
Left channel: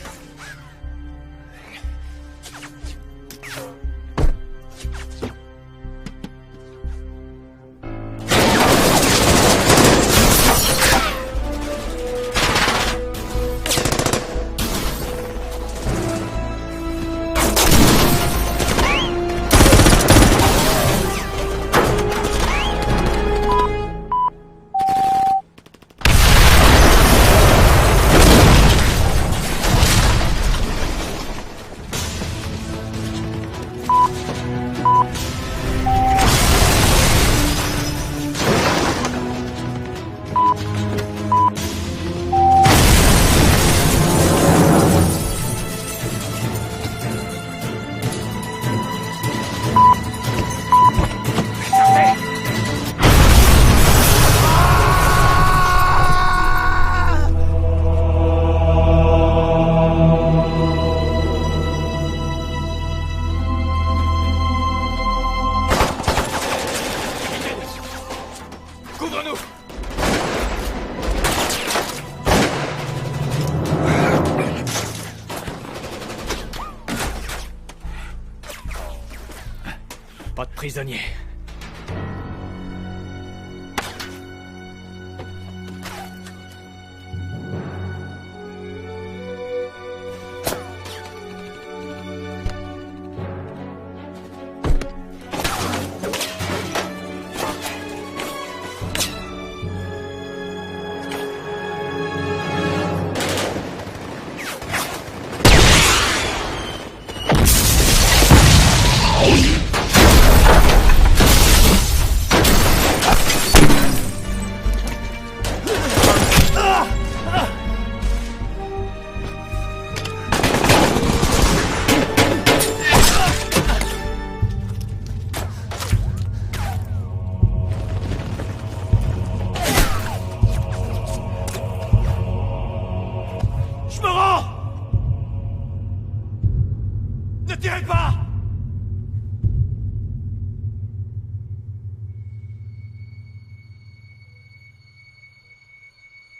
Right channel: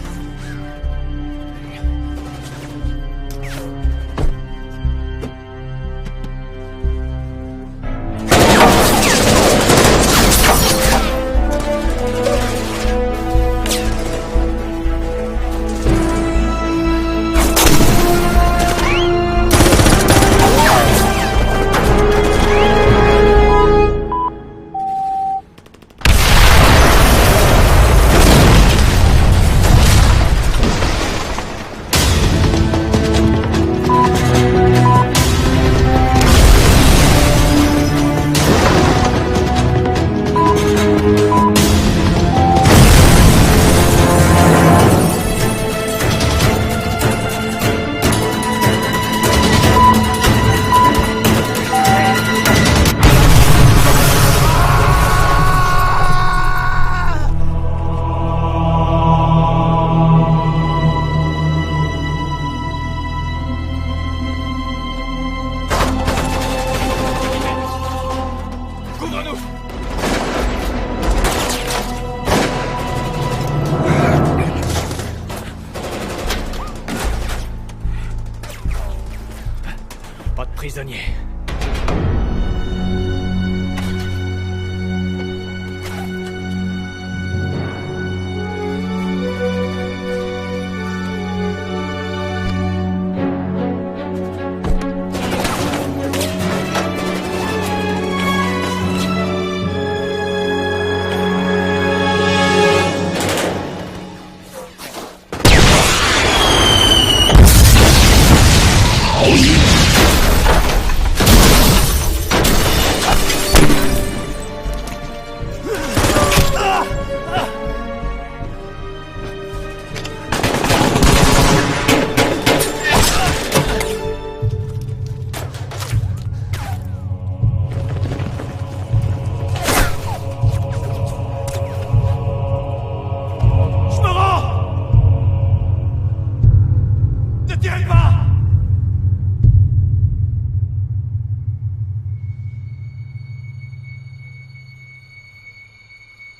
Pas de prisonniers.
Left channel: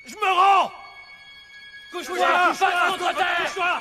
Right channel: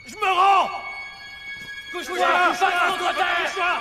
Je me rends! Couche-toi! Passe contre terre! Couche-toi!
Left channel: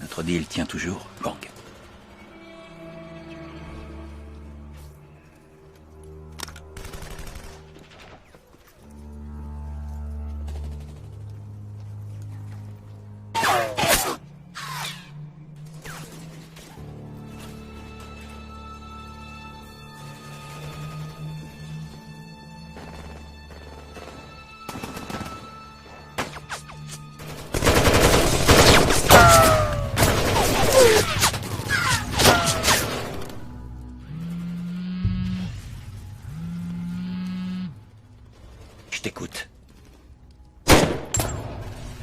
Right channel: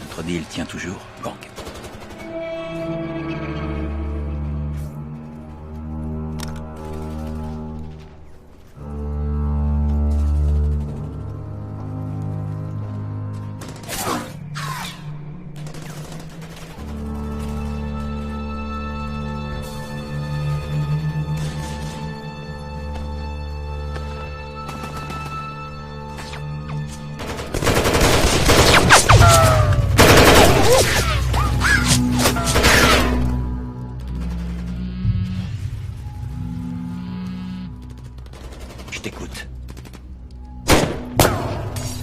Notre deal tient toujours, Bang. Je t'écoute.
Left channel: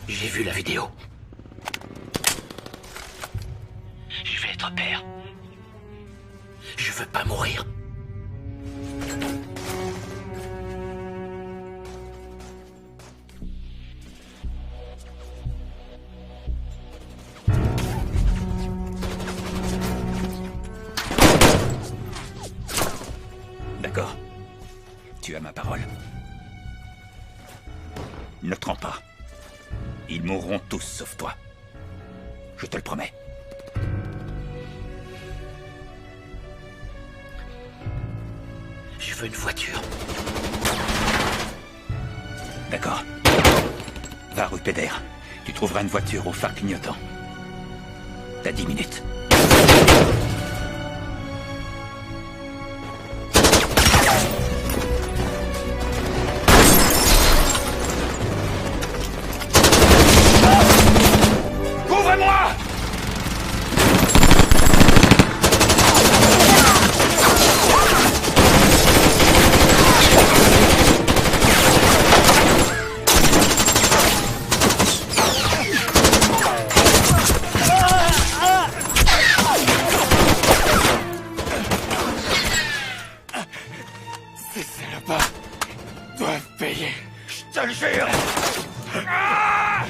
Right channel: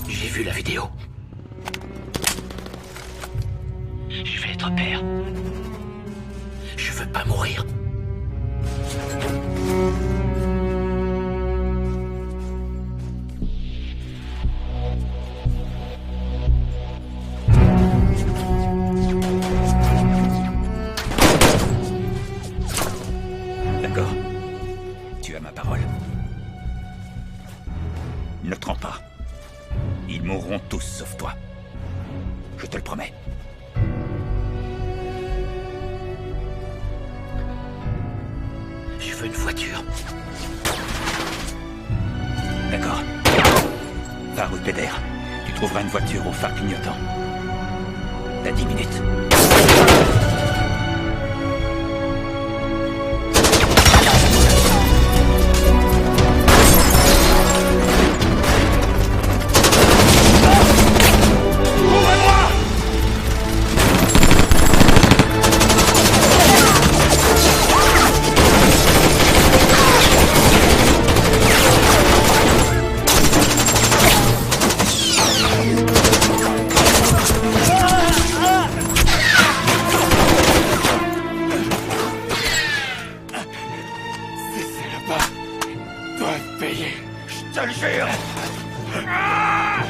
J'ai vu la vidéo. Je vais être père. Je veux pas mourir. D'accord. Tu as ma parole. Ne te rends pas. Ils mourront tous sauf toi. Je te le promets. Je veux une voiture. D'accord. Va rue Péder. Tu trouveras une voiture au phare clignotant. T'as 10 minutes. Couvrez-moi! Ces salopes doivent payer, je te le jure! Ah!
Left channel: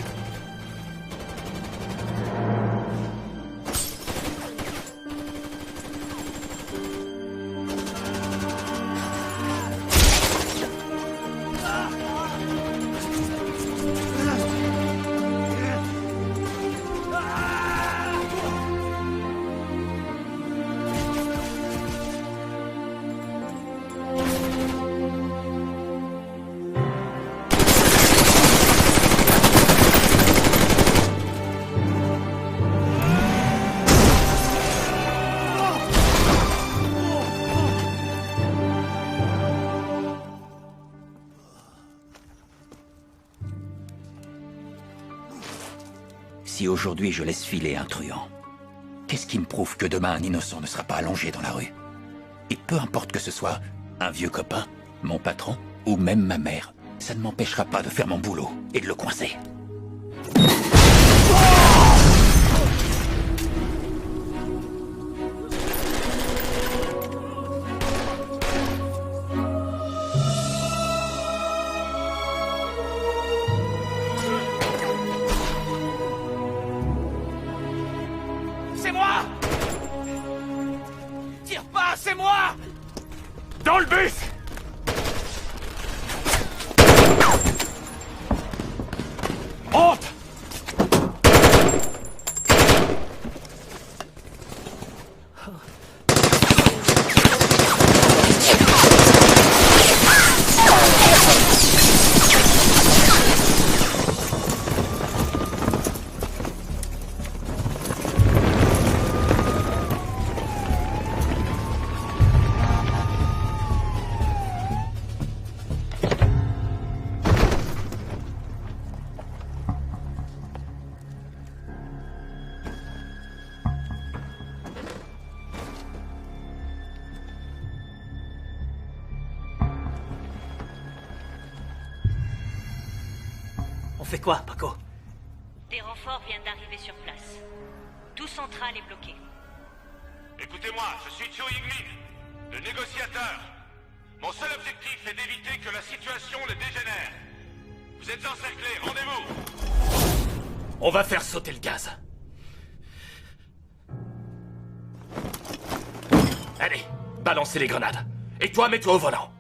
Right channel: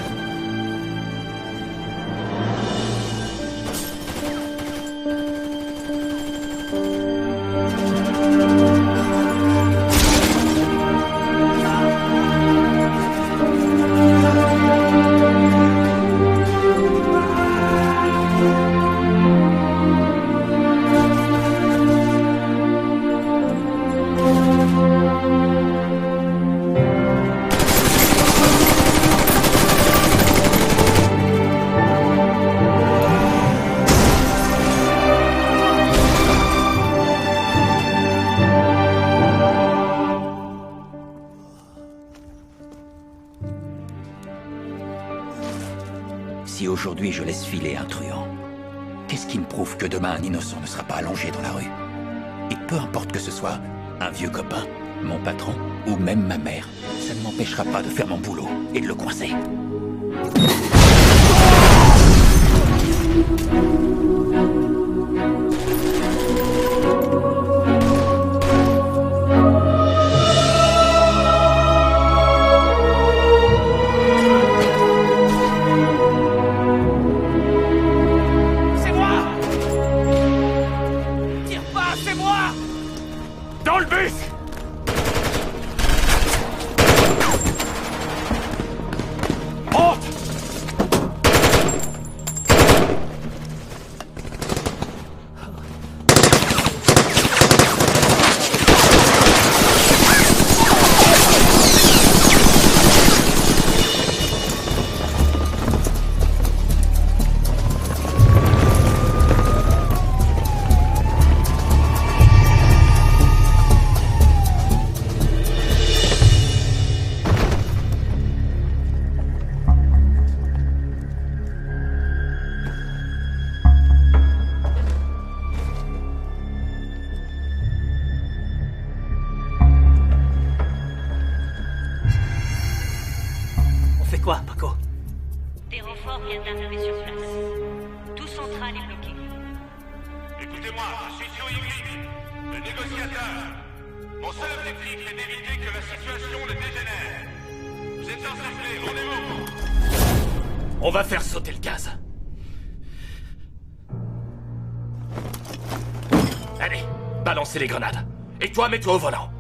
Si aujourd'hui je laisse filer un truand, qu'est-ce qui me prouve que demain un innocent ne sera pas allongé dans la rue? Et peu importe que ce soit un vieux copain, mon patron ou même ma mère, ça ne m'empêchera pas de faire mon boulot et de le coincer. C'est moi! Tire pas, c'est moi! Dans le bus! Monte! On fait quoi, Paco? Des renforts viennent d'arriver sur place. Tout central est bloqué. Écoutez-moi, je suis Tsuigli, le négociateur. Mon seul objectif est d'éviter que la situation ne dégénère. Vous êtes encerclés, rendez-vous! On va faire sauter le gaz. Allez, balancez les grenades. Et toi, mets-toi au volant.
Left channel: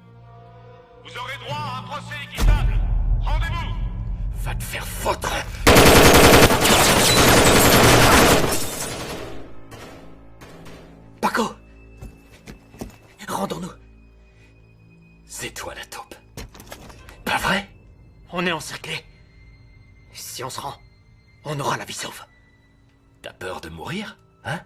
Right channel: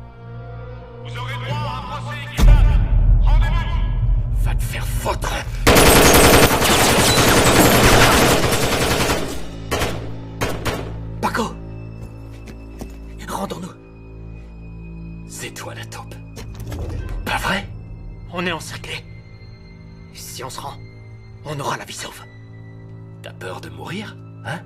Vous aurez droit à un procès équitable. Rendez-vous! Va te faire foutre. Paco! Rendons-nous. C'est toi la taupe. Pas vrai? On est encerclés. Si on se rend, on aura la vie sauve. T'as peur de mourir, hein?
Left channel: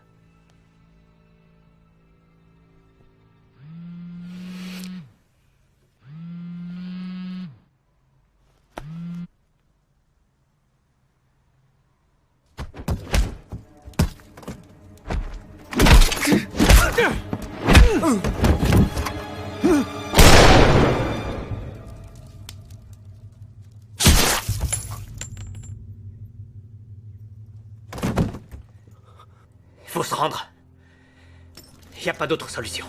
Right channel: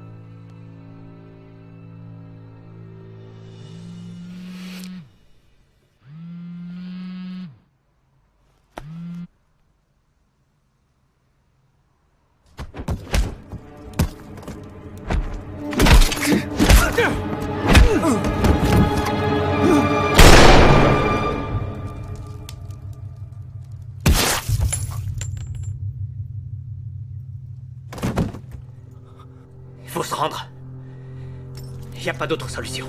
Faut se rendre. Y a pas d'autre solution.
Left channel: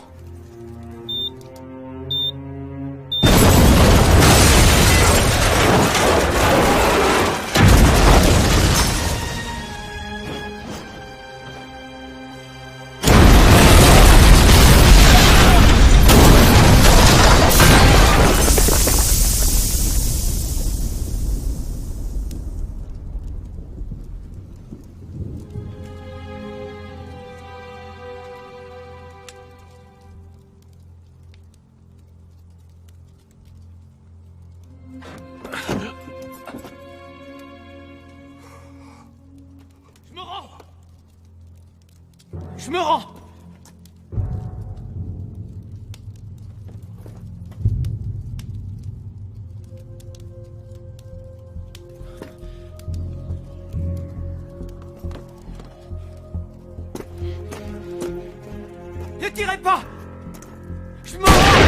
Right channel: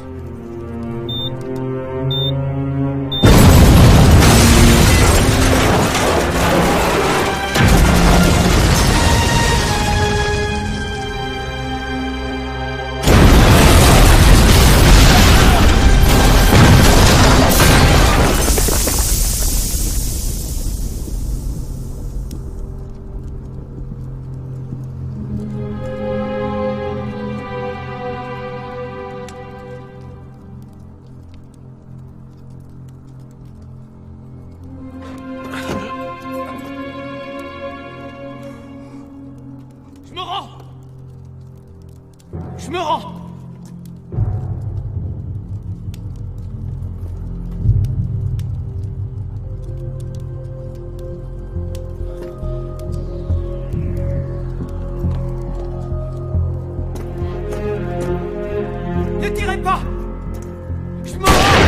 Je me rends! Ne tirez pas! Je me rends!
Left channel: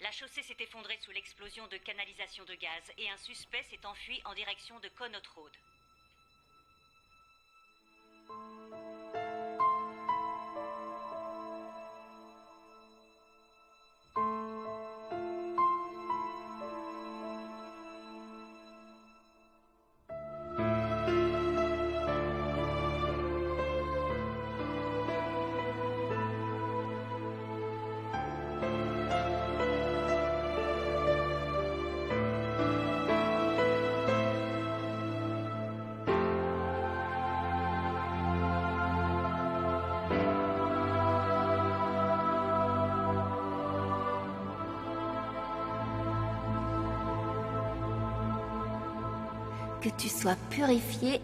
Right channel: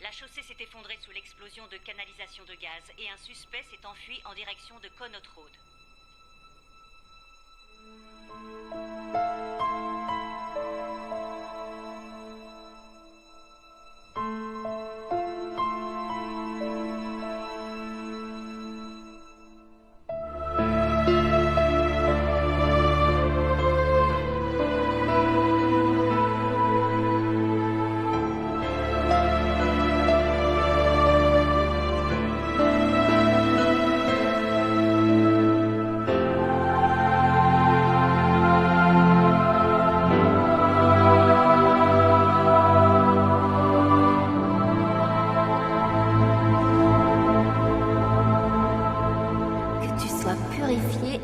La chaussée s'est effondrée sous l'explosion de canalisation de gaz et un suspect s'est enfui en direction de Connaught Road. Que tu sois purifié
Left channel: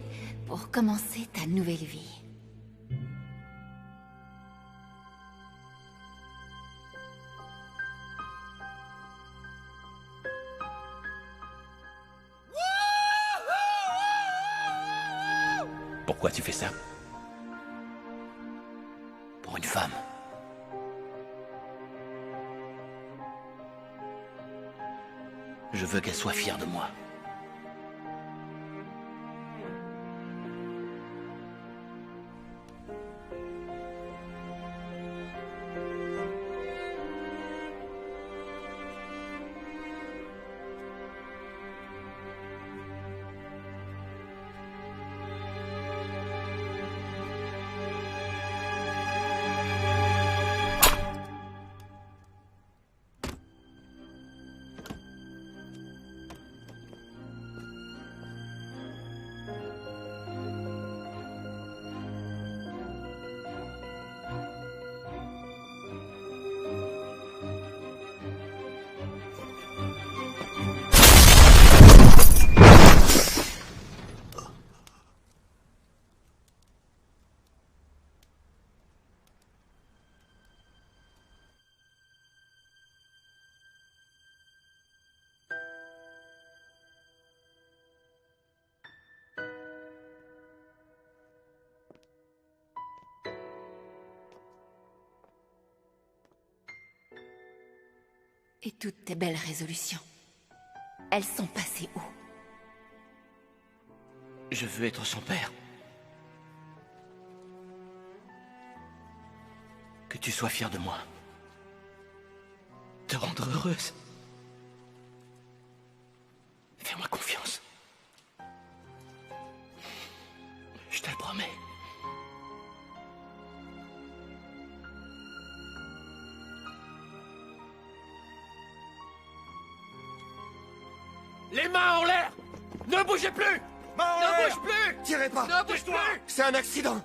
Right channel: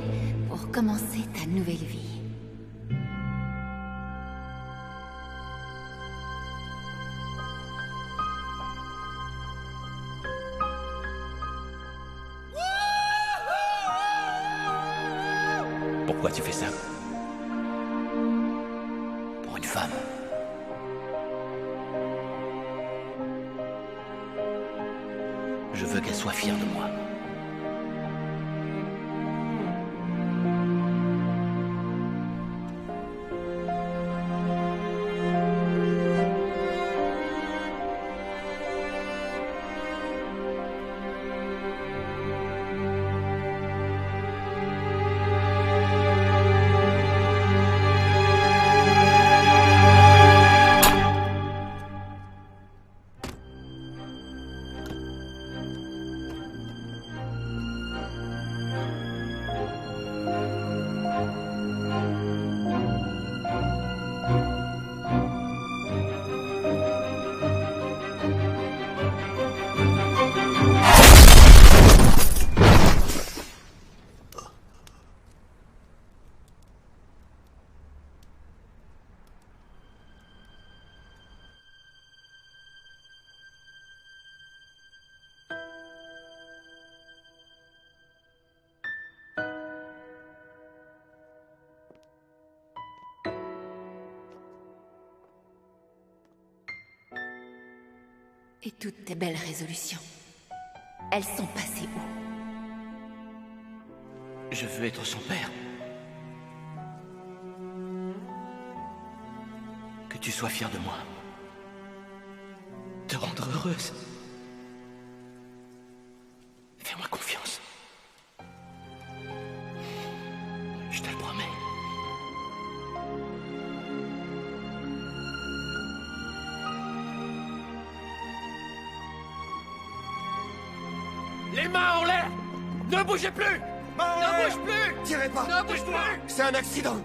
pour commencer ta nouvelle vie. Pourquoi tu fais ça? Pour une femme. Je veux qu'elle soit fière de moi. Et toutes tes belles résolutions, elles sont passées où? Je veux être son père. Que tu sois fier de moi. Te rendre heureuse. Fais-moi confiance. Je te le promets. Les mains en l'air! Ne bougez plus! Ne bouge plus! Tirez pas! Ne bouge plus! C'est un accident!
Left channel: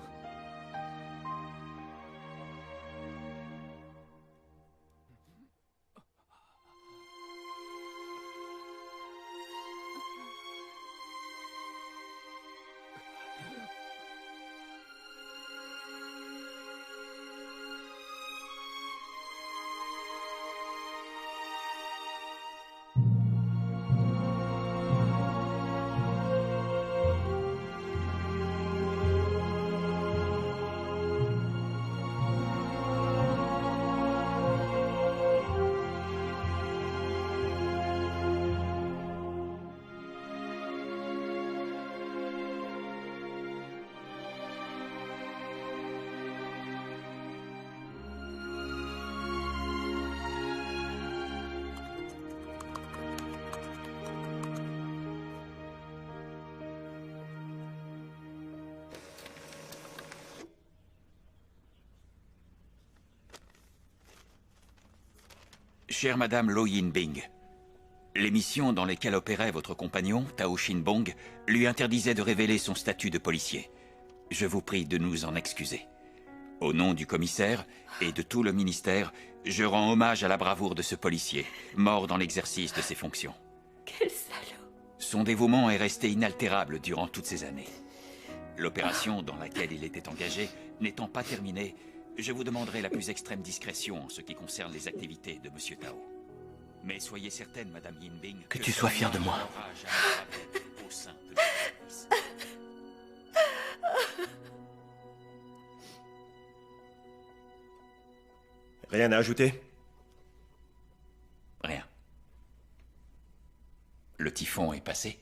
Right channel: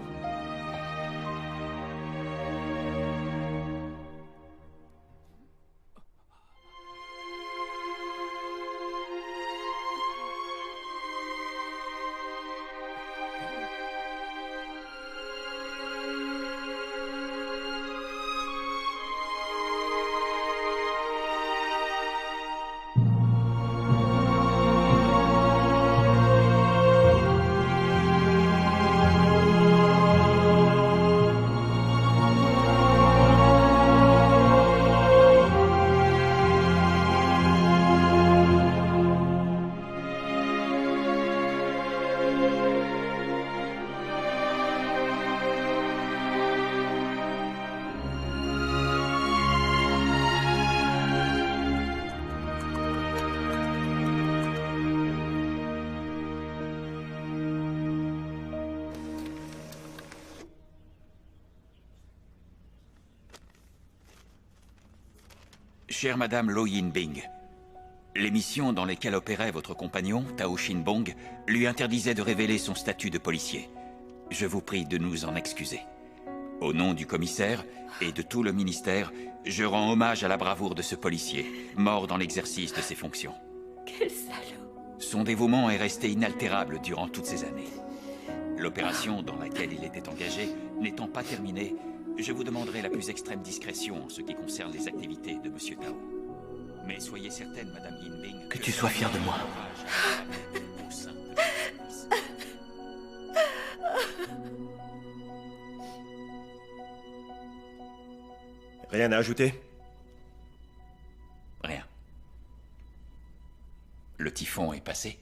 Chère Madame Lo Yin-bing, les missions dans lesquelles opérait votre compagnon, Tao Shin-bong, lui interdisaient de révéler son statut de policier. Je vous prie de nous en excuser. Au nom du commissaire et de tout le ministère, je rends hommage à la bravoure de ce policier, mort dans l'exercice de ses fonctions. Quel salaud! Son dévouement est resté inaltérable durant toutes ces années. L'opération dans laquelle il était engagé n'étant pas terminée, je vous demanderai la plus extrême discrétion en ce qui concerne les activités de Monsieur Tao. Mais soyez certaine, Madame Yin-bing, que tu sois fière de moi. Au sein de notre service. Rien à ajouter? Rien. Le typhon est passé.